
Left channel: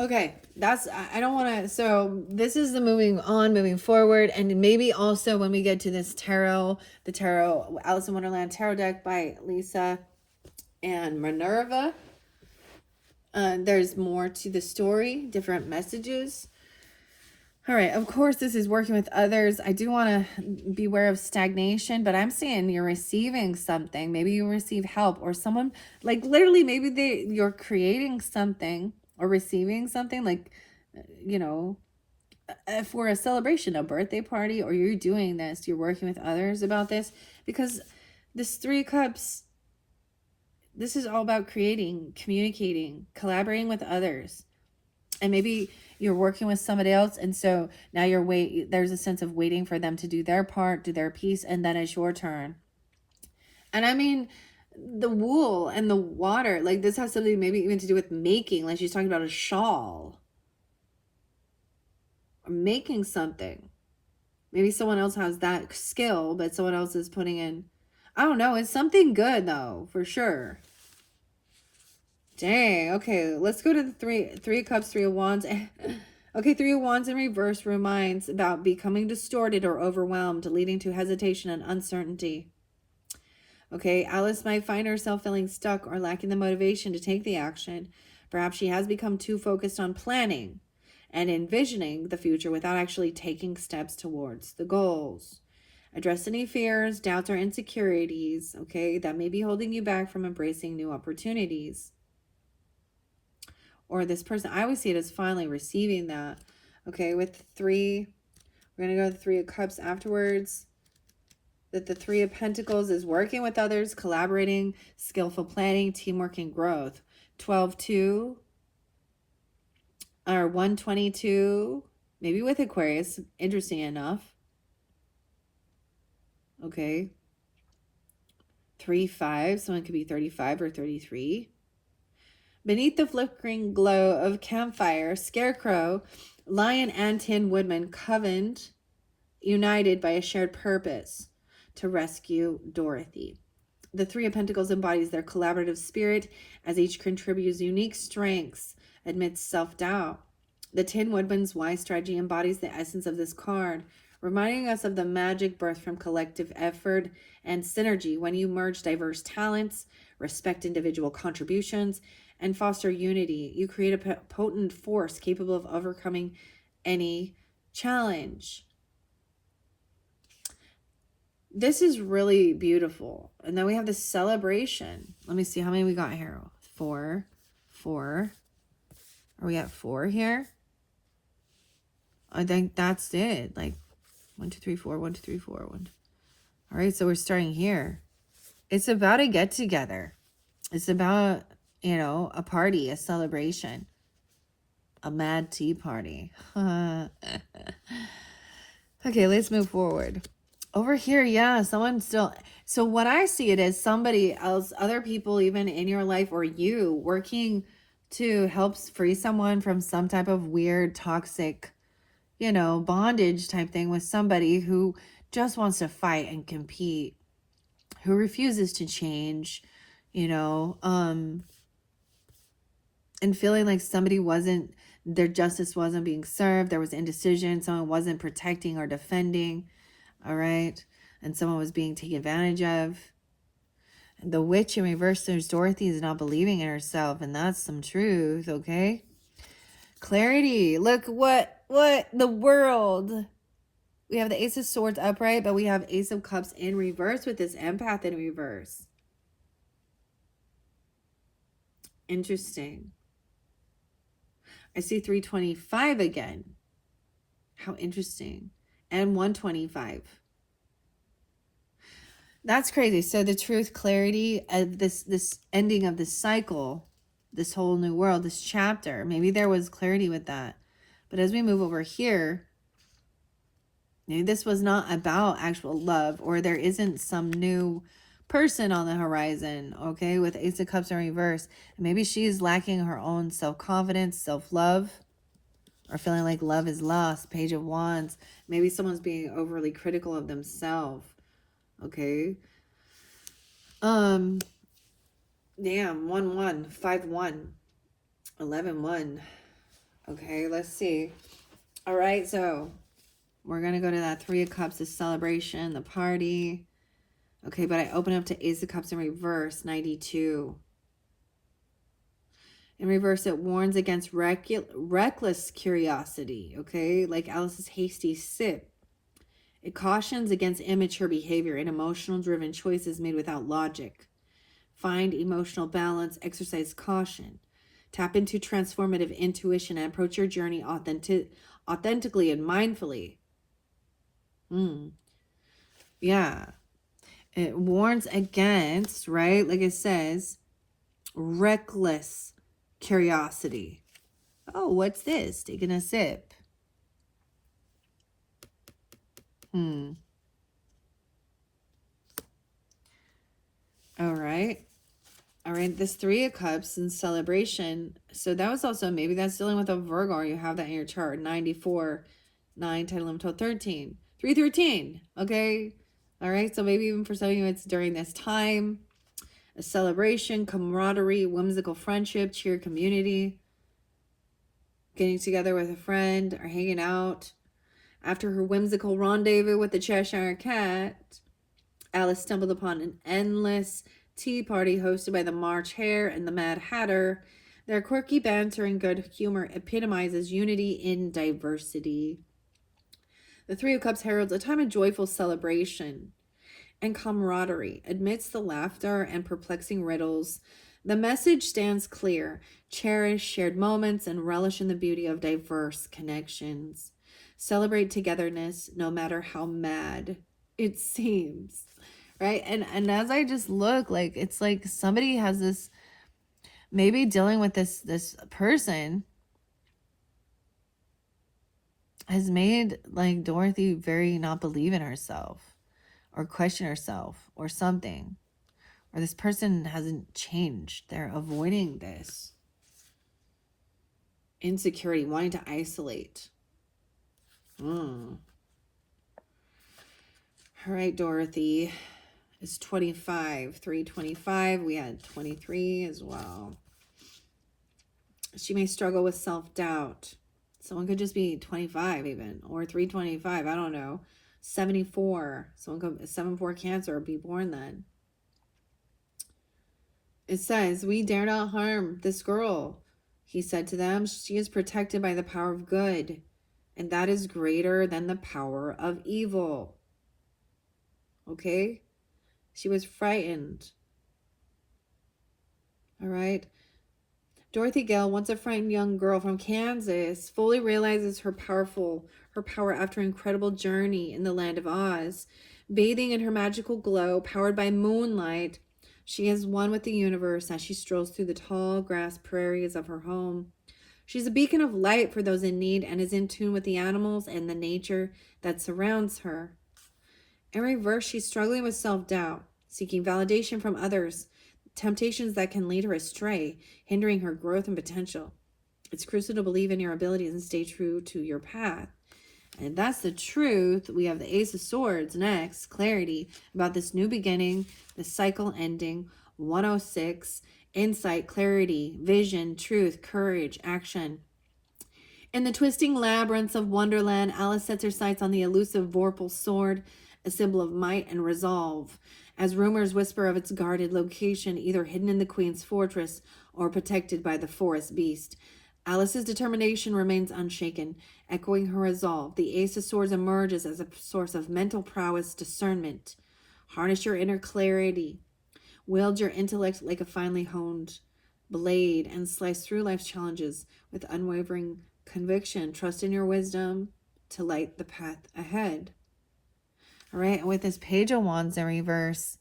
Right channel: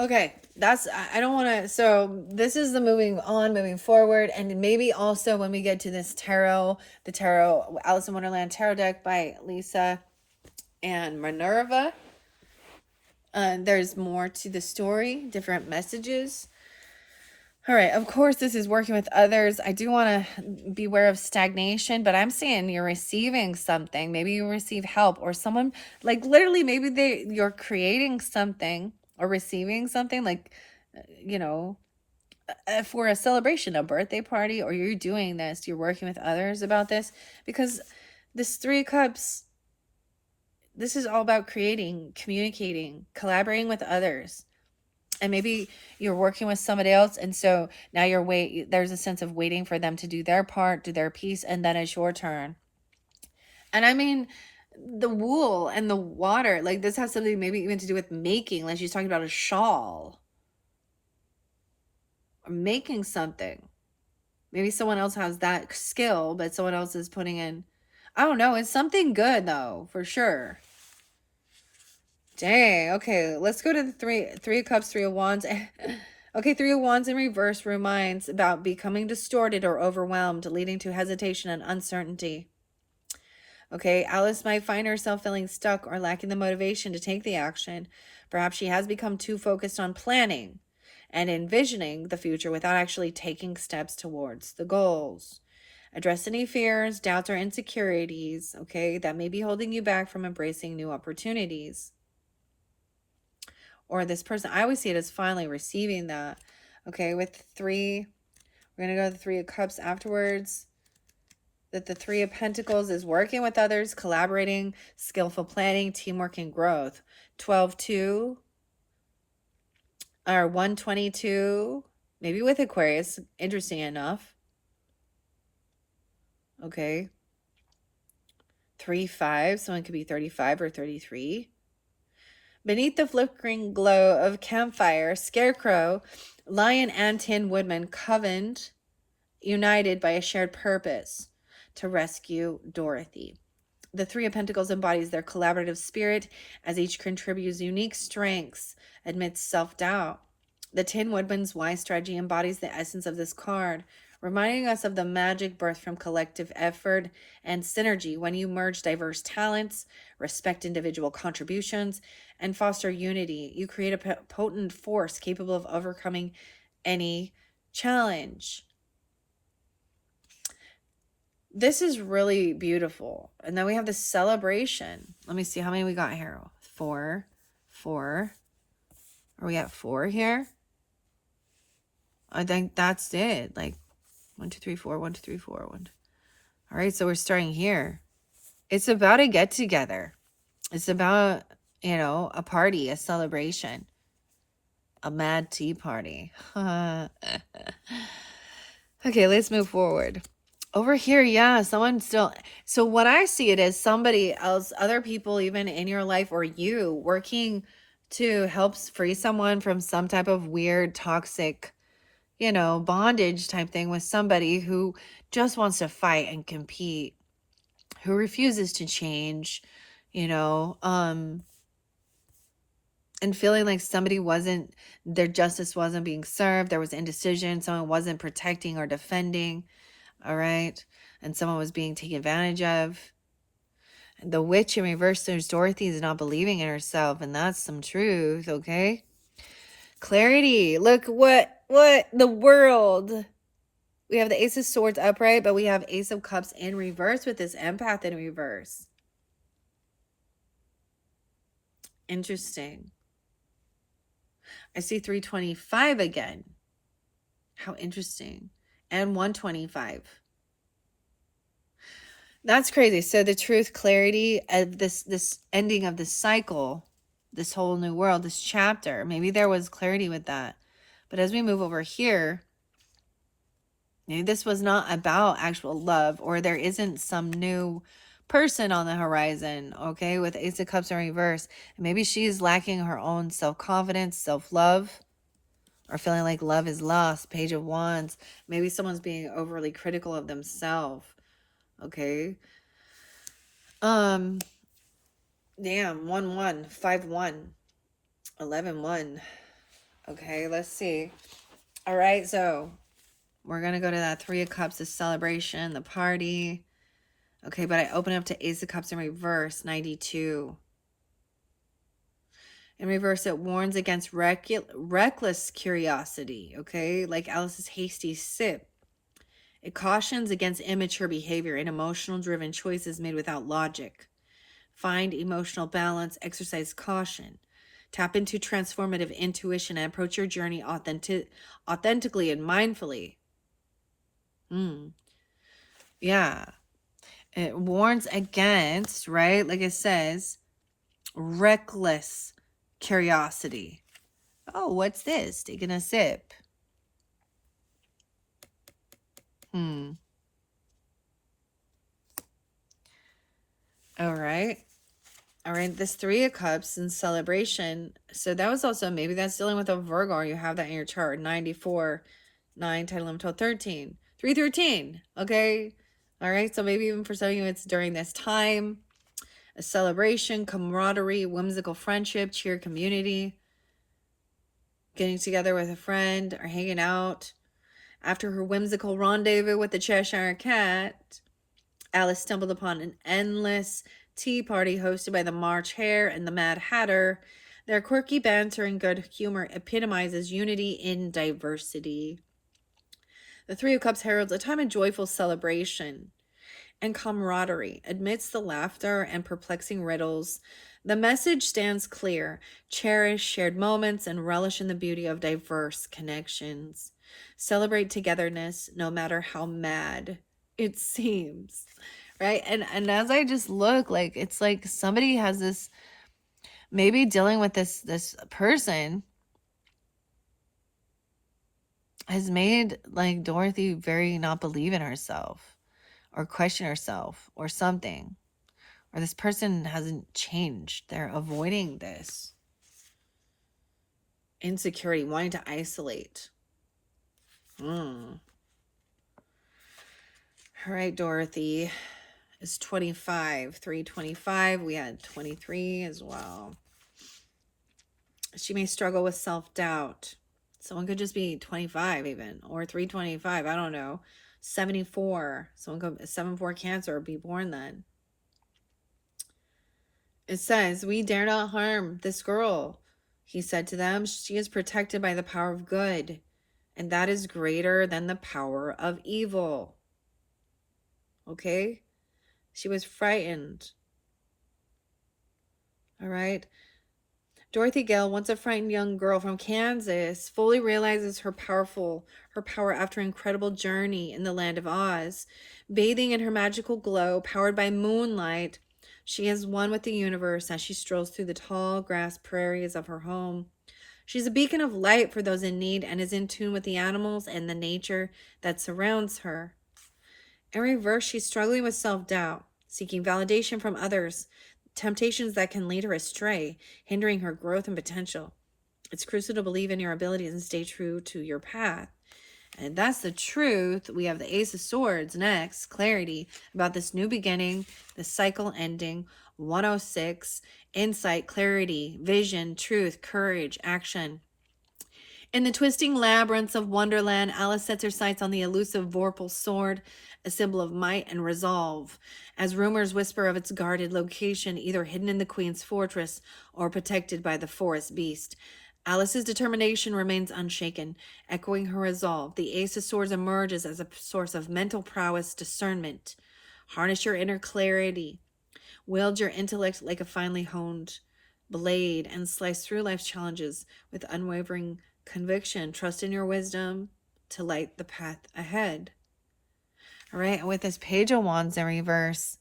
Okay, that's, I don't want to, so this is the moving forward, and maybe also when we get to this tarot, the tarot, Alice in Wonderland tarot deck by Lisa and Minerva, there's more to the story, different messages. All right, of course, this is working with others. I do want to beware of stagnation, but I'm saying you're receiving something. Maybe you receive help or someone, like literally, maybe you're creating something or receiving something, like, you know, for a celebration, a birthday party, or you're doing this, you're working with others about this, because this Three of Cups, this is all about creating, communicating, collaborating with others. And maybe you're working with somebody else, and so now there's a sense of waiting for them to do their part, do their piece, and then it's your turn. And I mean, the wool and the water, like this has something maybe even to do with making, like she's talking about a shawl. Or making something. Maybe someone else has that skill, but someone else is putting in, I don't know, it's something good though, for sure. Dang, okay, let's go to the three of Cups, Three of Wands. Okay, Three of Wands in reverse reminds about becoming distorted or overwhelmed, leading to hesitation and uncertainty. Okay, Alice might find herself feeling stuck or lacking the motivation to take the action. Perhaps she has become too focused on planning and envisioning the future without actually taking steps towards the goals. Address any fears, doubts, or insecurities, okay, that may be holding you back from embracing new opportunities. Or this person, I always see it as finally receiving that. Okay, with three, we're going to go to the Three of Cups afterwards. That the Three of Pentacles is working with others, collaborating, skillful planning, teamwork, and growth. 12-2 or 122, maybe with Aquarius, interesting enough. Okay. 3-5, someone could be 35 or 33. Beneath the flickering glow of campfire, Scarecrow, Lion, and Tin Woodman covened, united by a shared purpose to rescue Dorothy. The Three of Pentacles embodies their collaborative spirit as each contributes unique strengths amidst self-doubt. The Tin Woodman's wise strategy embodies the essence of this card, reminding us of the magic birthed from collective effort and synergy. When you merge diverse talents, respect individual contributions, and foster unity, you create a potent force capable of overcoming any challenge. This is really beautiful. And then we have the celebration. Let me see how many we got here. 4. Are we at 4 here? I think that's it. Like 1, 2, 3, 4, 1, 2, 3, 4, 1. All right, so we're starting here. It's about a get together. It's about, a party, a celebration, a mad tea party. Okay, let's move forward. Over here, yeah, someone still. So what I see it as somebody else, other people even in your life, or you working to help free someone from some type of weird, toxic, bondage type thing with somebody who just wants to fight and compete, who refuses to change, and feeling like their justice wasn't being served. There was indecision. Someone wasn't protecting or defending. All right. And someone was being taken advantage of. The witch in reverse, there's Dorothy is not believing in herself. And that's some truth. Okay. Clarity. Look what the world. We have the Ace of Swords upright, but we have Ace of Cups in reverse with this empath in reverse. Interesting. I see 325 again. How interesting. And 125. That's crazy. So the truth, clarity of this ending of this cycle, this whole new world, this chapter, maybe there was clarity with that. But as we move over here, maybe this was not about actual love, or there isn't some new person on the horizon, okay, with Ace of Cups in reverse. And maybe she's lacking her own self-confidence, self-love, or feeling like love is lost. Page of Wands. Maybe someone's being overly critical of themselves. Okay. Damn. 1-1, 5-1, 11-1. Okay, let's see. All right, so we're gonna go to that Three of Cups, the celebration, the party. Okay, but I open up to Ace of Cups in reverse, 92. In reverse, it warns against reckless curiosity, okay? Like Alice's hasty sip. It cautions against immature behavior and emotional-driven choices made without logic. Find emotional balance, exercise caution. Tap into transformative intuition and approach your journey authentically and mindfully. Yeah. It warns against, right? Like it says, reckless curiosity. Oh, what's this? Taking a sip. All right. All right, this Three of Cups in celebration. So that was also, maybe that's dealing with a Virgo, or you have that in your chart. 94, 9, 10, 11, 12, 13. 313, okay? All right, so maybe even for some of you, it's during this time. A celebration, camaraderie, whimsical friendship, cheer community. getting together with a friend or hanging out. After her whimsical rendezvous with the Cheshire Cat, Alice stumbled upon an endless tea party hosted by the March Hare and the Mad Hatter. Their quirky banter and good humor epitomizes unity in diversity. The Three of Cups heralds a time of joyful celebration and camaraderie amidst the laughter and perplexing riddles. The message stands clear: cherish shared moments and relish in the beauty of diverse connections. Celebrate togetherness no matter how mad it seems. Right? And as I just look, like it's like somebody has this, maybe dealing with this person has made like Dorothy very not believe in herself or question herself or something. Or this person hasn't changed. They're avoiding this insecurity, wanting to isolate. All right, Dorothy is 25. 325. We had 23 as well. She may struggle with self-doubt. Someone could just be 25 even, or 325. I don't know. 74. Someone could 74 Cancer or be born then. It says, "We dare not harm this girl," he said to them. "She is protected by the power of good, and that is greater than the power of evil." Okay? She was frightened. All right? Dorothy Gale, once a frightened young girl from Kansas, fully realizes her power after an incredible journey in the land of Oz. Bathing in her magical glow, powered by moonlight, she is one with the universe as she strolls through the tall grass prairies of her home. She's a beacon of light for those in need and is in tune with the animals and the nature that surrounds her. In reverse, she's struggling with self-doubt, seeking validation from others, temptations that can lead her astray, hindering her growth and potential. It's crucial to believe in your abilities and stay true to your path. And that's the truth. We have the Ace of Swords next, clarity about this new beginning, the cycle ending. 106, insight, clarity, vision, truth, courage, action. In the twisting labyrinths of Wonderland, Alice sets her sights on the elusive Vorpal sword, a symbol of might and resolve, as rumors whisper of its guarded location, either hidden in the Queen's fortress or protected by the forest beast. Alice's determination remains unshaken, echoing her resolve. The Ace of Swords emerges as a source of mental prowess, discernment. Harness your inner clarity. Wield your intellect like a finely honed blade and slice through life's challenges with unwavering conviction. Trust in your wisdom to light the path ahead. All right, with this Page of Wands in reverse,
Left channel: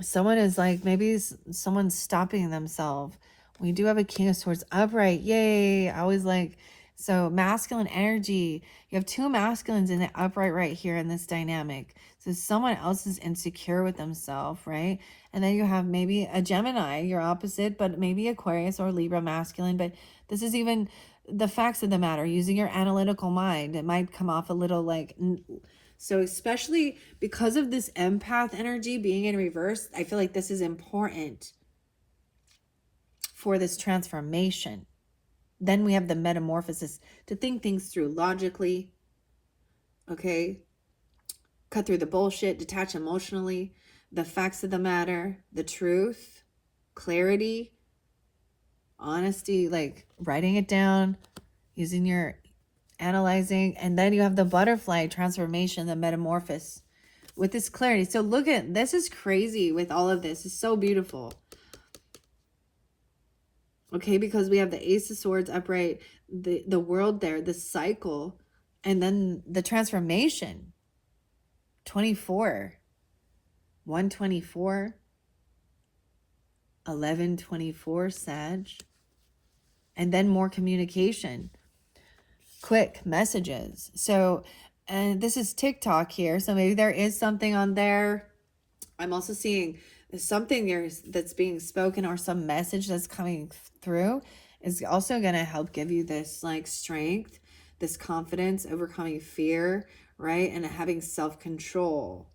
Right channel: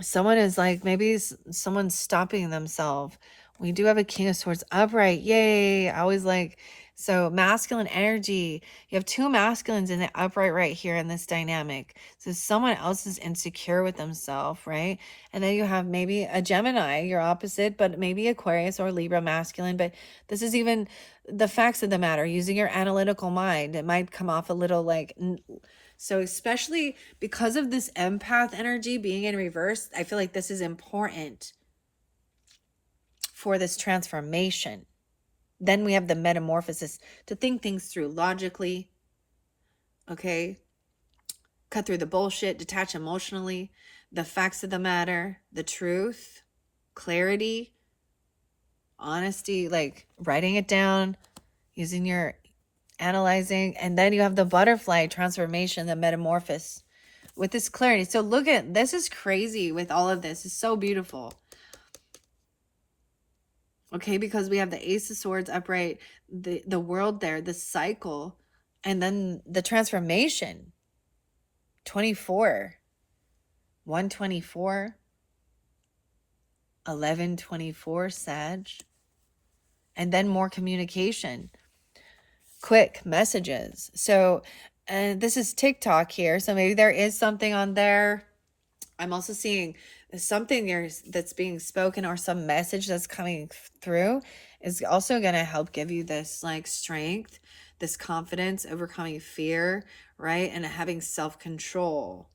someone is like, maybe someone's stopping themselves. We do have a King of Swords upright. Yay. I always like, so masculine energy. You have two masculines in the upright right here in this dynamic. So someone else is insecure with themselves, right? And then you have maybe a Gemini, your opposite, but maybe Aquarius or Libra masculine. But this is even the facts of the matter, using your analytical mind. It might come off a little like, so especially because of this empath energy being in reverse, I feel like this is important for this transformation. Then we have the metamorphosis to think things through logically, okay? Cut through the bullshit, detach emotionally, the facts of the matter, the truth, clarity, honesty, like writing it down, using your analyzing. And then you have the butterfly transformation, the metamorphosis with this clarity. So look at this, is crazy with all of this. It's so beautiful. Okay, because we have the Ace of Swords upright, the world there, the cycle, and then the transformation. 24, 124, 1124 Sag, and then more communication, quick messages. So this is TikTok here, so maybe there is something on there. I'm also seeing something there that's being spoken, or some message that's coming through is also going to help give you this like strength, this confidence, overcoming fear, right? And having self-control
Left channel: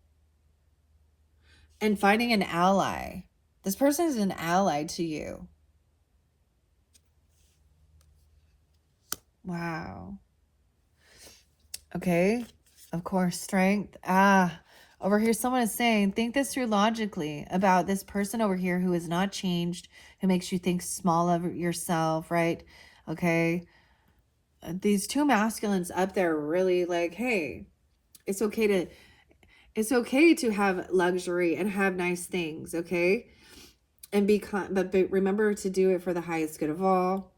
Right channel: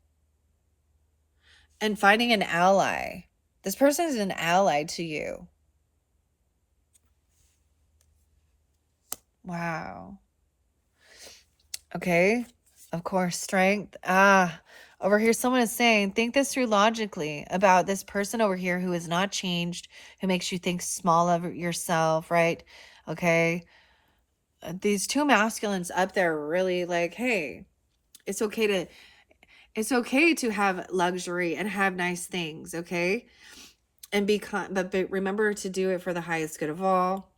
and finding an ally. This person is an ally to you. Wow. Okay. Of course, strength. Over here, someone is saying, think this through logically about this person over here who is not changed, who makes you think small of yourself, right? Okay. These two masculines up there really like, hey, it's okay to it's okay to have luxury and have nice things, okay? And but remember to do it for the highest good of all.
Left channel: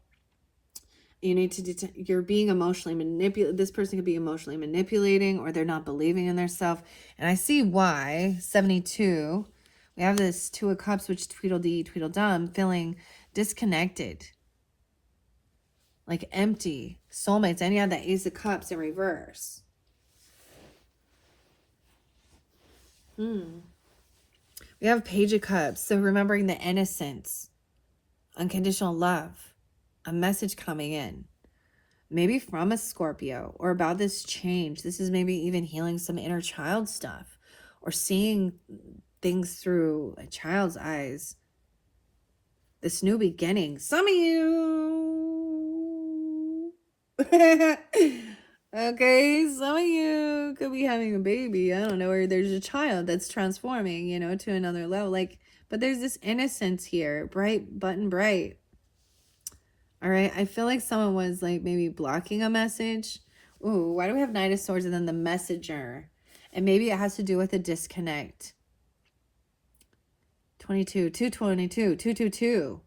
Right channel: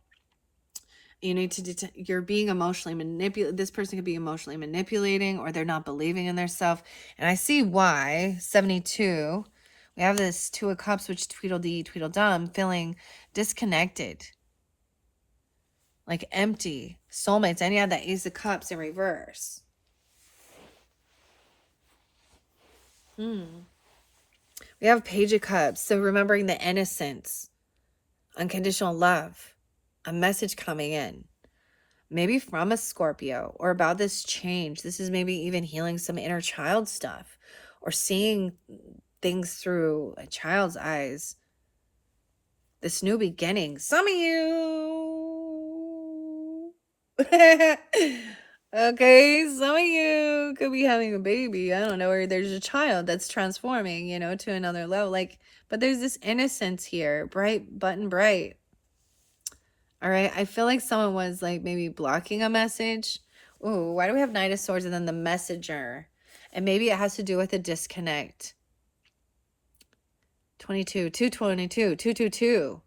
You need to you're being emotionally manipulated. This person could be emotionally manipulating, or they're not believing in their self. And I see why. 72, we have this Two of Cups, which Tweedledee Tweedledum, feeling disconnected, like empty, soulmates. And you have that Ace of Cups in reverse. We have Page of Cups, so remembering the innocence, unconditional love, a message coming in, maybe from a Scorpio, or about this change. This is maybe even healing some inner child stuff, or seeing things through a child's eyes. This new beginning. Some of you. Okay, some of you could be having a baby. I don't know, or there's a child that's transforming, to another level. Like, but there's this innocence here, bright, button bright. All right, I feel like someone was like maybe blocking a message. Ooh, why do we have Knight of Swords and then the messenger? And maybe it has to do with a disconnect. 22, 222, 222,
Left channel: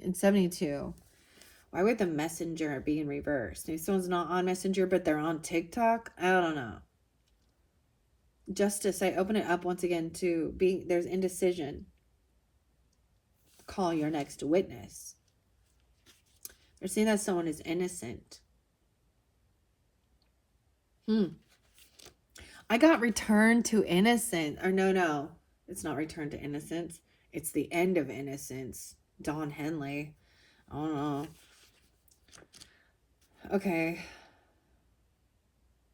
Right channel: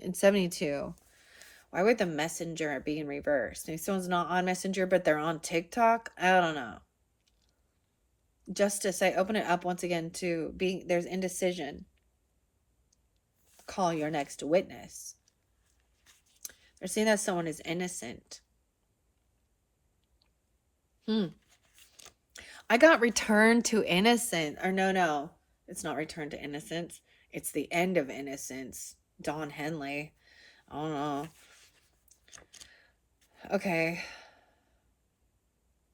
and 72. Why would the messenger be in reverse? Maybe someone's not on Messenger, but they're on TikTok. I don't know. Justice, I open it up once again to being, there's indecision. Call your next witness. They're saying that someone is innocent. I got Return to Innocence. Or no. It's not Return to Innocence. It's the end of innocence. Don Henley. I don't know. Okay.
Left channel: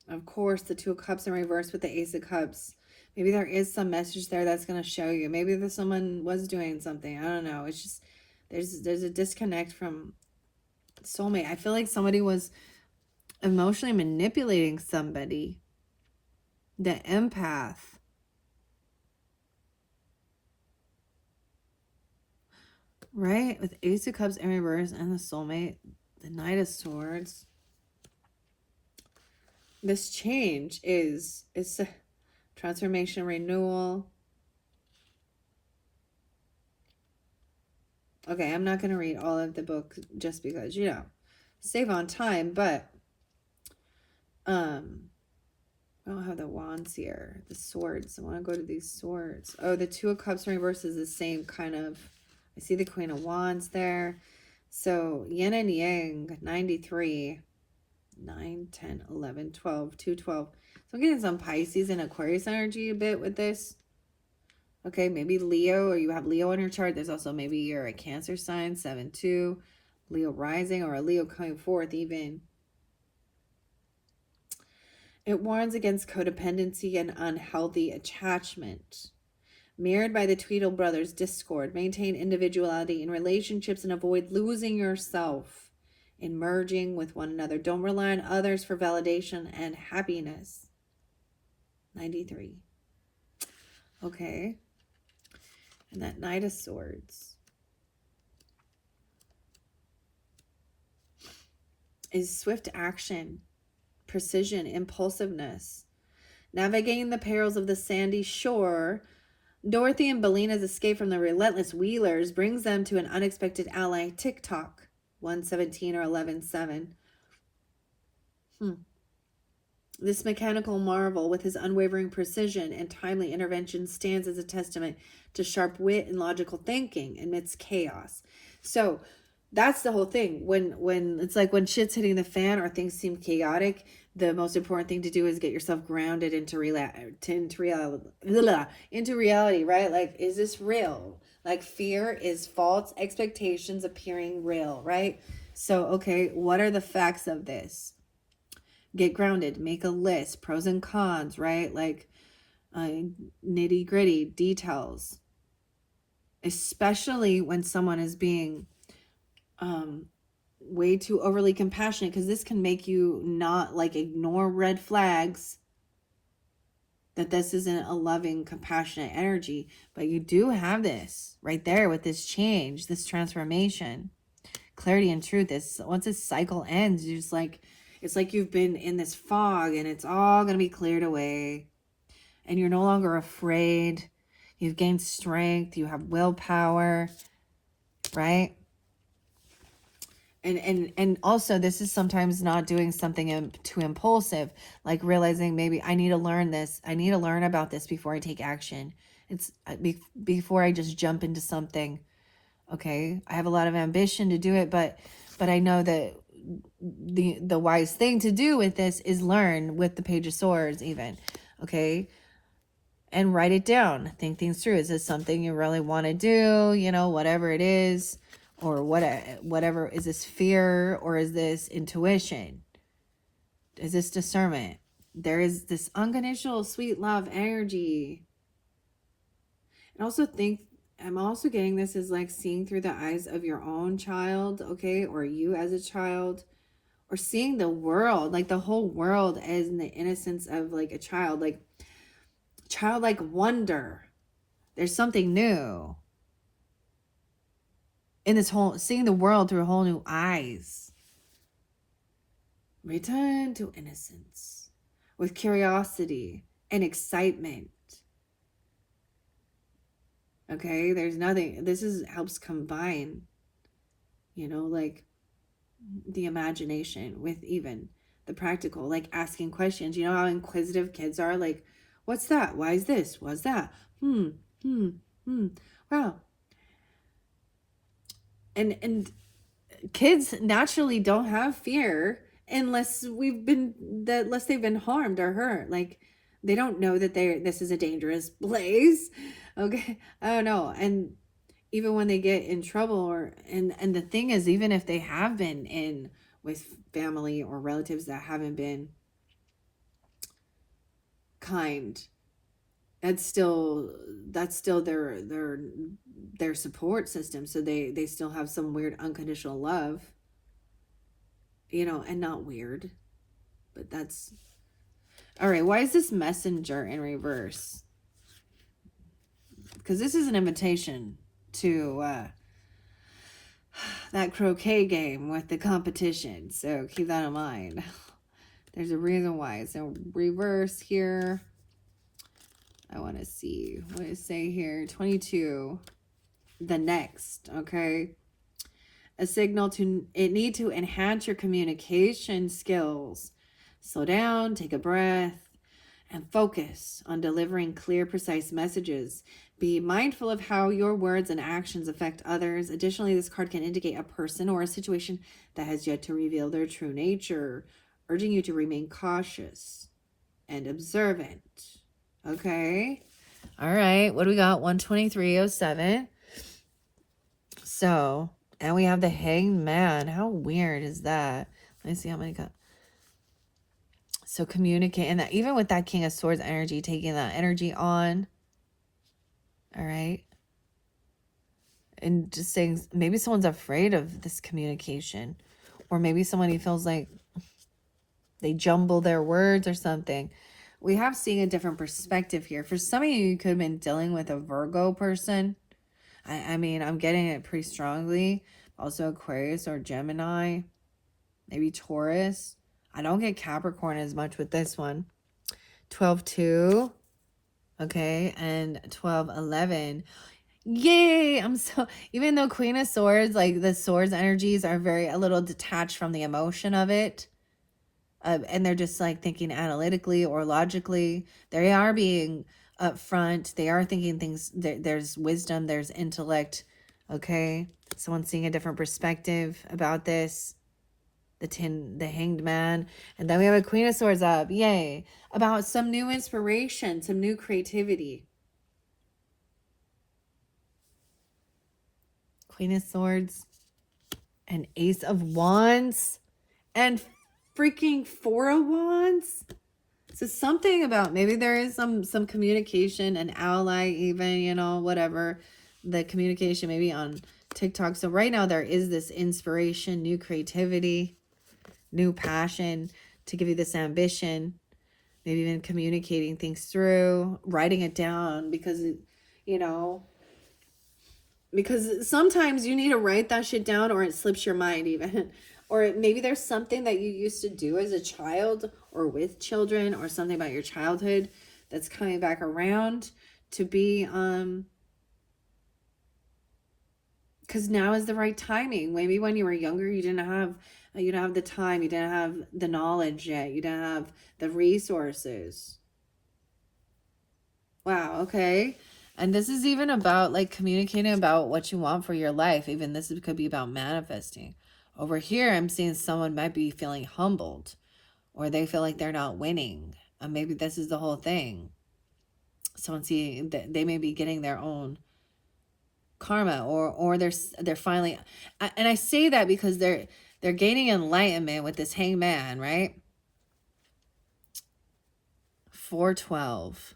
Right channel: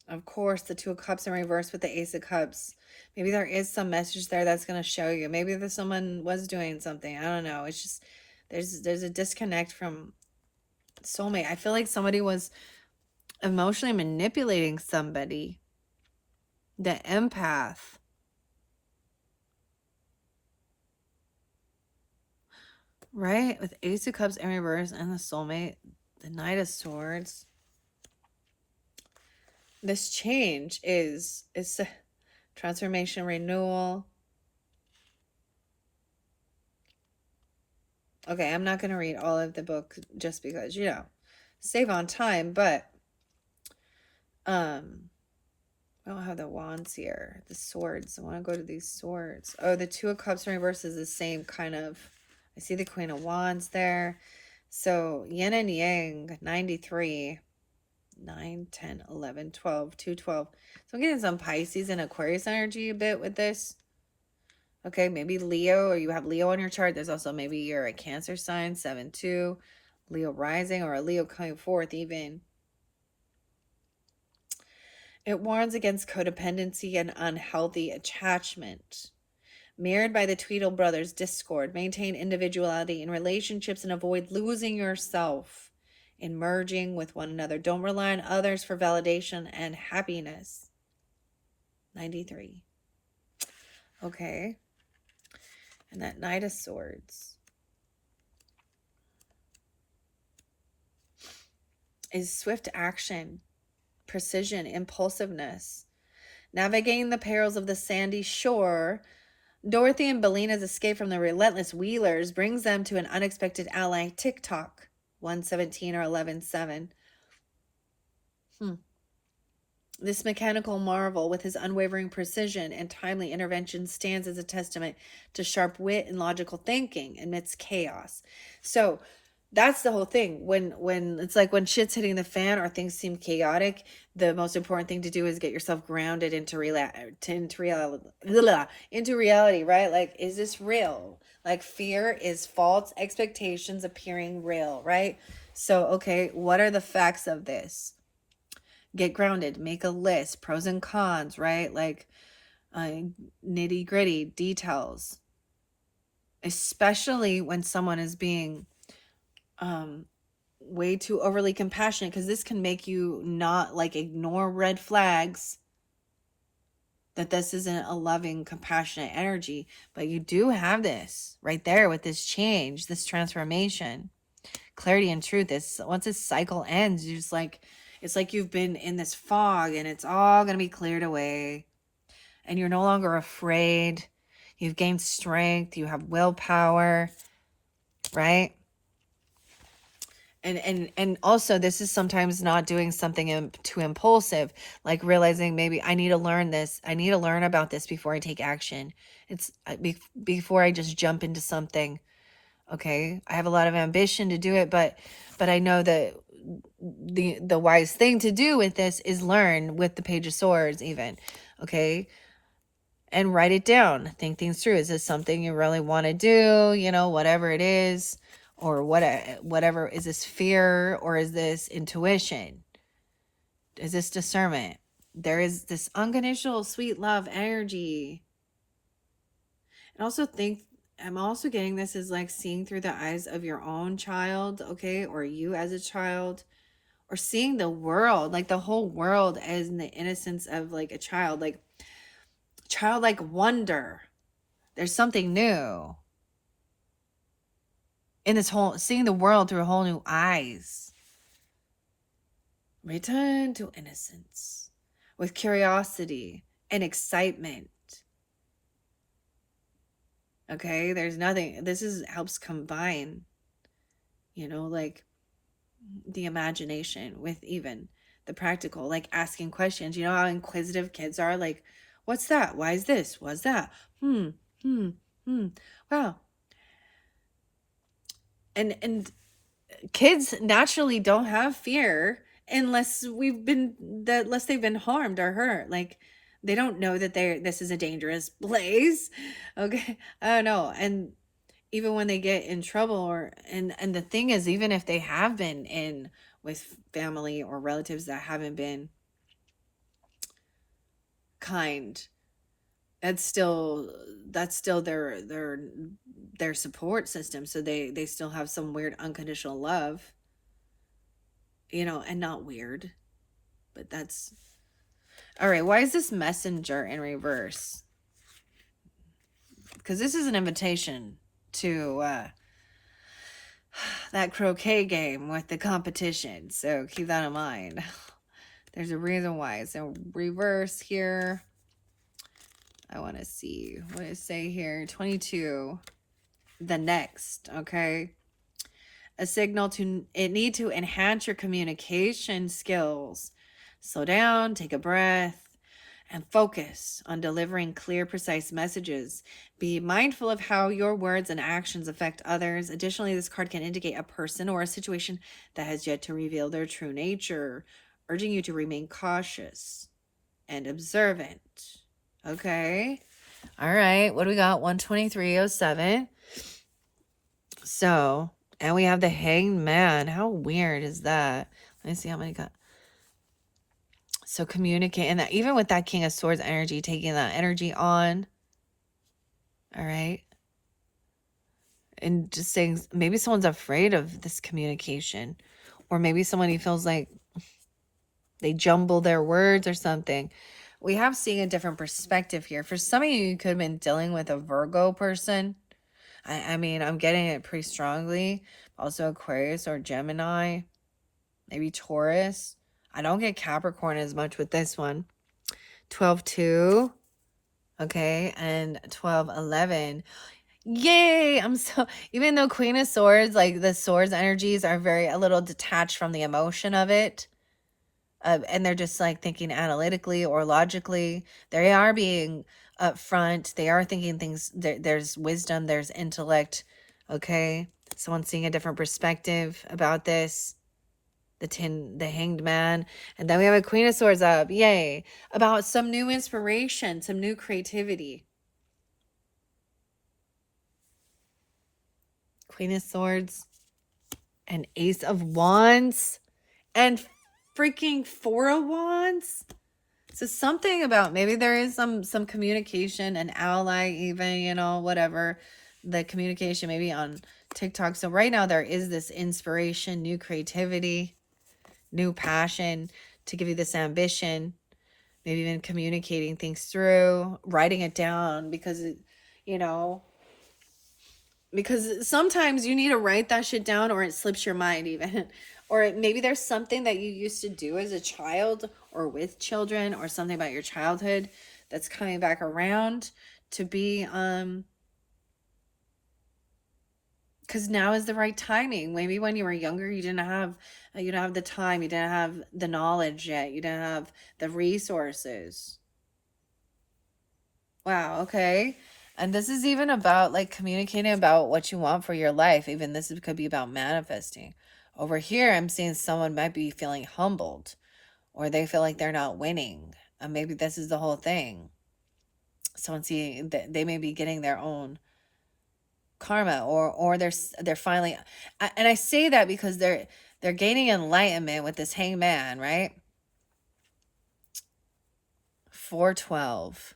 Of course, the Two of Cups in reverse with the Ace of Cups. Maybe there is some message there that's going to show you. Maybe someone was doing something. I don't know. It's just, there's a disconnect from soulmate. I feel like somebody was emotionally manipulating somebody. The empath. Right? With Ace of Cups in reverse and the soulmate. The Knight of Swords. This change is transformation, renewal. Okay, I'm not going to read all of the book just because, save on time, but I don't have the wands here. The swords. I want to go to these swords. Oh, the Two of Cups in reverse is the same kind of, I see the Queen of Wands there. So yin and yang, 93, 9, 10, 11, 12, 212. So I'm getting some Pisces and Aquarius energy a bit with this. Okay, maybe Leo, or you have Leo on your chart. There's also maybe you're a Cancer sign, 7-2, Leo rising, or a Leo coming forth even. It warns against codependency and unhealthy attachment. Mirrored by the Tweedle brothers' discord, maintain individuality in relationships and avoid losing yourself in merging with one another. Don't rely on others for validation and happiness. 93. Okay. And that Knight of Swords is swift action, precision, impulsiveness. Navigating the perils of the sandy shore, Dorothy and Belena's escape from the relentless Wheelers brings them to an unexpected ally, TikTok, 117 or 11-7. This mechanical marvel, with his unwavering precision and timely intervention, stands as a testament to sharp wit and logical thinking amidst chaos. So that's the whole thing. When it's like when shit's hitting the fan or things seem chaotic, the most important thing to do is get yourself grounded into reality, right? Like, is this real? Like, fear is false expectations appearing real, right? So, okay, what are the facts of this? Get grounded, make a list, pros and cons, right? Like nitty gritty details, especially when someone is being way too overly compassionate, because this can make you not like ignore red flags that this isn't a loving, compassionate energy. But you do have this right there with this change, this transformation, clarity and truth. Is once this cycle ends, you just like, it's like you've been in this fog and it's all going to be cleared away. And you're no longer afraid. You've gained strength. You have willpower, right? And also, this is sometimes not doing something too impulsive, like realizing maybe I need to learn this. I need to learn about this before I take action. It's before I just jump into something. Okay, I have a lot of ambition to do it, but I know that the wise thing to do with this is learn with the Page of Swords, even. Okay, and write it down. Think things through. Is this something you really want to do? You know, whatever it is, or whatever. Is this fear, or is this intuition? Is this discernment? There is this unconditional sweet love energy. And also think, I'm also getting this is like seeing through the eyes of your own child, okay, or you as a child, or seeing the world, like the whole world as in the innocence of like a child, like childlike wonder. There's something new in this whole, seeing the world through whole new eyes. Return to innocence with curiosity and excitement. Okay, there's nothing, this is helps combine, you know, like the imagination with even the practical, like asking questions. You know how inquisitive kids are, like, what's that? Why is this? What's that? Wow. And kids naturally don't have fear unless they've been harmed or hurt. Like, they don't know that this is a dangerous place. Okay, I don't know. And even when they get in trouble, or and the thing is, even if they have been in with family or relatives that haven't been kind, that's still their support system. So they still have some weird unconditional love, you know. And not weird, but that's all right. Why is this Messenger in reverse? Because this is an invitation to that croquet game with the competition, so keep that in mind. There's a reason why it's in reverse here. I want to see what it say here. 22, the next, okay? A signal to need to enhance your communication skills. Slow down, take a breath, and focus on delivering clear, precise messages. Be mindful of how your words and actions affect others. Additionally, this card can indicate a person or a situation that has yet to reveal their true nature, urging you to remain cautious and observant. Okay. All right. What do we got? 12307. So, and we have the Hanged Man. How weird is that? Let me see how many got. So communicate, and that even with that King of Swords energy, taking that energy on. All right. And just saying, maybe someone's afraid of this communication, or maybe somebody feels like they jumble their words or something. We have seeing a different perspective here. For some of you, you could have been dealing with a Virgo person. I mean, I'm getting it pretty strongly. Also Aquarius or Gemini, maybe Taurus. I don't get Capricorn as much with this one. 12-2. Okay, and 12-11. Yay! I'm so, even though Queen of Swords, like the swords energies are a little detached from the emotion of it. And they're just like thinking analytically or logically. They are being upfront. They are thinking things. There's wisdom. There's intellect. Okay, someone's seeing a different perspective about this. The Hanged Man. And then we have a Queen of Swords up. Yay. About some new inspiration, some new creativity. Queen of Swords and Ace of Wands and freaking Four of Wands. So something about, maybe there is some communication, an ally even, you know, whatever. The communication maybe on TikTok. So right now there is this inspiration, new creativity, new passion to give you this ambition, maybe even communicating things through, writing it down, because because sometimes you need to write that shit down or it slips your mind even. Or maybe there's something that you used to do as a child or with children, or something about your childhood that's coming back around to be because now is the right timing. Maybe when you were younger, you didn't have the time, you didn't have the knowledge yet, you didn't have the resources. Wow, okay. And this is even about like communicating about what you want for your life. Even this could be about manifesting. Over here, I'm seeing someone might be feeling humbled, or they feel like they're not winning. And maybe this is the whole thing. Someone seeing that they may be getting their own karma, or they're finally, and I say that because they're gaining enlightenment with this hangman, right? 412.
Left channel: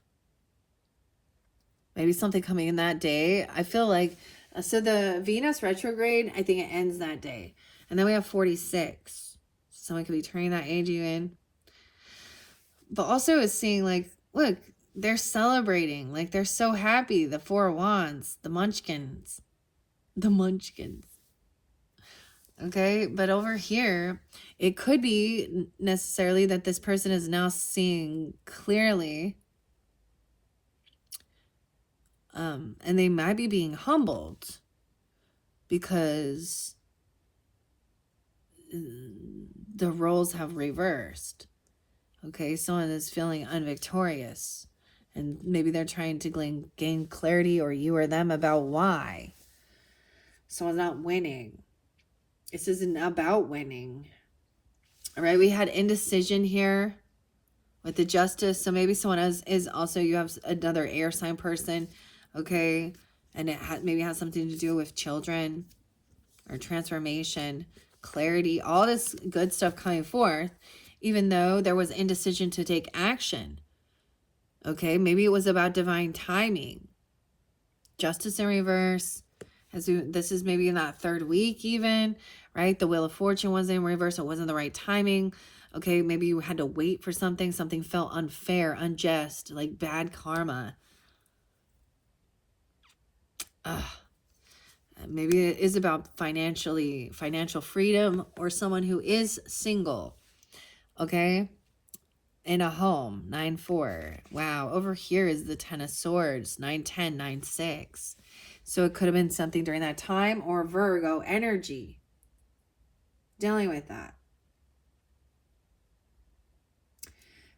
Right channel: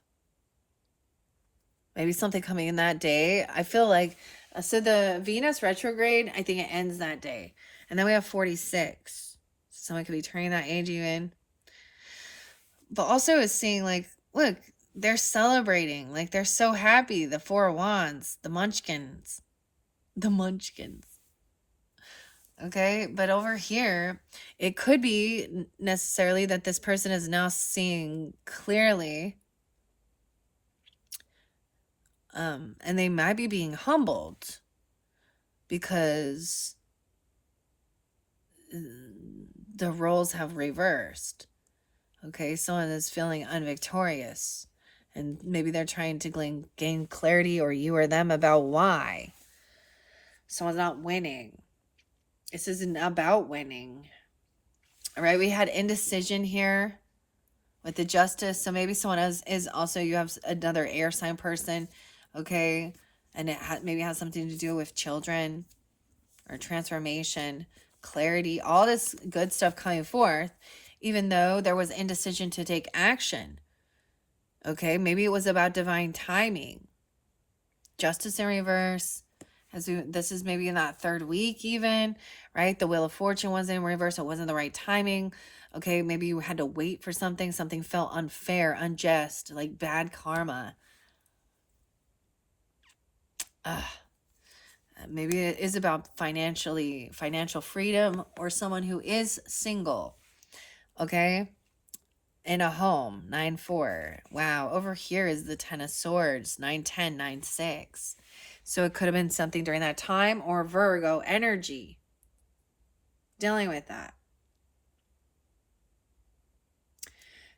Maybe something coming in that day. I feel like, so the Venus retrograde, I think it ends that day. And then we have 46. Someone could be turning that age even. But also it's seeing like, look, they're celebrating. Like they're so happy. The Four of Wands, the Munchkins. The Munchkins. Okay, but over here, it could be necessarily that this person is now seeing clearly. And they might be being humbled because the roles have reversed. Okay, someone is feeling unvictorious, and maybe they're trying to gain clarity, or you or them, about why someone's not winning. This isn't about winning. All right, we had indecision here with the Justice. So maybe someone else is also, you have another air sign person, okay? And it maybe has something to do with children or transformation, clarity, all this good stuff coming forth, even though there was indecision to take action. Okay, maybe it was about divine timing. Justice in reverse. This is maybe in that third week even, right? The Wheel of Fortune was in reverse. It wasn't the right timing. Okay, maybe you had to wait for something. Something felt unfair, unjust, like bad karma. Maybe it is about financial freedom, or someone who is single. Okay, in a home, 9-4. Wow, over here is the Ten of Swords, 9-10, 9-6. So it could have been something during that time, or Virgo energy dealing with that.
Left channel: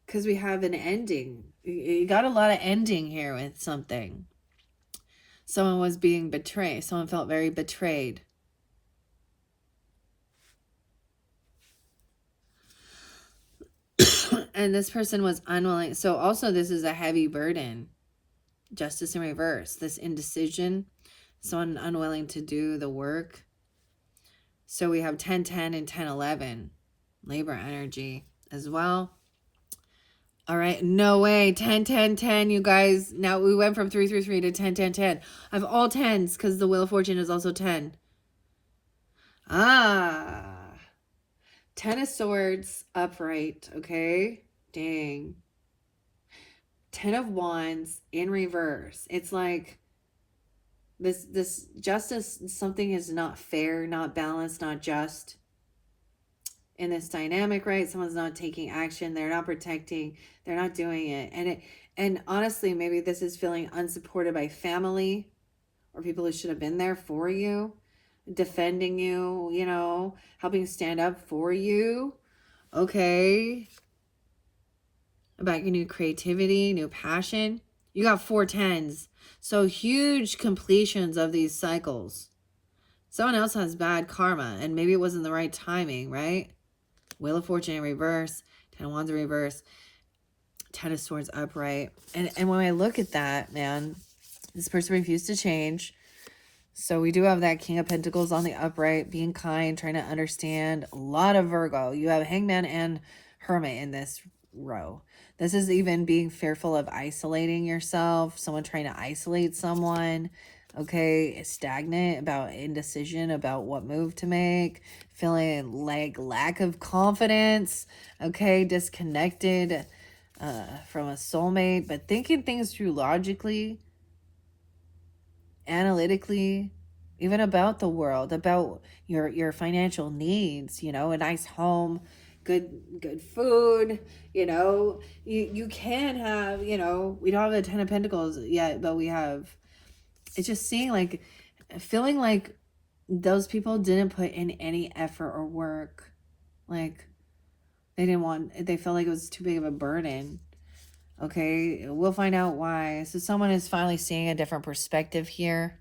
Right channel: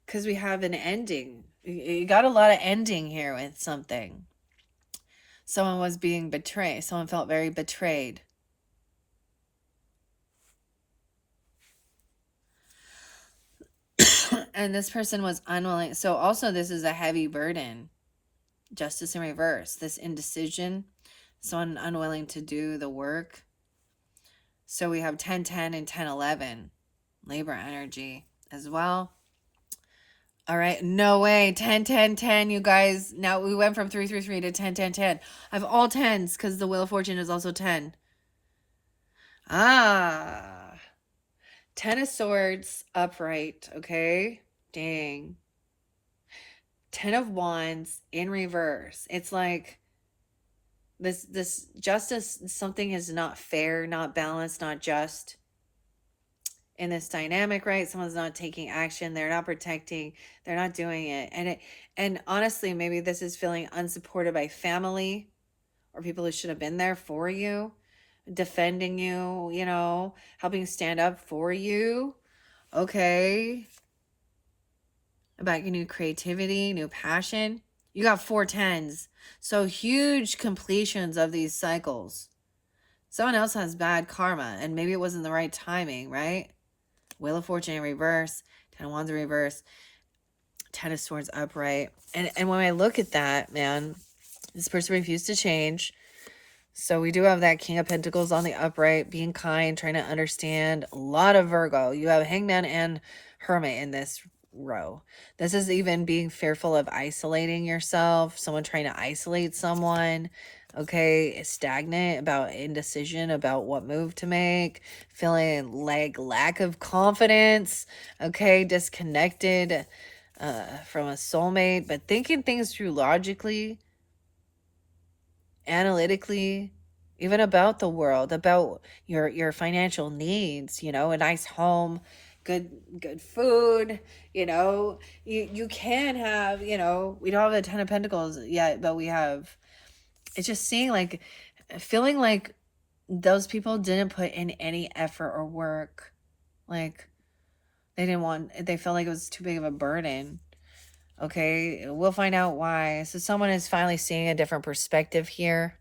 Because we have an ending. You got a lot of ending here with something. Someone was being betrayed. Someone felt very betrayed. And this person was unwilling. So also this is a heavy burden. Justice in reverse. This indecision. Someone unwilling to do the work. So we have 10-10 and 10-11. Libra energy as well. All right, no way. 10-10-10, you guys. Now we went from 3-3-3 to 10-10-10. I have all 10s because the Wheel of Fortune is also 10. 10 of Swords upright, okay? Dang. 10 of Wands in reverse. It's like this justice, something is not fair, not balanced, not just in this dynamic, right? Someone's not taking action, they're not protecting, they're not doing it. And honestly, maybe this is feeling unsupported by family or people who should have been there for you, defending you, helping stand up for you. Okay. About your new creativity, new passion. You got 4 10s. So huge completions of these cycles. Someone else has bad karma, and maybe it wasn't the right timing, right? Wheel of Fortune in reverse, 10 of Wands in reverse, 10 of Swords upright. And when I look at that, man, this person refused to change. So we do have that King of Pentacles on the upright, being kind, trying to understand. A lot of Virgo. You have Hangman and Hermit in this row. This is even being fearful of isolating yourself, someone trying to isolate someone. okay, stagnant, about indecision about what move to make, feeling like lack of confidence, okay, disconnected from a soulmate, but thinking things through logically, analytically, even about the world, about your financial needs, you know, a nice home, good food, you know, you can have, you know, we don't have the 10 of Pentacles yet, but we have, it's just seeing like, feeling like those people didn't put in any effort or work. Like they felt like it was too big of a burden. Okay, we'll find out why. So someone is finally seeing a different perspective here.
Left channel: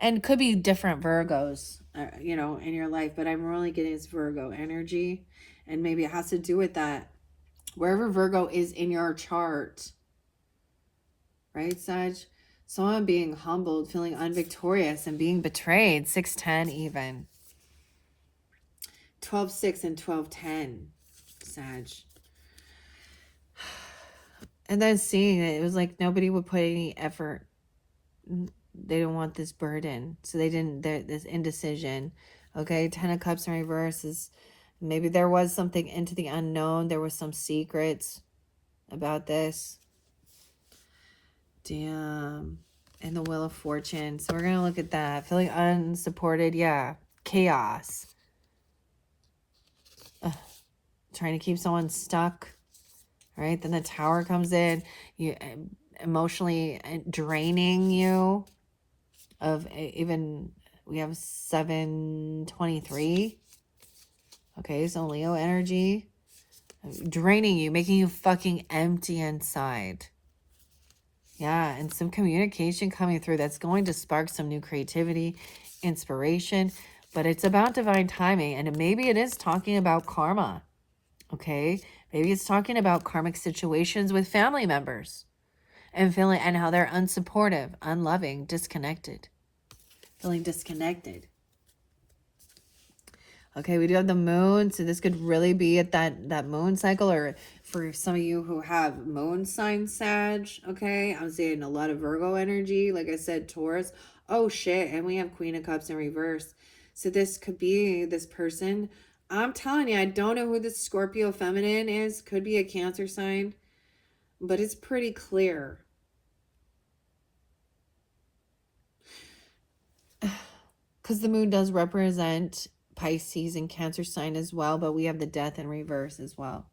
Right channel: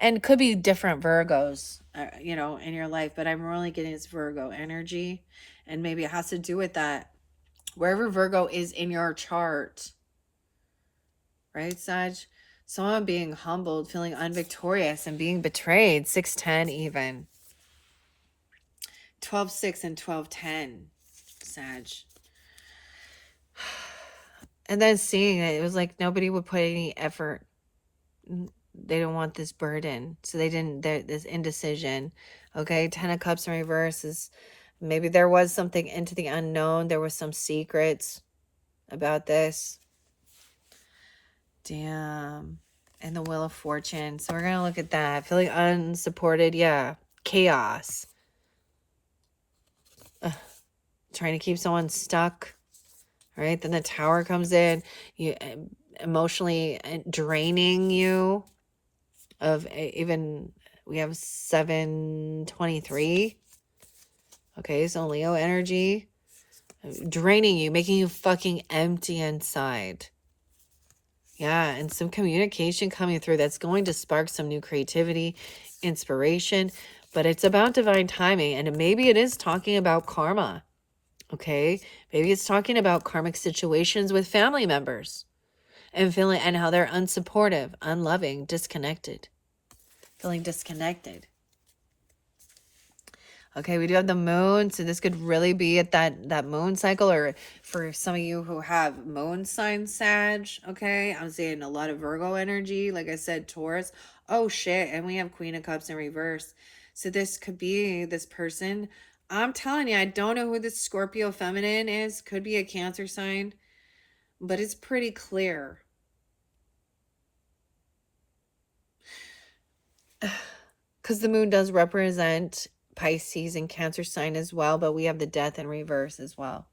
And could be different Virgos, you know, in your life, but I'm really getting this Virgo energy. And maybe it has to do with that. Wherever Virgo is in your chart, right, Sag? Someone being humbled, feeling unvictorious, and being betrayed. 610 even. 12-6 and 12-10, Sag. And then seeing it was like nobody would put any effort. They don't want this burden. So they didn't, this indecision. Okay, 10 of Cups in reverse is maybe there was something into the unknown. There was some secrets about this. Damn. And the Wheel of Fortune. So we're going to look at that. Feeling unsupported. Yeah. Chaos. Trying to keep someone stuck. Right? Then the Tower comes in. You emotionally draining you. Of even, we have 723. Okay, so Leo energy. Draining you, making you fucking empty inside. Yeah, and some communication coming through that's going to spark some new creativity, inspiration, but it's about divine timing, and maybe it is talking about karma, okay? Maybe it's talking about karmic situations with family members and feeling, and how they're unsupportive, unloving, disconnected, feeling disconnected. Okay, we do have the moon, so this could really be at that moon cycle, or for some of you who have moon sign Sag, okay? I'm seeing a lot of Virgo energy, like I said, Taurus. Oh, shit, and we have Queen of Cups in reverse. So this could be this person. I'm telling you, I don't know who this Scorpio feminine is. Could be a Cancer sign, but it's pretty clear. Because the moon does represent Pisces and Cancer sign as well, but we have the Death in reverse as well.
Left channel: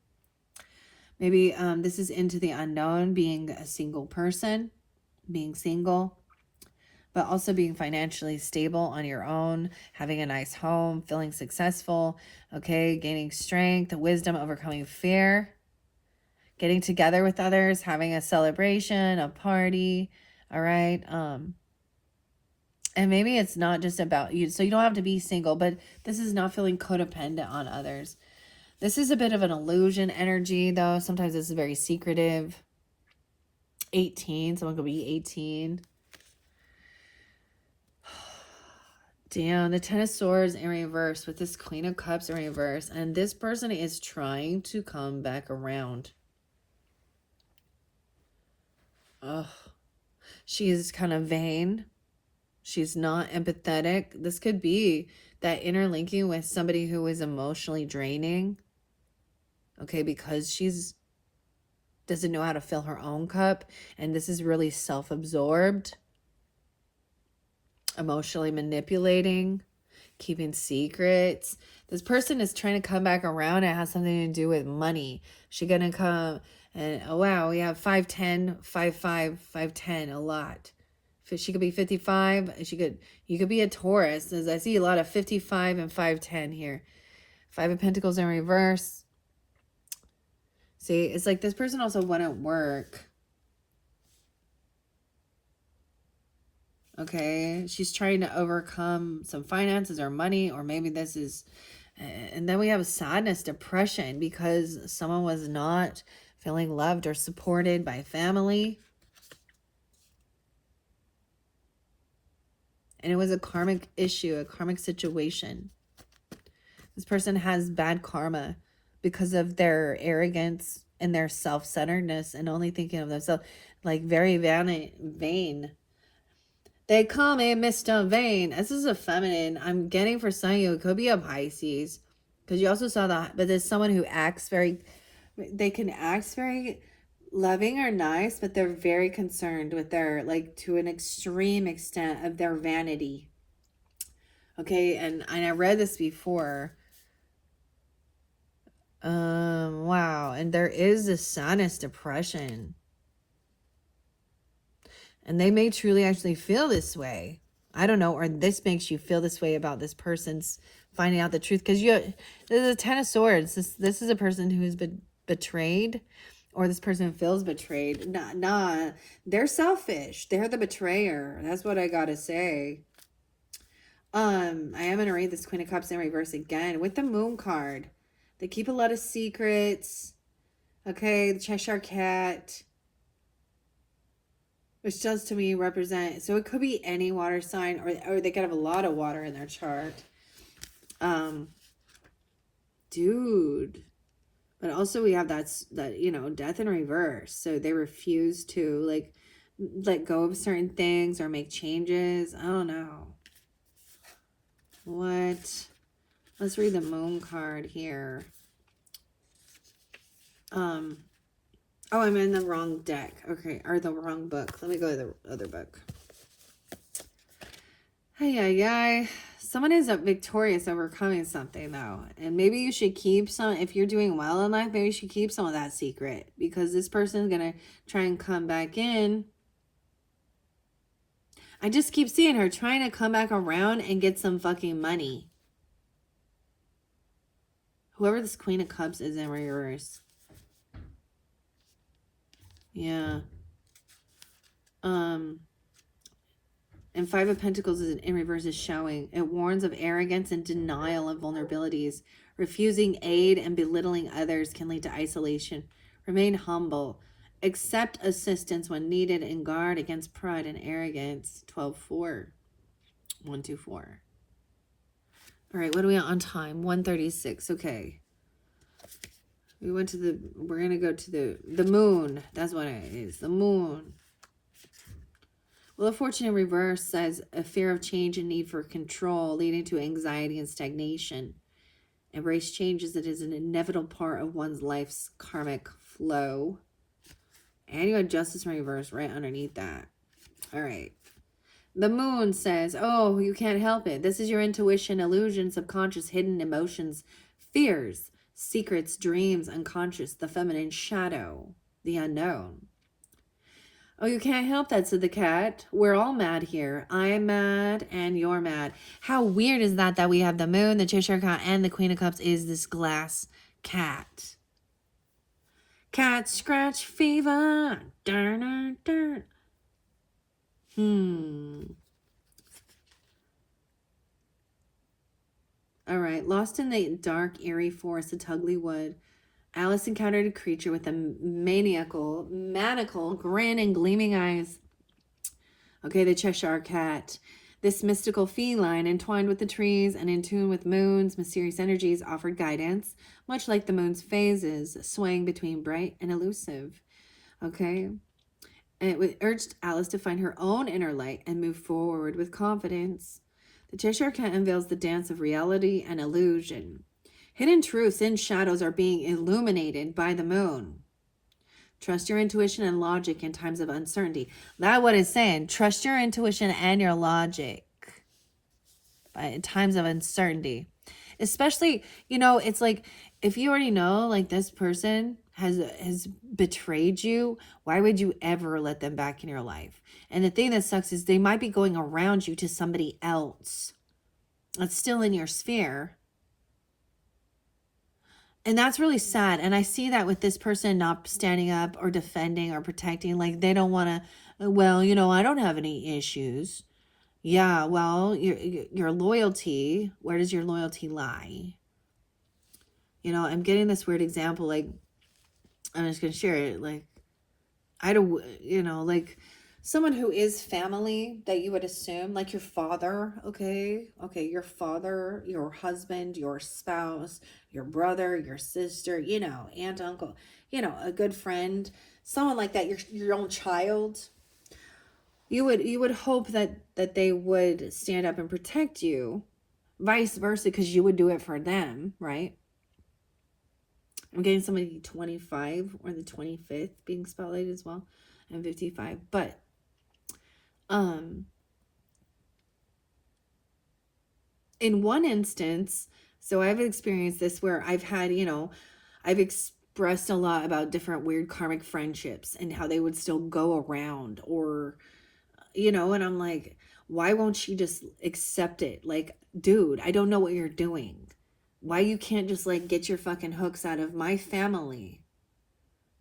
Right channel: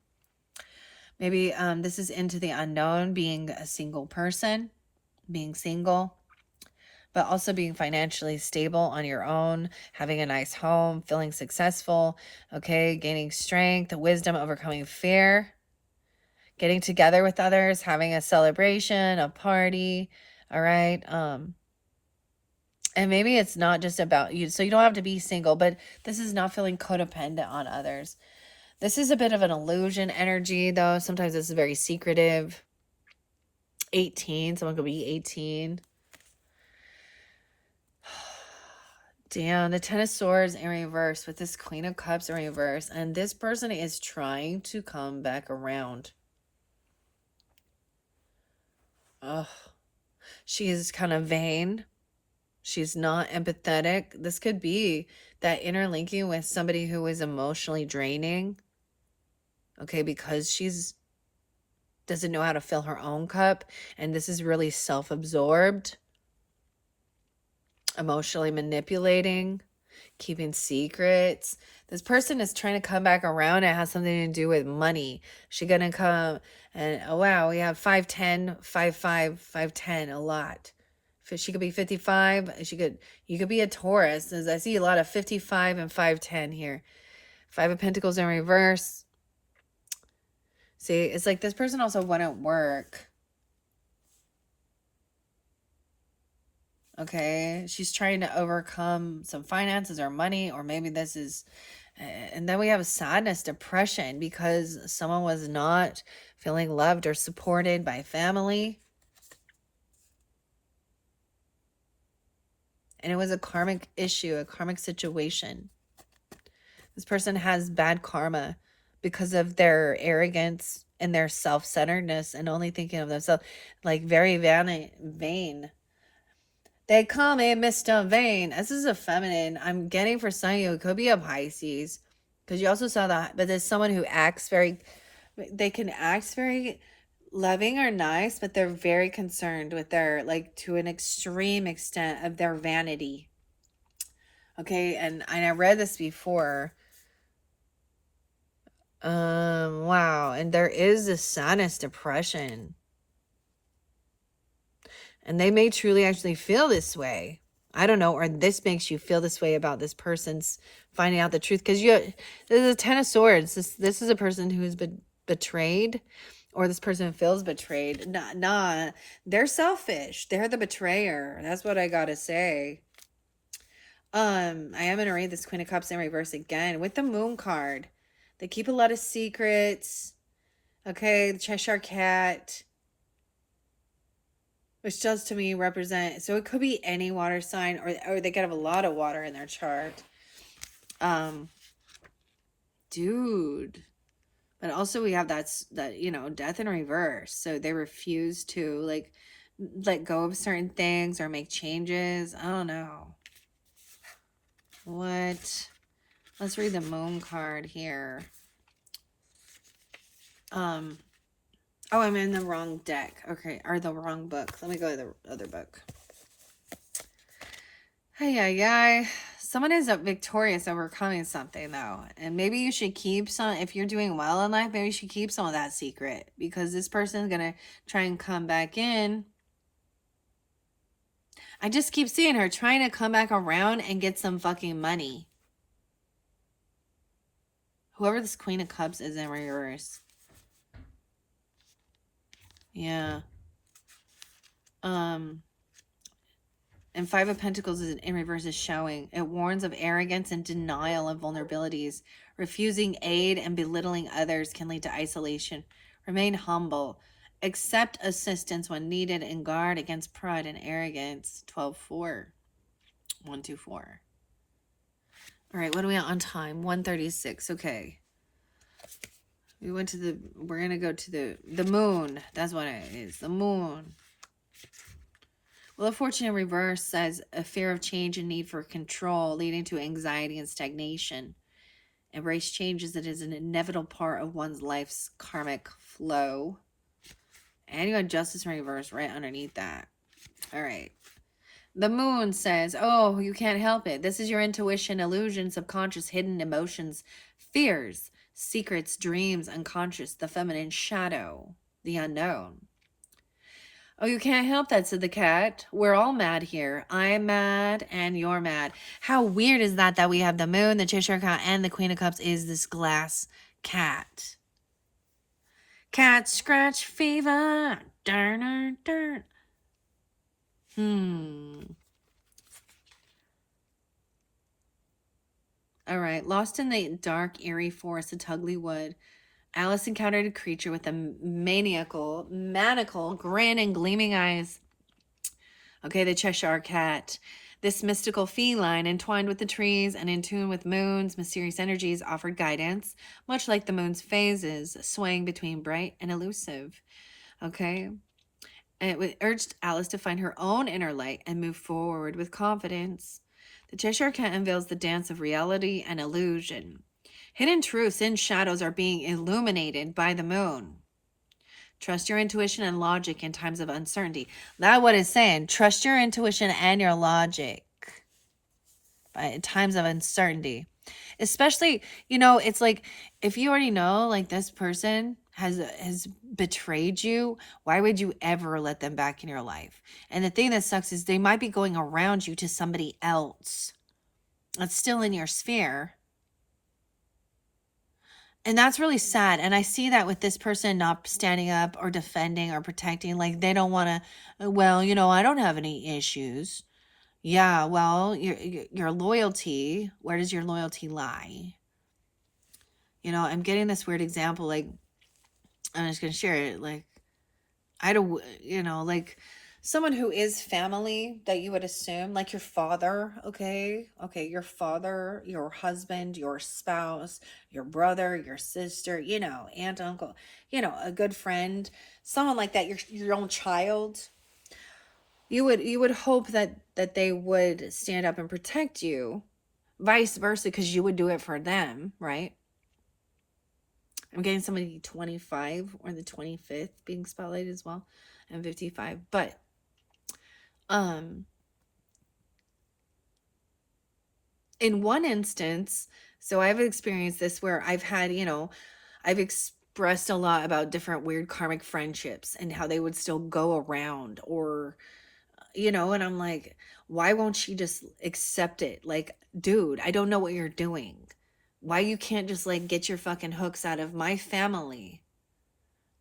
Maybe this is into the unknown, being a single person, being single, but also being financially stable on your own, having a nice home, feeling successful, okay, gaining strength, wisdom, overcoming fear, getting together with others, having a celebration, a party, all right? And maybe it's not just about you, so you don't have to be single, but this is not feeling codependent on others. This is a bit of an illusion energy, though. Sometimes this is very secretive. 18, someone could be 18. Damn, the 10 of Swords in reverse with this Queen of Cups in reverse. And this person is trying to come back around. Oh, she is kind of vain. She's not empathetic. This could be that interlinking with somebody who is emotionally draining. Okay, because she's doesn't know how to fill her own cup. And this is really self-absorbed. Emotionally manipulating. Keeping secrets. This person is trying to come back around. It has something to do with money. She's going to come and, oh, wow, we have 5'10", 5'5", 5'10", a lot. She could be 55. You could be a Taurus. As I see a lot of 55 and 5'10" here. 5 of Pentacles in reverse. See, it's like this person also wouldn't work. Okay, she's trying to overcome some finances or money, or maybe this is, and then we have sadness, depression, because someone was not feeling loved or supported by family. And it was a karmic issue, a karmic situation. This person has bad karma because of their arrogance and their self-centeredness and only thinking of themselves, like very vain. They call me Mr. Vain. This is a feminine. I'm getting for some of you. It could be a Pisces. Because you also saw that. But there's someone who acts very... They can act very loving or nice, but they're very concerned with their, like, to an extreme extent of their vanity. Okay, and I read this before. Wow. And there is a sinus depression. And they may truly actually feel this way. I don't know, or this makes you feel this way about this person's finding out the truth. Because there's a Ten of Swords. This is a person who's been betrayed, or this person feels betrayed. Nah, they're selfish. They're the betrayer. That's what I gotta say. I am gonna read this Queen of Cups in reverse again with the Moon card. They keep a lot of secrets. Okay, the Cheshire Cat, which does to me represent, so it could be any water sign, or they could have a lot of water in their chart. Dude. But also we have that, you know, death in reverse. So they refuse to, like, let go of certain things or make changes. I don't know. What? Let's read the Moon card here. Oh, I'm in the wrong deck. Okay, or the wrong book. Let me go to the other book. Hey. Someone is victorious, overcoming something, though. And maybe you should keep some, if you're doing well in life, maybe you should keep some of that secret. Because this person's going to try and come back in. I just keep seeing her trying to come back around and get some fucking money. Whoever this Queen of Cups is in reverse. Yeah. And Five of Pentacles is in reverse is showing. It warns of arrogance and denial of vulnerabilities. Refusing aid and belittling others can lead to isolation. Remain humble. Accept assistance when needed and guard against pride and arrogance. 12-4. 124. All right, what are we at on time? 1:36. Okay. We went to the, we're going to go to the moon. That's what it is. The moon. Well, the Fortune in reverse says a fear of change and need for control, leading to anxiety and stagnation. Embrace change as it is an inevitable part of one's life's karmic flow. And you got Justice in reverse right underneath that. All right. The moon says, oh, you can't help it. This is your intuition, illusion, subconscious, hidden emotions, fears, secrets, dreams, unconscious, the feminine shadow, the unknown. Oh, you can't help that, said the cat. We're all mad here. I'm mad and you're mad. How weird is that we have the moon, the Cheshire Cat, and the Queen of Cups is this glass cat. Cat scratch fever. Darn. All right. Lost in the dark, eerie forest of Tugly Wood, Alice encountered a creature with a maniacal grin and gleaming eyes. Okay, the Cheshire Cat. This mystical feline, entwined with the trees and in tune with moon's mysterious energies, offered guidance, much like the moon's phases, swaying between bright and elusive. Okay? And it urged Alice to find her own inner light and move forward with confidence. The Cheshire Cat unveils the dance of reality and illusion. Hidden truths and shadows are being illuminated by the moon. Trust your intuition and logic in times of uncertainty. That's what it's saying. Trust your intuition and your logic in times of uncertainty. Especially, you know, it's like, if you already know, like, this person has betrayed you, why would you ever let them back in your life? And the thing that sucks is they might be going around you to somebody else that's still in your sphere. And that's really sad. And I see that with this person not standing up or defending or protecting. Like, they don't want to, well, you know, I don't have any issues. Yeah, well, your loyalty, where does your loyalty lie? You know, I'm getting this weird example. Like, I'm just going to share it. Like, I don't, you know, like someone who is family that you would assume, like your father, okay, your father, your husband, your spouse, your brother, your sister, you know, aunt, uncle, you know, a good friend, someone like that, your own child. you would hope that they would stand up and protect you, vice versa, because you would do it for them, right? I'm getting somebody 25 or the 25th being spotlighted as well, and 55. But in one instance, so I've experienced this where I've had, I've expressed a lot about different weird karmic friendships and how they would still go around, or, and I'm like, why won't you just accept it? Like, dude, I don't know what you're doing. Why you can't just like get your fucking hooks out of my family?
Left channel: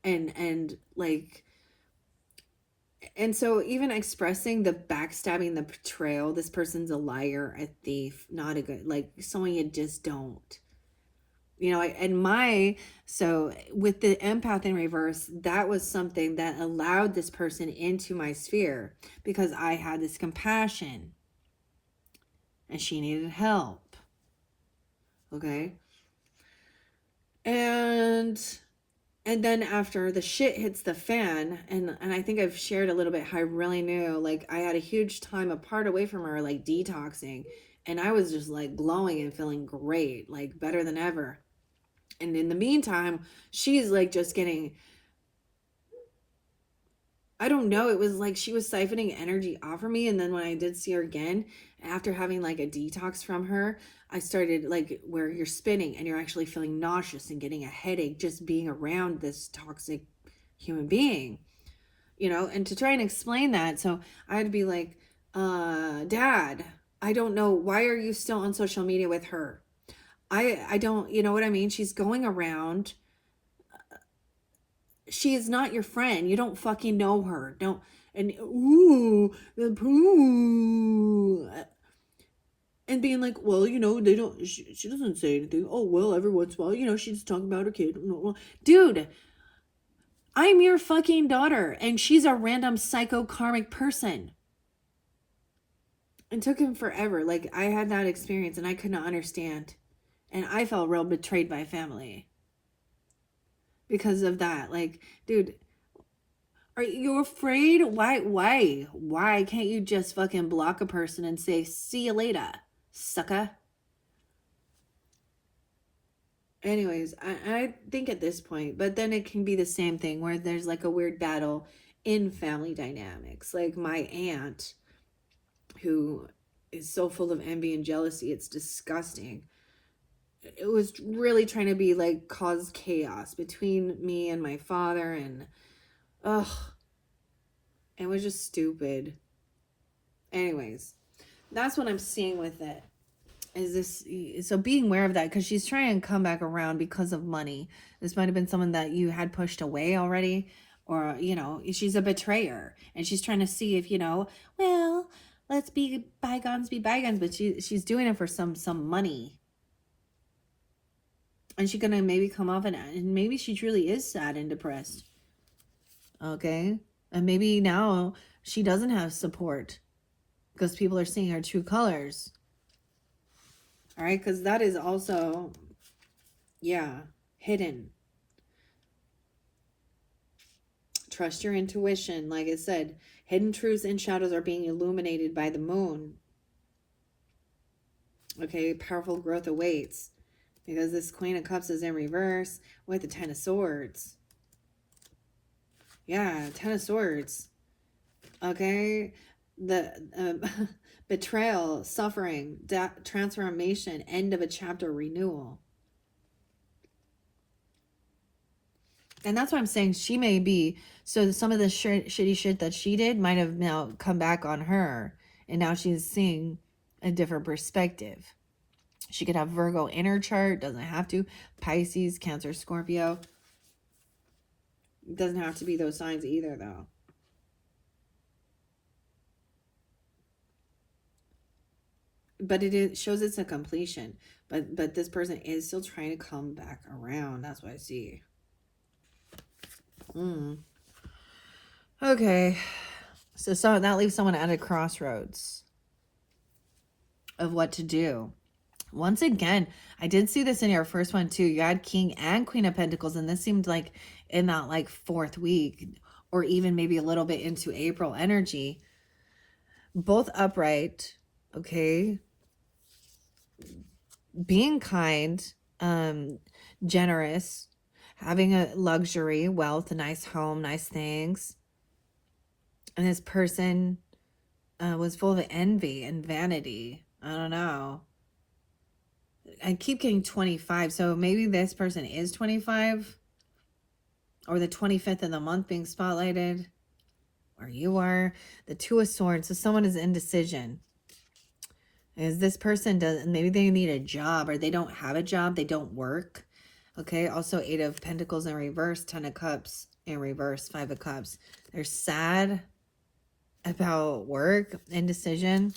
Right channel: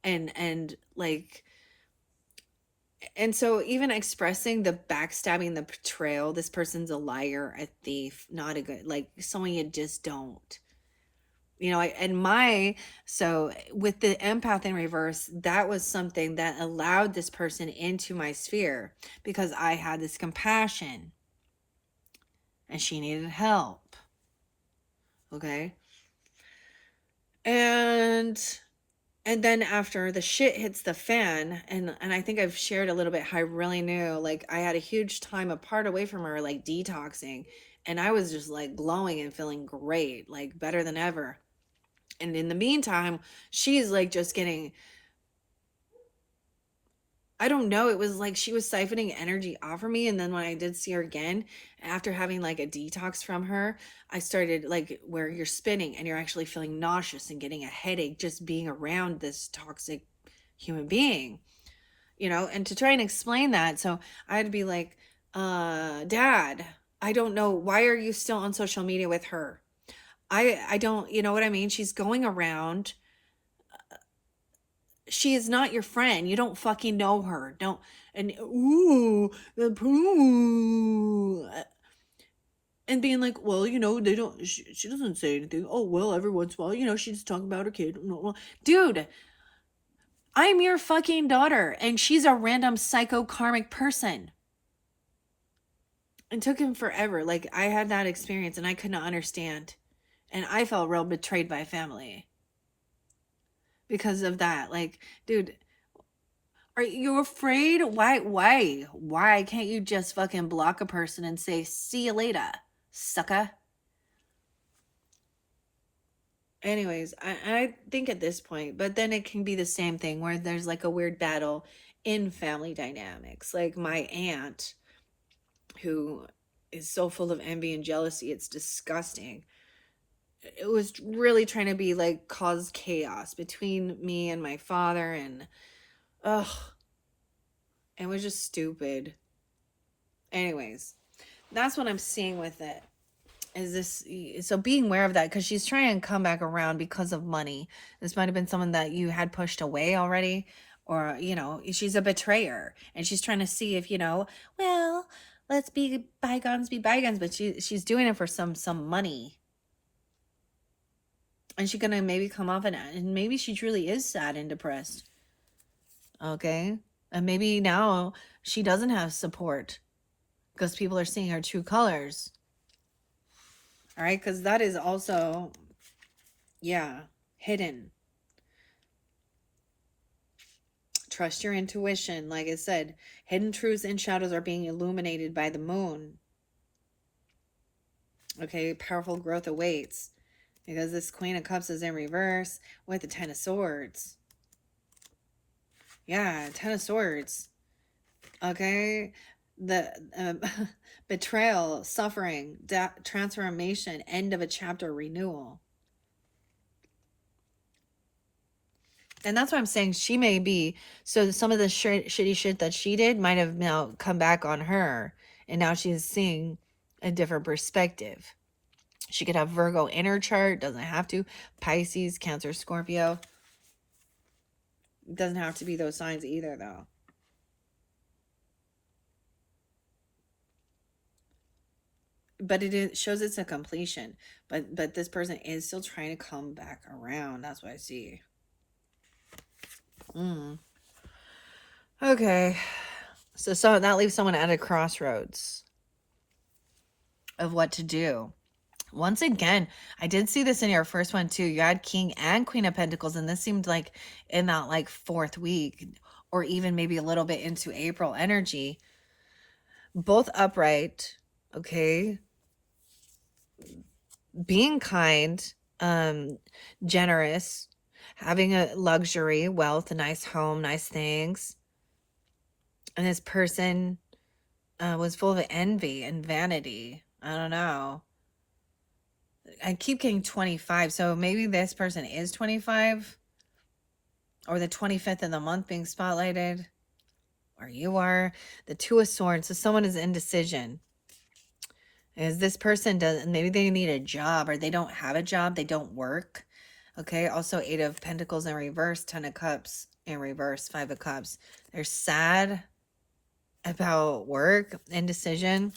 And like, and so even expressing the backstabbing, the betrayal, this person's a liar, a thief, not a good, like someone you just don't, so with the empath in reverse, that was something that allowed this person into my sphere because I had this compassion and she needed help. Okay. And then after the shit hits the fan, and I think I've shared a little bit how I really knew, like, I had a huge time apart away from her, like detoxing, and I was just like glowing and feeling great, like better than ever. And in the meantime, she's like just getting, I don't know, it was like she was siphoning energy off of me. And then when I did see her again, after having like a detox from her, I started like where you're spinning and you're actually feeling nauseous and getting a headache just being around this toxic human being, and to try and explain that. So I had to be like, Dad, I don't know. Why are you still on social media with her? I don't, you know what I mean? She's going around. She is not your friend. You don't fucking know her. Don't, and ooh, the poo. And being like, well, they don't, she doesn't say anything. Oh, well, every once in a while, she's talking about her kid. Dude, I'm your fucking daughter, and she's a random psycho karmic person. It took him forever. Like, I had that experience, and I could not understand. And I felt real betrayed by family because of that. Like, dude, are you afraid? Why can't you just fucking block a person and say, see you later, sucker? Anyways, I think at this point, but then it can be the same thing where there's like a weird battle in family dynamics. Like my aunt, who is so full of envy and jealousy, it's disgusting. It was really trying to be like cause chaos between me and my father, and ugh, it was just stupid. Anyways, that's what I'm seeing with it. Is this, so being aware of that, because she's trying to come back around because of money. This might have been someone that you had pushed away already, or she's a betrayer and she's trying to see if well, let's be bygones, but she's doing it for some money. And she's gonna maybe come off and maybe she truly is sad and depressed. Okay. And maybe now she doesn't have support because people are seeing her true colors. All right. Because that is also, hidden. Trust your intuition. Like I said, hidden truths and shadows are being illuminated by the moon. Okay. Powerful growth awaits. Because this Queen of Cups is in reverse with the Ten of Swords. Yeah, Ten of Swords. Okay. The betrayal, suffering, transformation, end of a chapter, renewal. And that's what I'm saying. She may be, so some of the shitty shit that she did might have now come back on her. And now she's seeing a different perspective. She could have Virgo in her chart, doesn't have to. Pisces, Cancer, Scorpio. Doesn't have to be those signs either, though. But it shows it's a completion. But this person is still trying to come back around. That's what I see. Okay. So that leaves someone at a crossroads of what to do. Once again, I did see this in your first one too. You had King and Queen of Pentacles, and this seemed like in that like fourth week, or even maybe a little bit into April energy. both upright, okay? Being kind, generous, having a luxury, wealth, a nice home, nice things. And this person was full of envy and vanity. I don't know. I keep getting 25, so maybe this person is 25, or the 25th of the month being spotlighted, or you are. The Two of Swords, so someone is indecision. Is this person does, maybe they need a job, or they don't have a job, they don't work. Okay, also 8 of Pentacles in reverse, 10 of Cups in reverse, 5 of Cups. They're sad about work, indecision.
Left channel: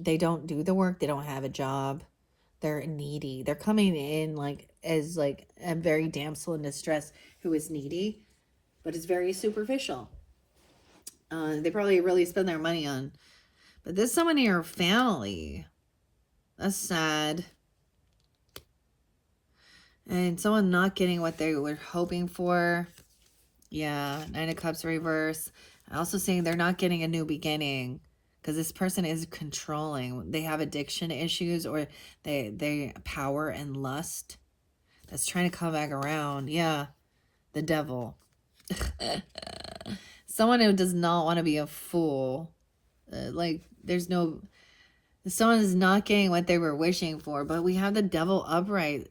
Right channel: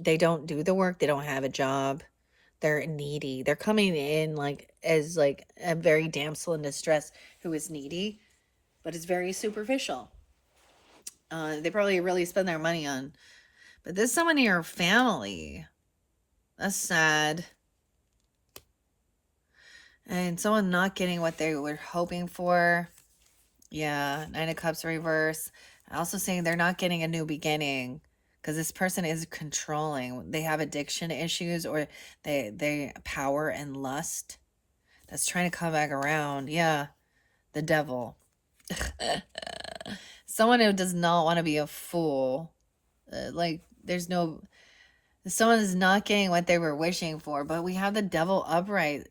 They don't do the work, they don't have a job. They're needy. They're coming in like as like a very damsel in distress who is needy, but is very superficial. They probably really spend their money on. But this is someone in your family. That's sad. And someone not getting what they were hoping for. Yeah, 9 of Cups reverse. Also saying they're not getting a new beginning, because this person is controlling. They have addiction issues, or they power and lust. That's trying to come back around. Yeah, the devil. Someone who does not want to be a fool. Like, there's no... Someone is not getting what they were wishing for. But we have the devil upright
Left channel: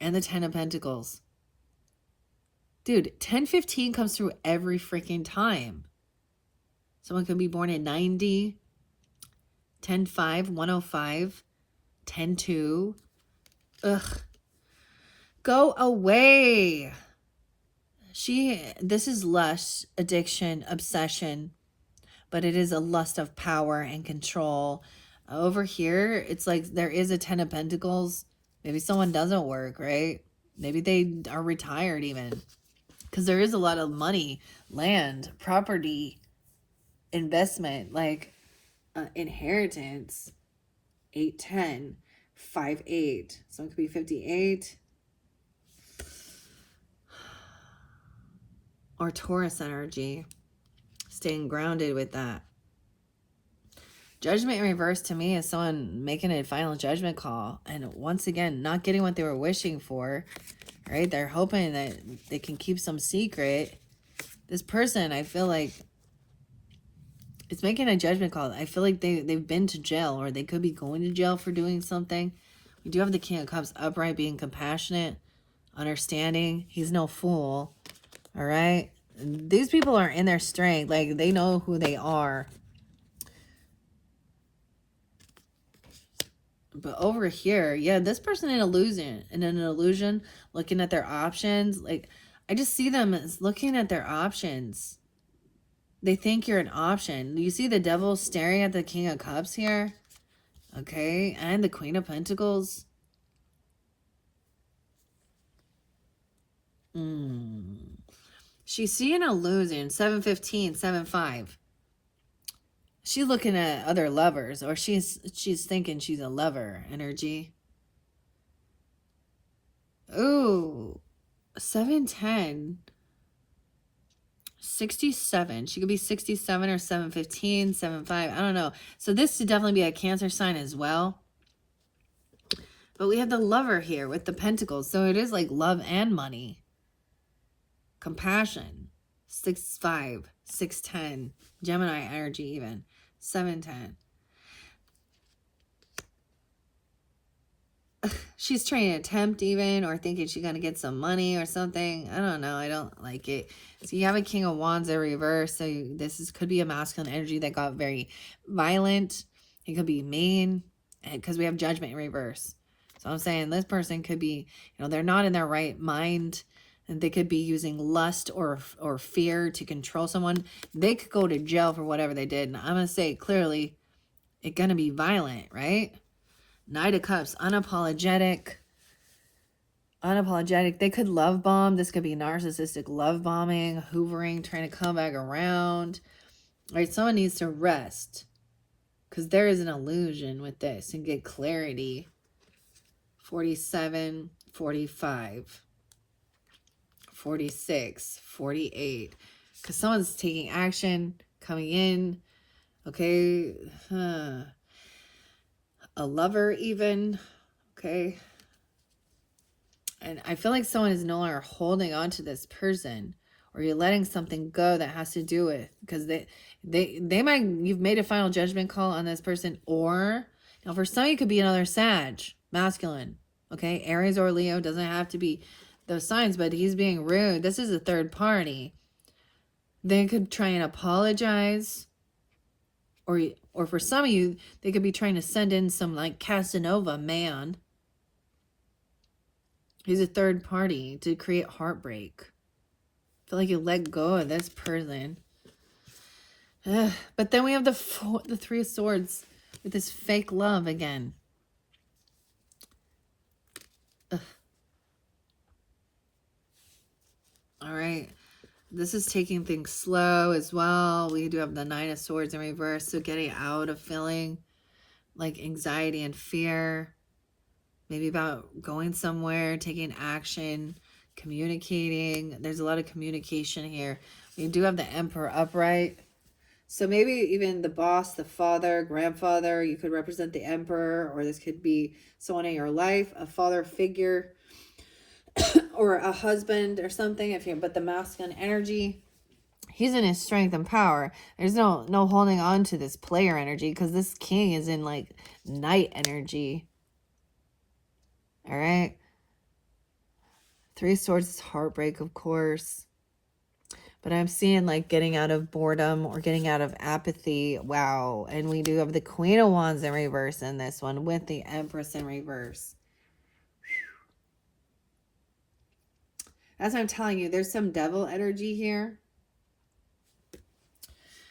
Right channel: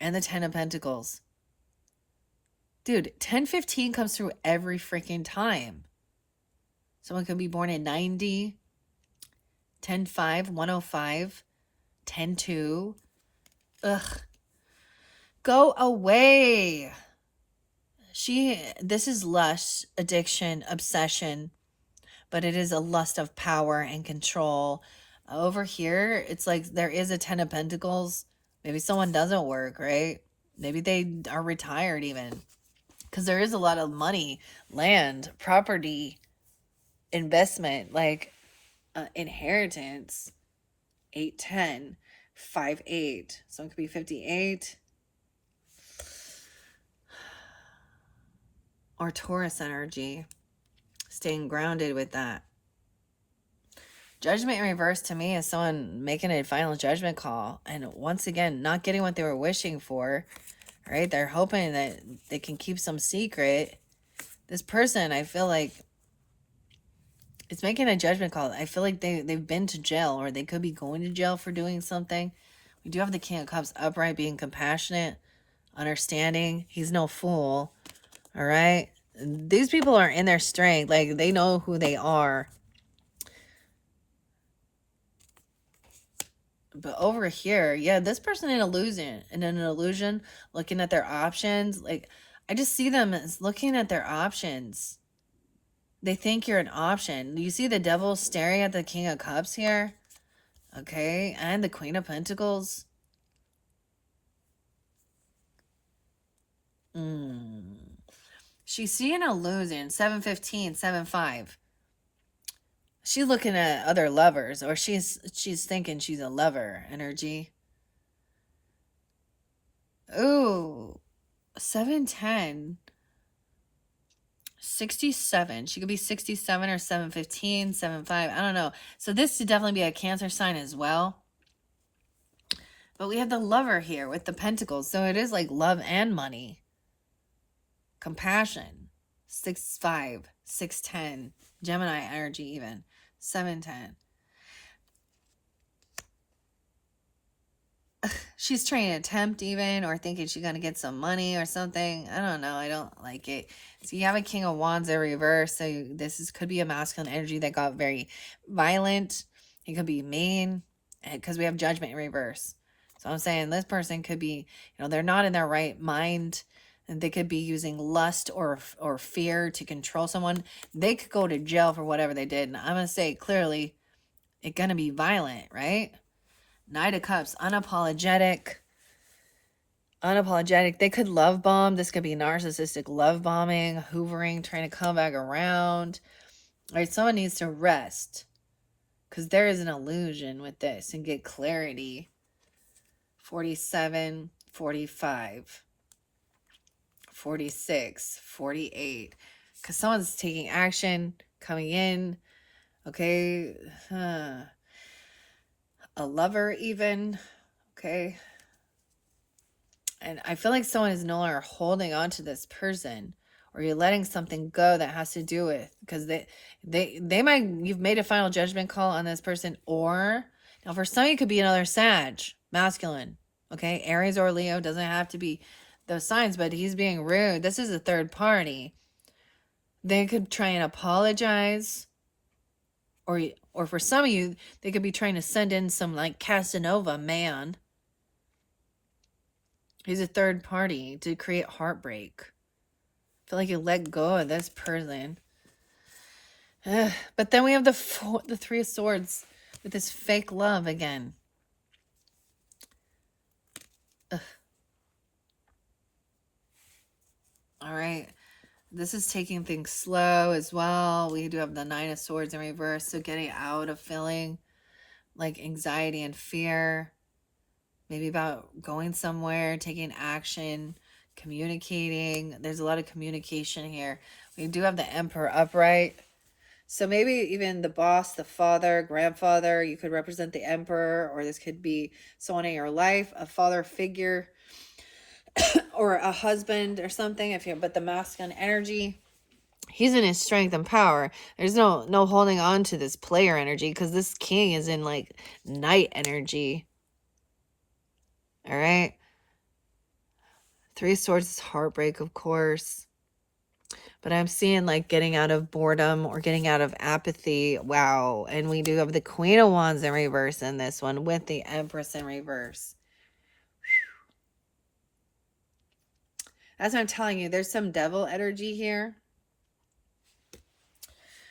and the 10 of Pentacles. Dude, 1015 comes through every freaking time. Someone could be born in 90, 10-5, 105, 10-2. Ugh. Go away. This is lust, addiction, obsession, but it is a lust of power and control. Over here, it's like there is a 10 of Pentacles. Maybe someone doesn't work, right? Maybe they are retired even. Because there is a lot of money, land, property, investment, like inheritance. 8-10, 5-8. So it could be 58. Or Taurus energy. Staying grounded with that. Judgment in reverse to me is someone making a final judgment call. And once again, not getting what they were wishing for. Right? They're hoping that they can keep some secret. This person, I feel like, it's making a judgment call. I feel like they've been to jail, or they could be going to jail for doing something. We do have the King of Cups upright, being compassionate, understanding. He's no fool. All right? These people are in their strength. Like, they know who they are. But over here, yeah, this person in an illusion, looking at their options. Like, I just see them as looking at their options. They think you're an option. You see the devil staring at the King of Cups here? Okay, and the Queen of Pentacles. She's seeing a illusion. 7-15, 7-5. She's looking at other lovers, or she's thinking she's a lover energy. Ooh, 7-10. 67. She could be 67 or 7-15, 7-5. I don't know. So this should definitely be a Cancer sign as well. But we have the lover here with the Pentacles. So it is like love and money. Compassion. 6-5, 6-10. Gemini energy even. 7-10. She's trying to tempt even, or thinking she's going to get some money or something. I don't know. I don't like it. So you have a King of Wands in reverse. So this could be a masculine energy that got very violent. It could be mean, because we have Judgment in reverse. So I'm saying this person could be, they're not in their right mind. And they could be using lust or fear to control someone. They could go to jail for whatever they did. And I'm going to say clearly, it's going to be violent, right? Knight of Cups, unapologetic. Unapologetic. They could love bomb. This could be narcissistic love bombing, hoovering, trying to come back around. All right, someone needs to rest, because there is an illusion with this, and get clarity. 47, 45. 46, 48. Because someone's taking action, coming in. Okay. A lover even. Okay. And I feel like someone is no longer holding on to this person, or you're letting something go that has to do with, because they might, you've made a final judgment call on this person, or now for some, it could be another Sag, masculine. Okay. Aries or Leo, doesn't have to be those signs, but he's being rude. This is a third party. They could try and apologize, or for some of you, they could be trying to send in some like Casanova man. He's a third party to create heartbreak. I feel like you let go of this person. But then we have the Three of Swords with this fake love again. All right. This is taking things slow as well. We do have the Nine of Swords in reverse. So getting out of feeling like anxiety and fear. Maybe about going somewhere, taking action, communicating. There's a lot of communication here. We do have the Emperor upright. So maybe even the boss, the father, grandfather, you could represent the Emperor, or this could be someone in your life, a father figure, or a husband or something. But the masculine energy, he's in his strength and power. There's no holding on to this player energy, because this king is in like knight energy. All right. Three of Swords is heartbreak, of course. But I'm seeing like getting out of boredom or getting out of apathy. Wow. And we do have the Queen of Wands in reverse in this one with the Empress in reverse. As I'm telling you, there's some devil energy here.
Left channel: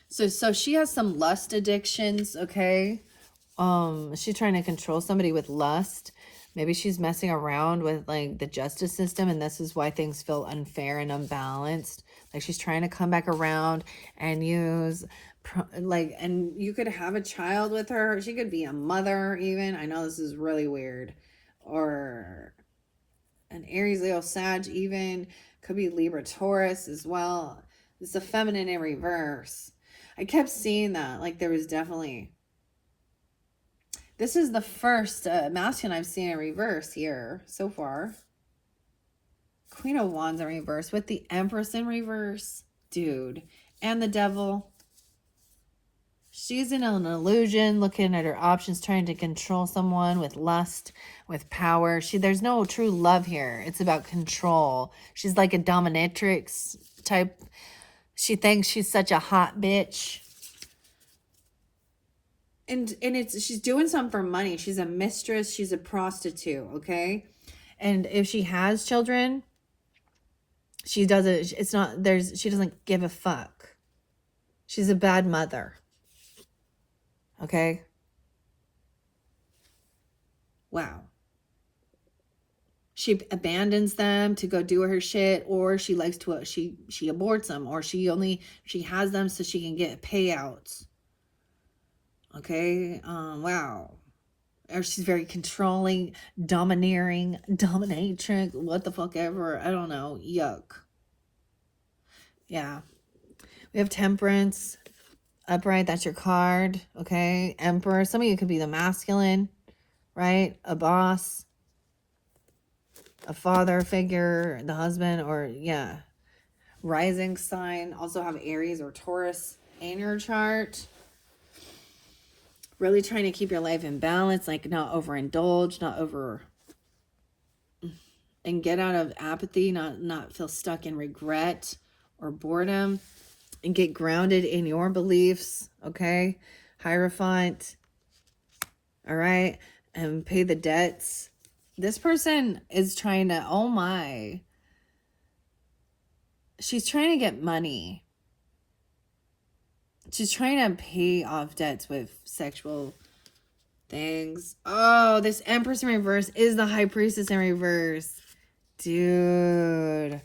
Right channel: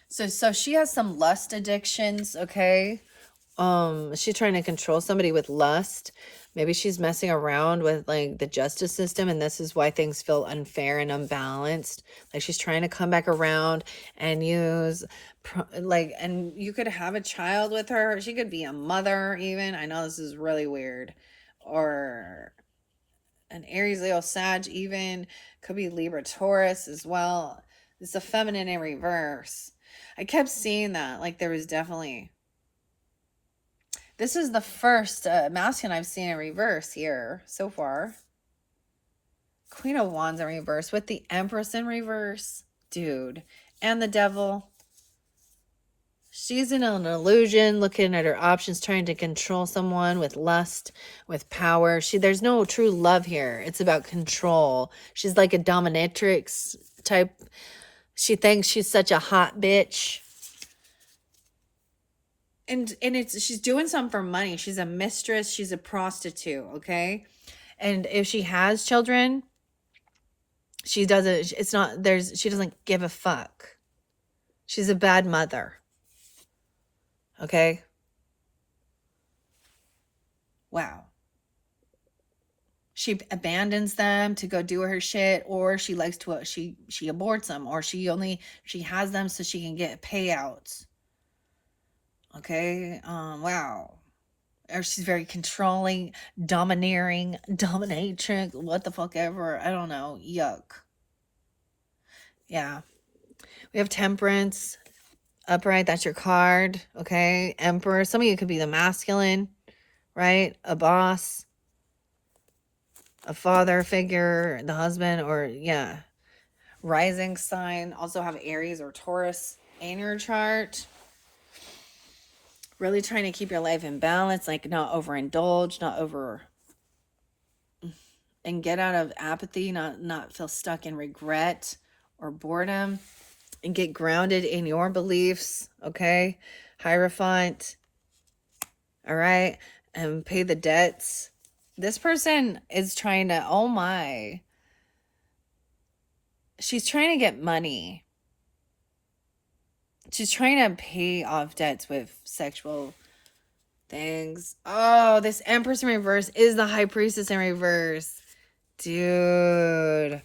So she has some lust addictions, okay? She's trying to control somebody with lust. Maybe she's messing around with like the justice system, and this is why things feel unfair and unbalanced. Like she's trying to come back around and use and you could have a child with her. She could be a mother even. I know this is really weird. Or an Aries, Leo, Sag even. Could be Libra, Taurus as well. It's a feminine in reverse. I kept seeing that. Like there was definitely... This is the first masculine I've seen in reverse here so far. Queen of Wands in reverse with the Empress in reverse. Dude. And the Devil. She's in an illusion, looking at her options, trying to control someone with lust, with power. There's no true love here. It's about control. She's like a dominatrix type. She thinks she's such a hot bitch. And she's doing something for money. She's a mistress. She's a prostitute, okay? And if she has children, she doesn't give a fuck. She's a bad mother. Okay? Wow. She abandons them to go do her shit, or she likes to she aborts them, or she has them so she can get payouts. Okay? Wow. Or she's very controlling, domineering, dominatrix, what the fuck ever. I don't know. Yuck. Yeah. We have Temperance. Upright, that's your card. Okay. Emperor. Some of you could be the masculine, right? A boss. A father figure, the husband, or yeah. Rising sign. Also have Aries or Taurus in your chart. Really trying to keep your life in balance, like not overindulge, not over, and get out of apathy, not feel stuck in regret or boredom, and get grounded in your beliefs, okay? Hierophant, all right? And pay the debts. This person is trying to, oh my, she's trying to get money. She's trying to pay off debts with sexual things. Oh, this Empress in reverse is the High Priestess in reverse. Dude.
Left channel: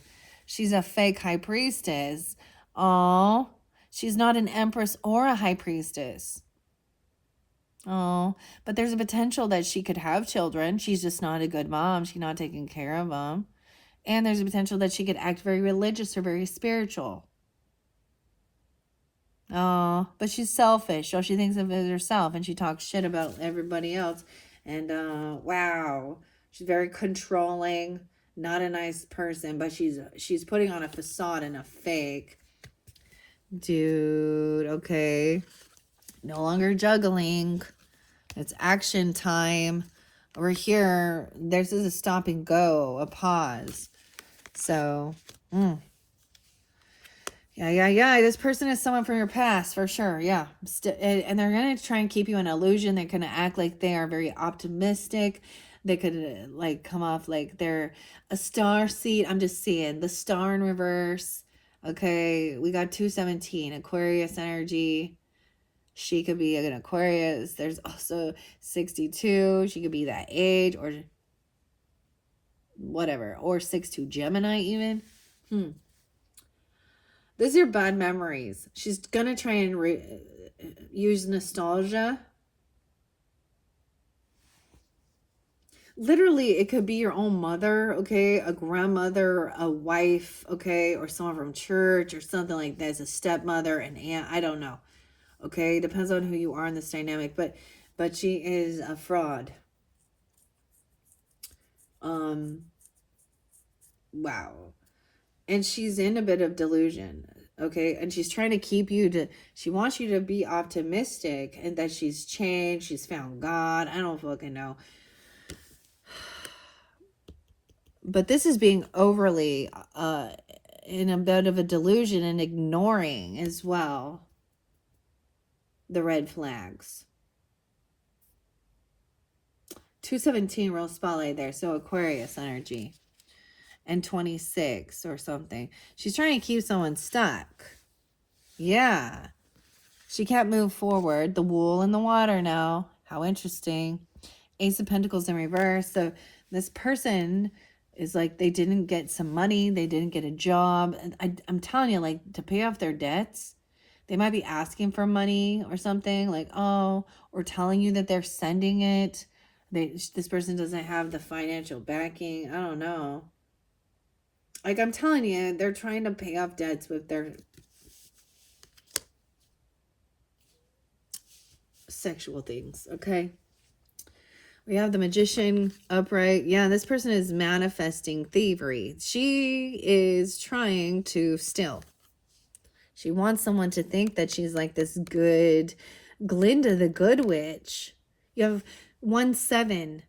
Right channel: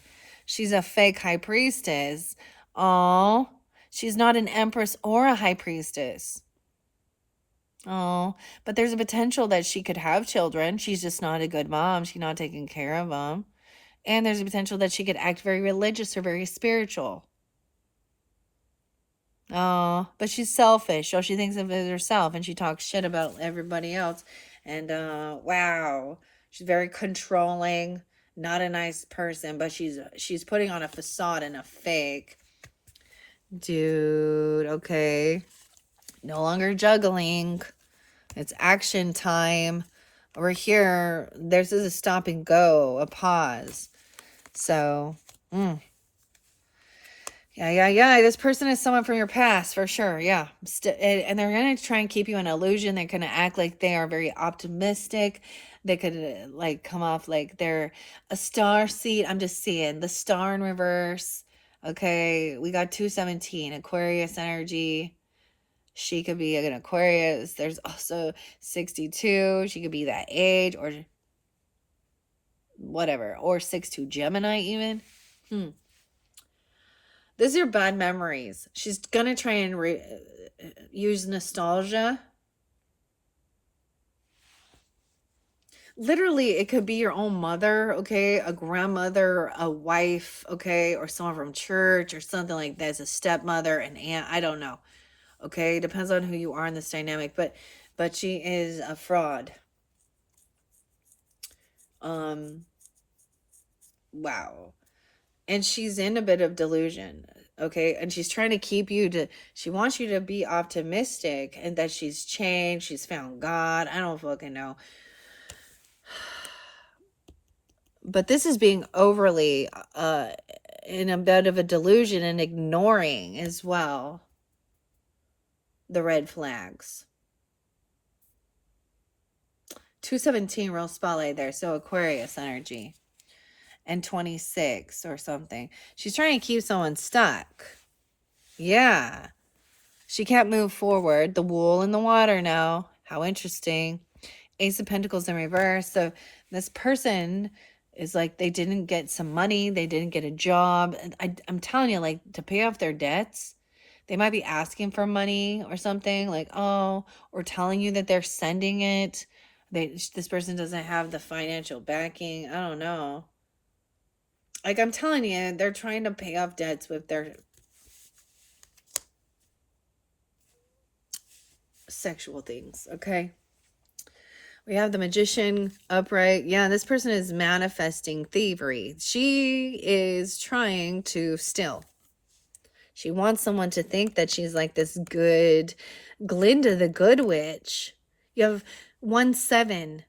She's a fake High Priestess. Oh, she's not an Empress or a High Priestess. Oh, but there's a potential that she could have children. She's just not a good mom. She's not taking care of them. And there's a potential that she could act very religious or very spiritual. Oh, but she's selfish. All she thinks of is herself, and she talks shit about everybody else. And wow, she's very controlling. Not a nice person, but she's putting on a facade and a fake. Dude, okay. No longer juggling. It's action time. We're here. This is a stop and go, a pause. So, yeah. This person is someone from your past for sure. Yeah. And they're going to try and keep you in illusion. They're going to act like they are very optimistic. They could like come off like they're a star seed. I'm just seeing the star in reverse. Okay. We got 217, Aquarius energy. She could be an Aquarius. There's also 62. She could be that age or whatever. Or 62 Gemini even. These are bad memories. She's going to try and use nostalgia. Literally, it could be your own mother, okay? A grandmother, a wife, okay? Or someone from church or something like that. As a stepmother, an aunt. I don't know. Okay, depends on who you are in this dynamic, but she is a fraud. Wow. And she's in a bit of delusion, okay? And she's trying to keep you to, she wants you to be optimistic and that she's changed, she's found God. I don't fucking know. But this is being overly in a bit of a delusion and ignoring as well the red flags. 217 real spotlight there. So Aquarius energy. And 26 or something. She's trying to keep someone stuck. Yeah. She can't move forward. The wool in the water now. How interesting. Ace of Pentacles in reverse. So this person is like they didn't get some money. They didn't get a job. I'm telling you, like, to pay off their debts, they might be asking for money or something. Like, oh, or telling you that they're sending it. This person doesn't have the financial backing. I don't know. Like, I'm telling you, they're trying to pay off debts with their sexual things, okay? We have the Magician upright. Yeah, this person is manifesting thievery. She is trying to steal. She wants someone to think that she's like this good Glinda the Good Witch. You have 1-7.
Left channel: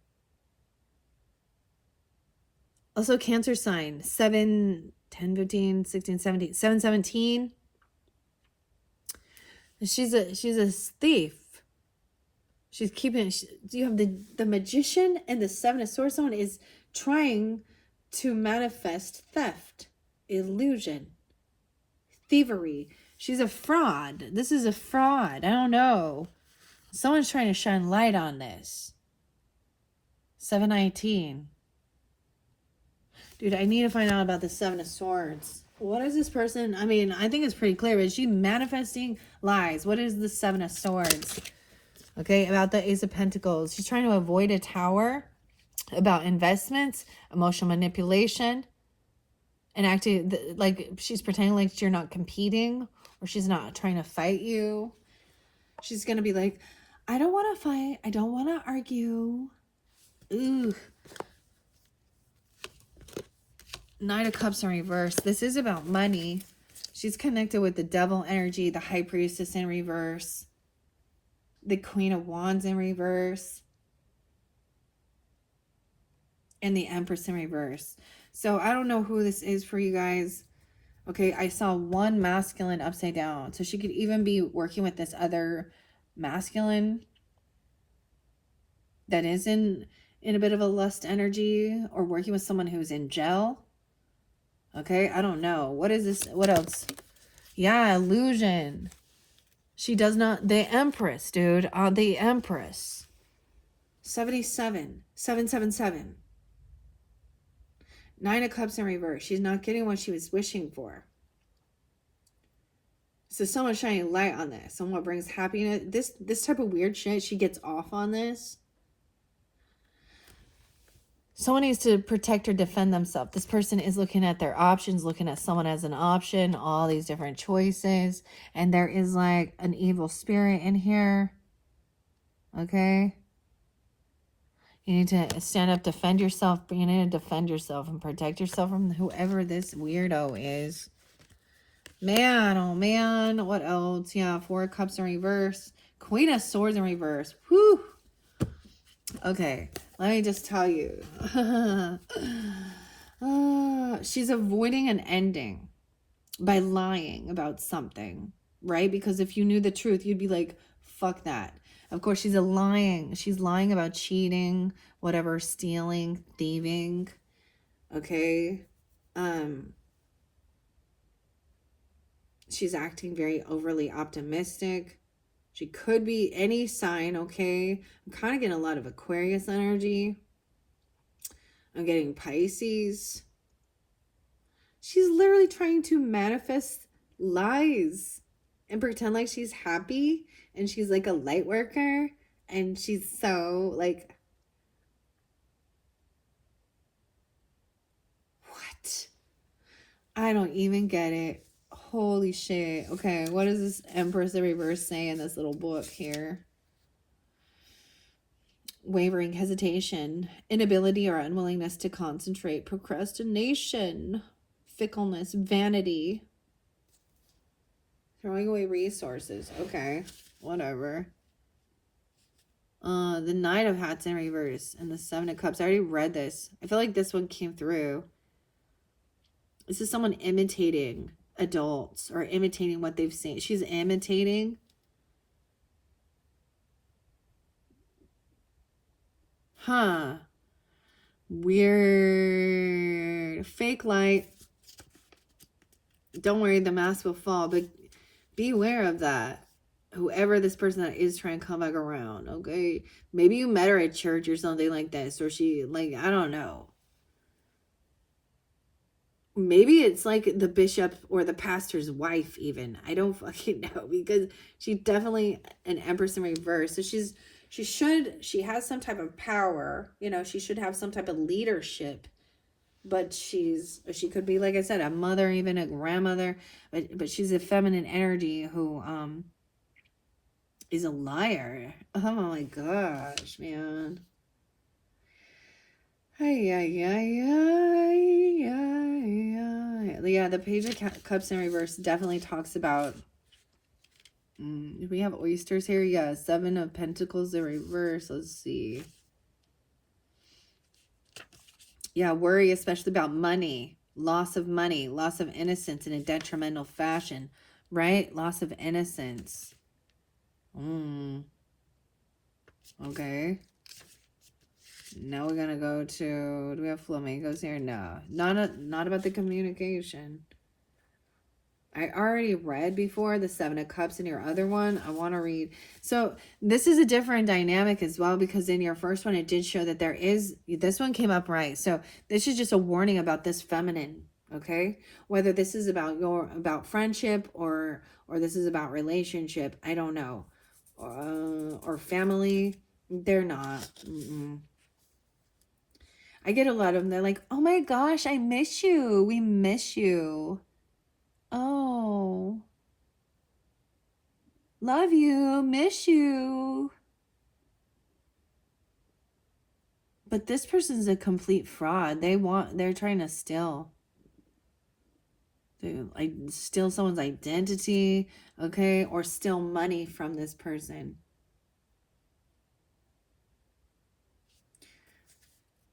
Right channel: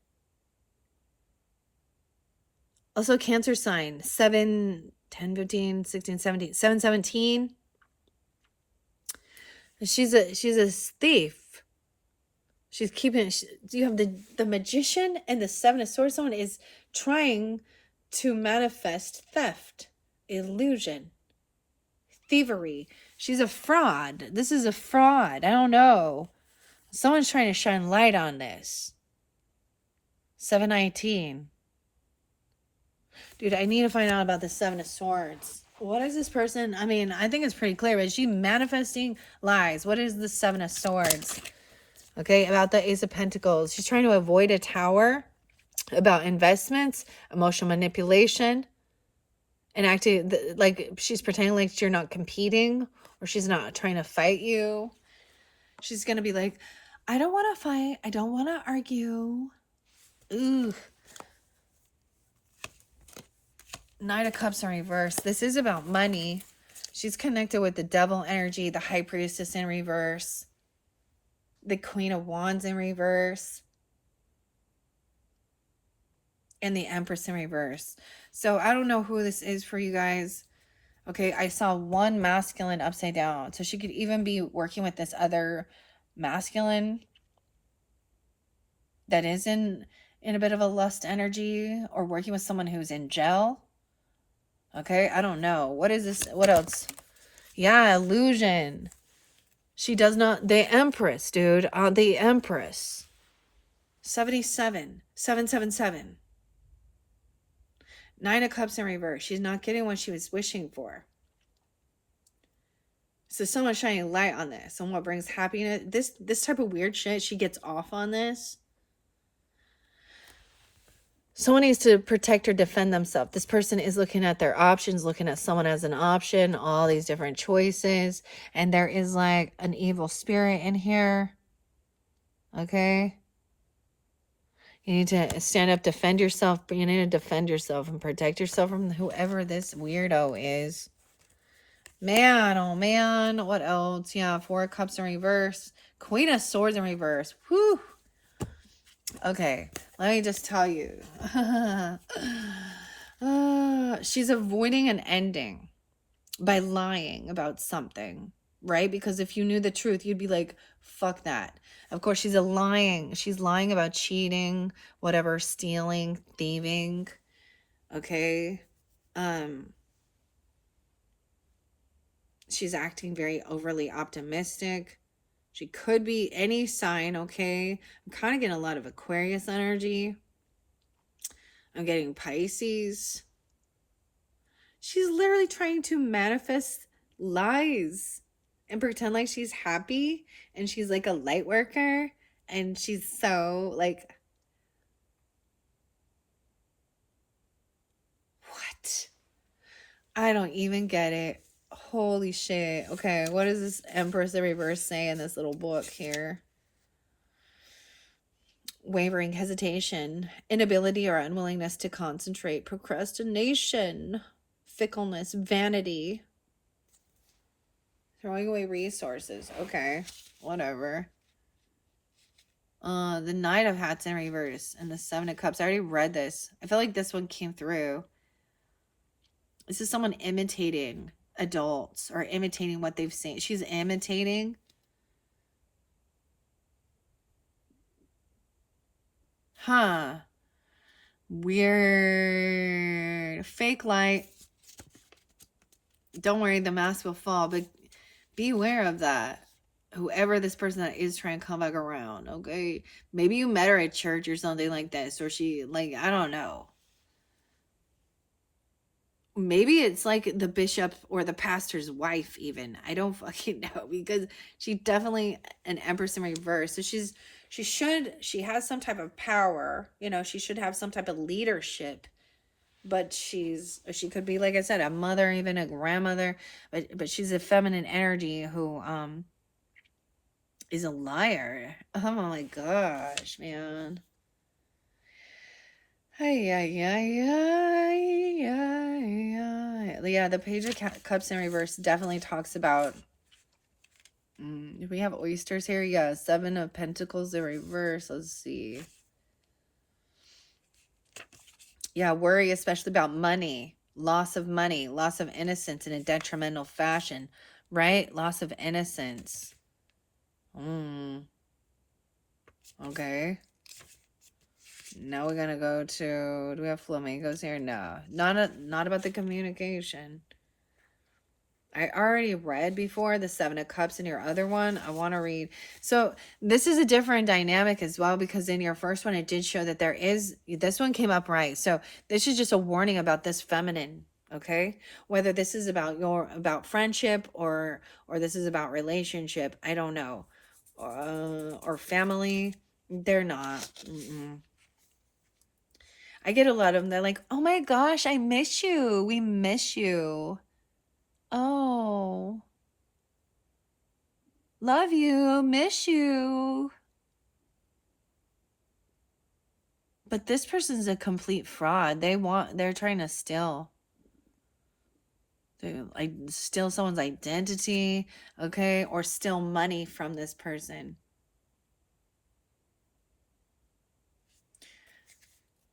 Also Cancer sign. 7, 10, 15, 16, 17. 717. She's a thief. She's keeping, you have the Magician and the 7 of Swords. Someone is trying to manifest theft, illusion, thievery. She's a fraud. This is a fraud. I don't know. Someone's trying to shine light on this. 719. Dude, I need to find out about the 7 of Swords. What is this person? I mean, I think it's pretty clear. Is she manifesting lies? What is the 7 of Swords? Okay, about the Ace of Pentacles. She's trying to avoid a tower, about investments, emotional manipulation, and acting like she's pretending like you're not competing or she's not trying to fight you. She's going to be like, I don't want to fight. I don't want to argue. Ooh. Knight of Cups in reverse. This is about money. She's connected with the Devil energy, the High Priestess in reverse. The Queen of Wands in reverse. And the Empress in reverse. So I don't know who this is for you guys. Okay, I saw one masculine upside down. So she could even be working with this other masculine that is in a bit of a lust energy, or working with someone who's in jail. Okay, I don't know. What is this? What else? Yeah, illusion. She does not, the Empress, dude. The Empress. 77. 777. 9 of Cups in reverse. She's not getting what she was wishing for. So someone's shining light on this. Someone brings happiness. This type of weird shit, she gets off on this. Someone needs to protect or defend themselves. This person is looking at their options, looking at someone as an option, all these different choices. And there is like an evil spirit in here. Okay. You need to stand up, defend yourself. You need to defend yourself and protect yourself from whoever this weirdo is. Man, oh man. What else? Yeah, 4 of Cups in reverse. Queen of Swords in reverse. Whew. Okay, let me just tell you. She's avoiding an ending by lying about something, right? Because if you knew the truth, you'd be like, fuck that. Of course, she's lying. She's lying about cheating, whatever, stealing, thieving. Okay. She's acting very overly optimistic. She could be any sign, okay? I'm kind of getting a lot of Aquarius energy. I'm getting Pisces. She's literally trying to manifest lies and pretend like she's happy and she's like a light worker and she's so like, what? I don't even get it. Holy shit. Okay, what does this Empress in reverse say in this little book here? Wavering, hesitation, inability or unwillingness to concentrate, procrastination, fickleness, vanity, throwing away resources. Okay, whatever. The Knight of Hats in reverse and the 7 of Cups. I already read this. I feel like this one came through. This is someone imitating adults or imitating what they've seen. She's imitating. Huh. Weird. Fake light. Don't worry, the mask will fall, but be aware of that. Whoever this person that is trying to come back around, okay? Maybe you met her at church or something like this, or she, like, I don't know. Maybe it's like the bishop or the pastor's wife even. I don't fucking know, because she's definitely an Empress in reverse. So she has some type of power, you know, she should have some type of leadership, but she could be, like I said, a mother, even a grandmother, but she's a feminine energy who is a liar. Oh my gosh, man. Yeah, the Page of Cups in reverse definitely talks about. We have oysters here. Yeah, 7 of Pentacles in reverse. Let's see. Yeah, worry, especially about money, loss of money, loss of innocence in a detrimental fashion, right? Loss of innocence. Okay. Now we're gonna go to, do we have flamingos here? No, not about the communication. I already read before the 7 of Cups in your other one. I want to read. So this is a different dynamic as well, because in your first one, it did show that there is, this one came up right. So this is just a warning about this feminine, okay? Whether this is about friendship or this is about relationship, I don't know. Or family, they're not. I get a lot of them. They're like, oh my gosh, I miss you. We miss you. Oh, love you, miss you. But this person's a complete fraud. They're trying to steal someone's identity, okay, or steal money from this person.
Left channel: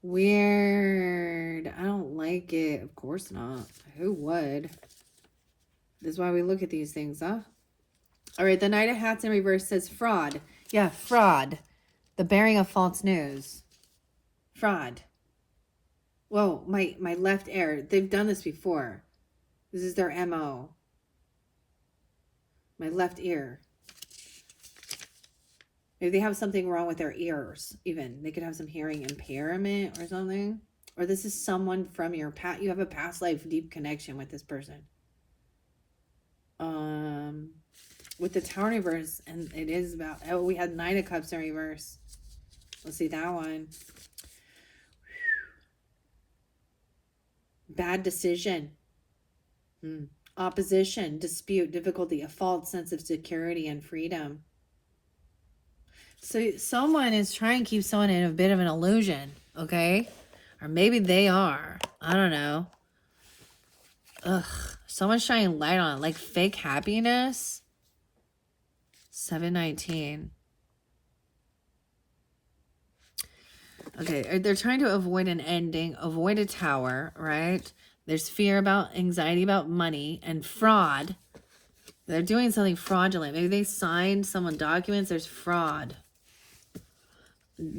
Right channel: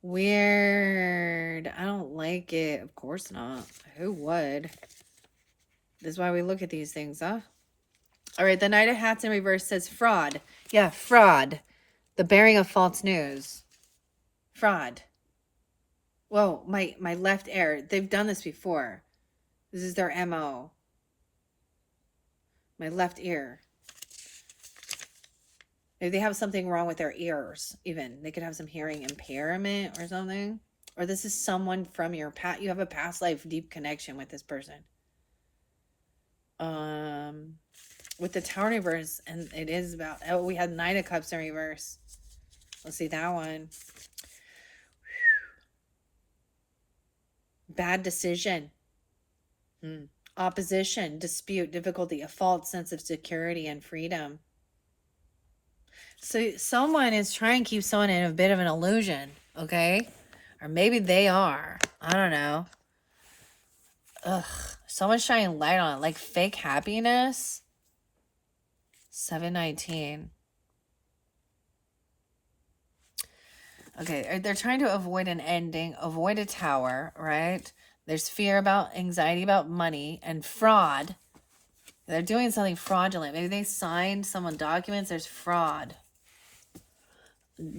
Weird. I don't like it. Of course not. Who would? This is why we look at these things, huh? All right, the Knight of Hats in reverse says fraud. Yeah, fraud. The bearing of false news. Fraud. Whoa, my left ear. They've done this before. This is their MO. My left ear. Maybe they have something wrong with their ears, even. They could have some hearing impairment or something. Or this is someone from your past. You have a past life deep connection with this person. With the Tower reverse, and it is about, we had 9 of Cups in reverse. Let's see that one. bad decision, opposition, dispute, difficulty, a false sense of security and freedom. So someone is trying to keep someone in a bit of an illusion, okay? Or maybe they are. I don't know. Ugh. Someone's shining light on it, like fake happiness. 719. Okay, they're trying to avoid an ending, avoid a tower, right? There's fear about, anxiety about money and fraud. They're doing something fraudulent. Maybe they signed someone documents. There's fraud.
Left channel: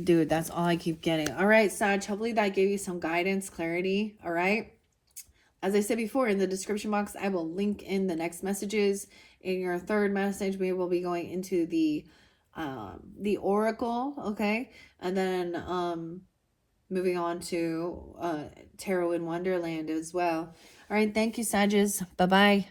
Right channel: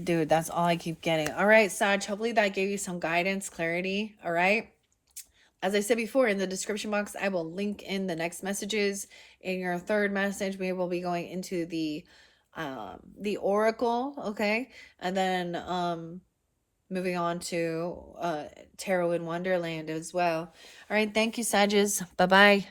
Dude, that's all I keep getting. All right, Sag, hopefully that gave you some guidance, clarity. All right. As I said before, in the description box, I will link in the next messages. In your third message, we will be going into the oracle, okay? And then moving on to tarot in Wonderland as well. All right, thank you, Sages. Bye-bye.